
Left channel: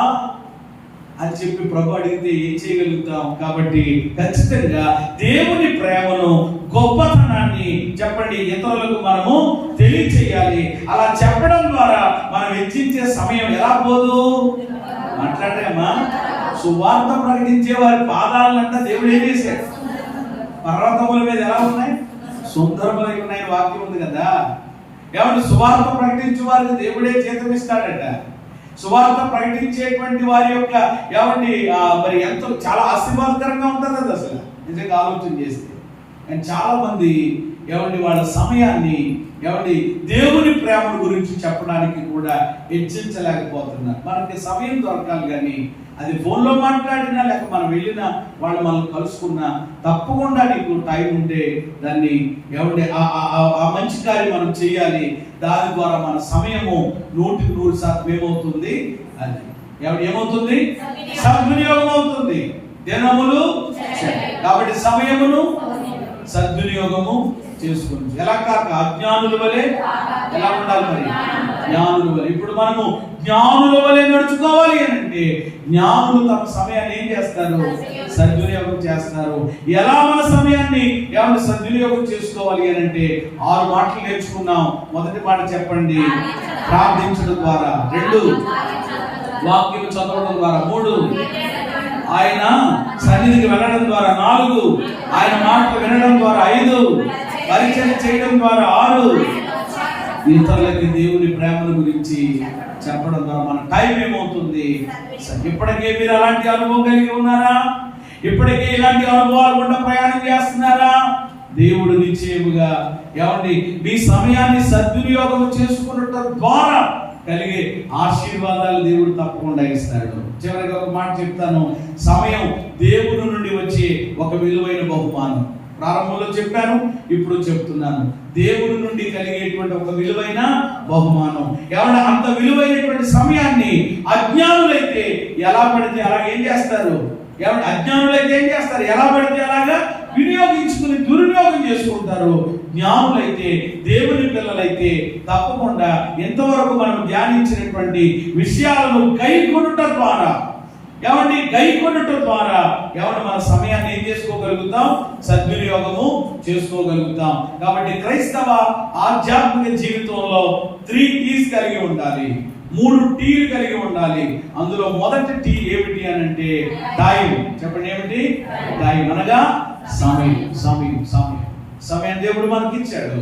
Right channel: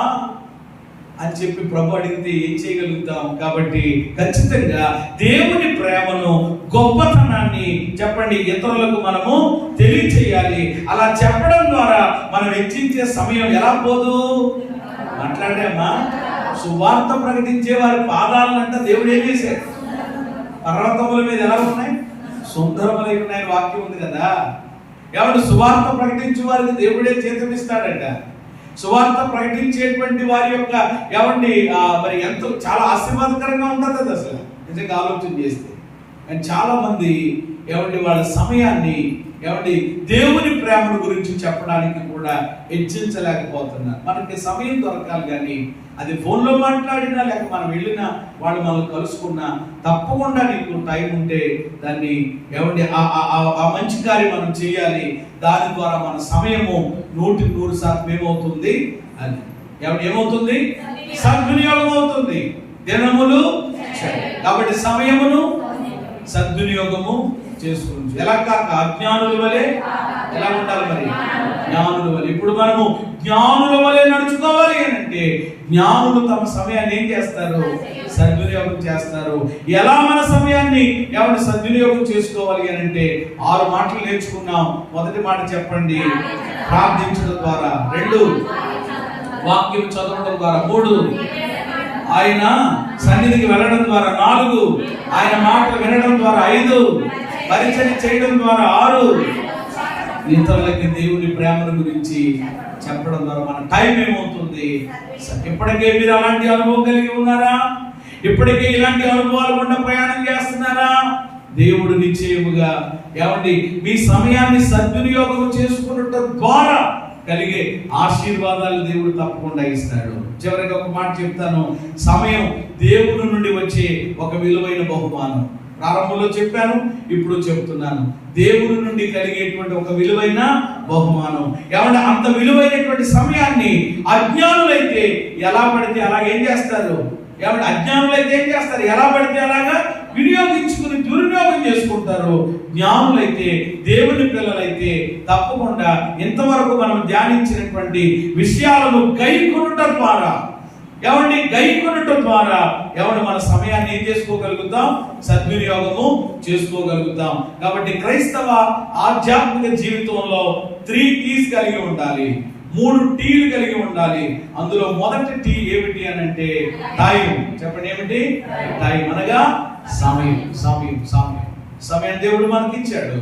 అని చెప్పి ప్రభు అడిగితే ఏం చేయగలుగుతాం? కాబట్టి ఖచ్చితంగా దేవుని ప్రేమను, గొప్పతనాన్ని చెప్పండి ఇతరులకు మనము తెలియచేయాలి. అలా చెప్పడం ద్వారా మనం వెచ్చించే సమయం ఎలా పోదు? మాట్లాడామా? సువార్త ప్రకటించే వారి పాదాలంతా దేవుడు ఏం చేశాడు? పర్వతముల మీద ఎలా ఉన్నాయి? సుందరములై ఉన్నాయి. వాక్యం ఉంది కదా. ఏమంటే సువార్త ప్రకటించే వారికి దేవుడే జీతం ఇస్తాడట. సువార్త ప్రకటించేటువంటి వారి యొక్క ఏమండి మరి ఎంతో చాలా ఆశీర్వాదకరంగా ఉంటుంది అది అసలు నిజంగా ఆలోచన చేస్తే. కానీ చాలా మంది ఏమండి వాళ్ళ సమయాన్ని ఏమండి దేవుని ప్రేమ గురించి చెప్పడానికి కూడా హెచ్చించలేకపోతున్నారు. మనకి సమయం దొరకాలి, కానీ అది ఫోన్లో మాట్లాడినా లేక మనం వెళ్ళినా వాళ్ళు మనల్ని కలుసుకున్నా తప్పకుండా నీకు టైం ఉంటే దాన్ని ఏమండి ఆ మంచి కార్యం మనం చేయాలి. దాని ద్వారా మన సమయము 100% ఏమవుతుంది? అది ఏమవుతుంది? సద్వినియోగం అవుతుంది. దినములు కాబట్టి సమయమును సద్వినియోగము చేసుకోవచ్చు. ఎలా కాక అజ్ఞానుల వలె ఎలా ఉండాలి? మరి జ్ఞానుల వలె. ఇప్పుడు మనము జ్ఞానుల వలె నడుచుకోవాలి అని అంటే జ్ఞానులు తమ సమయాన్ని ఏం చేస్తారు? సద్వినియోగం చేస్తారు. ఎలా మన సమయాన్ని ఏమన్నా సద్వినియోగం చేసుకోవాలి అని అంటే 6 మాటలు నేర్చుకున్నాం. మొదటి మాట చెప్పండి, ప్రార్థించడం ద్వారా. 2, వాక్యం చదవడం ద్వారా. 3, ఆయన సన్నిధికి వెళ్ళడం ద్వారా. 4, ఆయన మాటలు వినడం ద్వారా. 5, పరిచయం చేయడం ద్వారా. 6, ఇతరులకి దేవుని ప్రేమను గురించి చెప్పడం ద్వారా. మన టైం ఏమవుతుంది? ఇప్పటికే మీరు అలాంటి అనుభవం కలిగి ఉన్నారా? ఇప్పటికే ఇలాంటి అనుభవాలు గుండా ప్రయాణం చేస్తున్నారా? దేవుడు నిశ్చయముగా ఏమండి మీ సమయాన్ని సద్వినియోగం చేసుకున్నట్టు ద్వారా కలిగే ఆశీర్వాదాలు దేవుడు తప్పకుండా ఇస్తాడు. చివరిగా ఒక మాట చెప్తాను. సమయం దేవుడి నుండి వచ్చే ఒక విలువైన బహుమానం. ప్రారంభంలో చెప్పాను, ఇప్పుడు చెప్తున్నాను. దేవుడి నుండి కలిగేటువంటి ఒక విలువైన బహుమానం. ఏమన్నా అంత విలువైనటువంటి సమయాన్ని అజ్ఞానులైతే ఎలా పడితే అలా ఏం చేస్తారు? ఏమన్నా అజ్ఞానులైతే ఏం చేస్తారు? ఎలా పడితే అలాగా వినియోగించుకుని దుర్వినియోగం చేసుకుంటారు. జ్ఞానులైతే, దేవుని పిల్లలైతే తప్పకుండా ఇంతవరకు మనం ధ్యానించినటువంటి విషయాలను గైకొనుట ద్వారా మన సమయాన్ని ఏం చేసుకోగలుగుతాం? సద్వినియోగము చేసుకోగలుగుతాం. కాబట్టి క్రైస్తవ ఆధ్యాత్మిక జీవితంలో 3 T's కలిగి ఉండాలి, 3 T'లు కలిగి ఉండాలి. అందులో మొదటి T ఏమిటి అని అంటే టైం. చెప్పండి, ఏమిటి? టైం అనగా సమయం దేవుడు మనకి ఇచ్చాడు.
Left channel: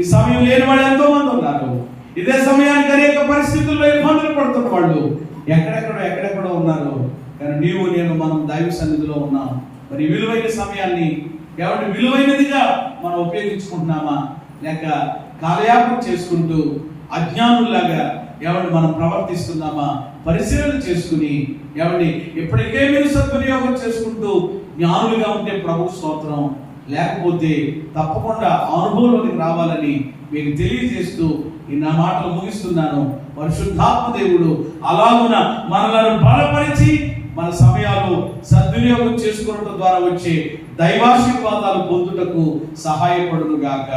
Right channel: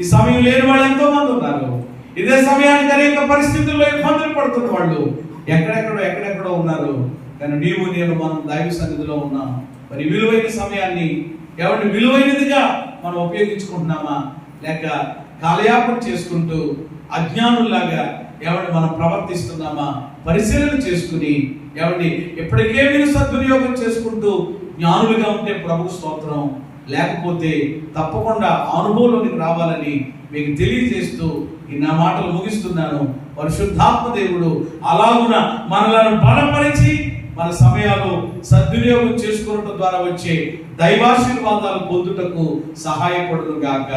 ఈ సమయం లేని వాళ్ళు ఎంతో మంది ఉన్నారు. ఇదే సమయానికి అనేక పరిస్థితుల్లో ఇబ్బందులు పడుతున్న వాళ్ళు ఎక్కడెక్కడో ఉన్నారు. కానీ నీవు నేను మనం దైవ సన్నిధిలో ఉన్నాం. మరి విలువైన సమయాన్ని ఎవరిని విలువైనదిగా మనం ఉపయోగించుకుంటున్నామా, లేక కాలయాపన చేసుకుంటూ అజ్ఞానుల్లాగా ఎవరిని మనం ప్రవర్తిస్తున్నామా పరిశీలన చేసుకుని ఎవరిని ఎప్పటికే మీరు సద్వినియోగం చేసుకుంటూ జ్ఞానులుగా ఉంటే ప్రభు స్తోత్రం. లేకపోతే తప్పకుండా అనుభవంలోనికి రావాలని మీకు తెలియజేస్తూ ఈ నా మాటలు ముగిస్తున్నాను. పరిశుద్ధాత్మ దేవుడు అలాగున మనలను బలపరిచి మన సమయాలు సద్వినియోగం చేసుకోవడం ద్వారా వచ్చే దైవాశీర్వాదాలు పొందుటకు సహాయపడును గాక.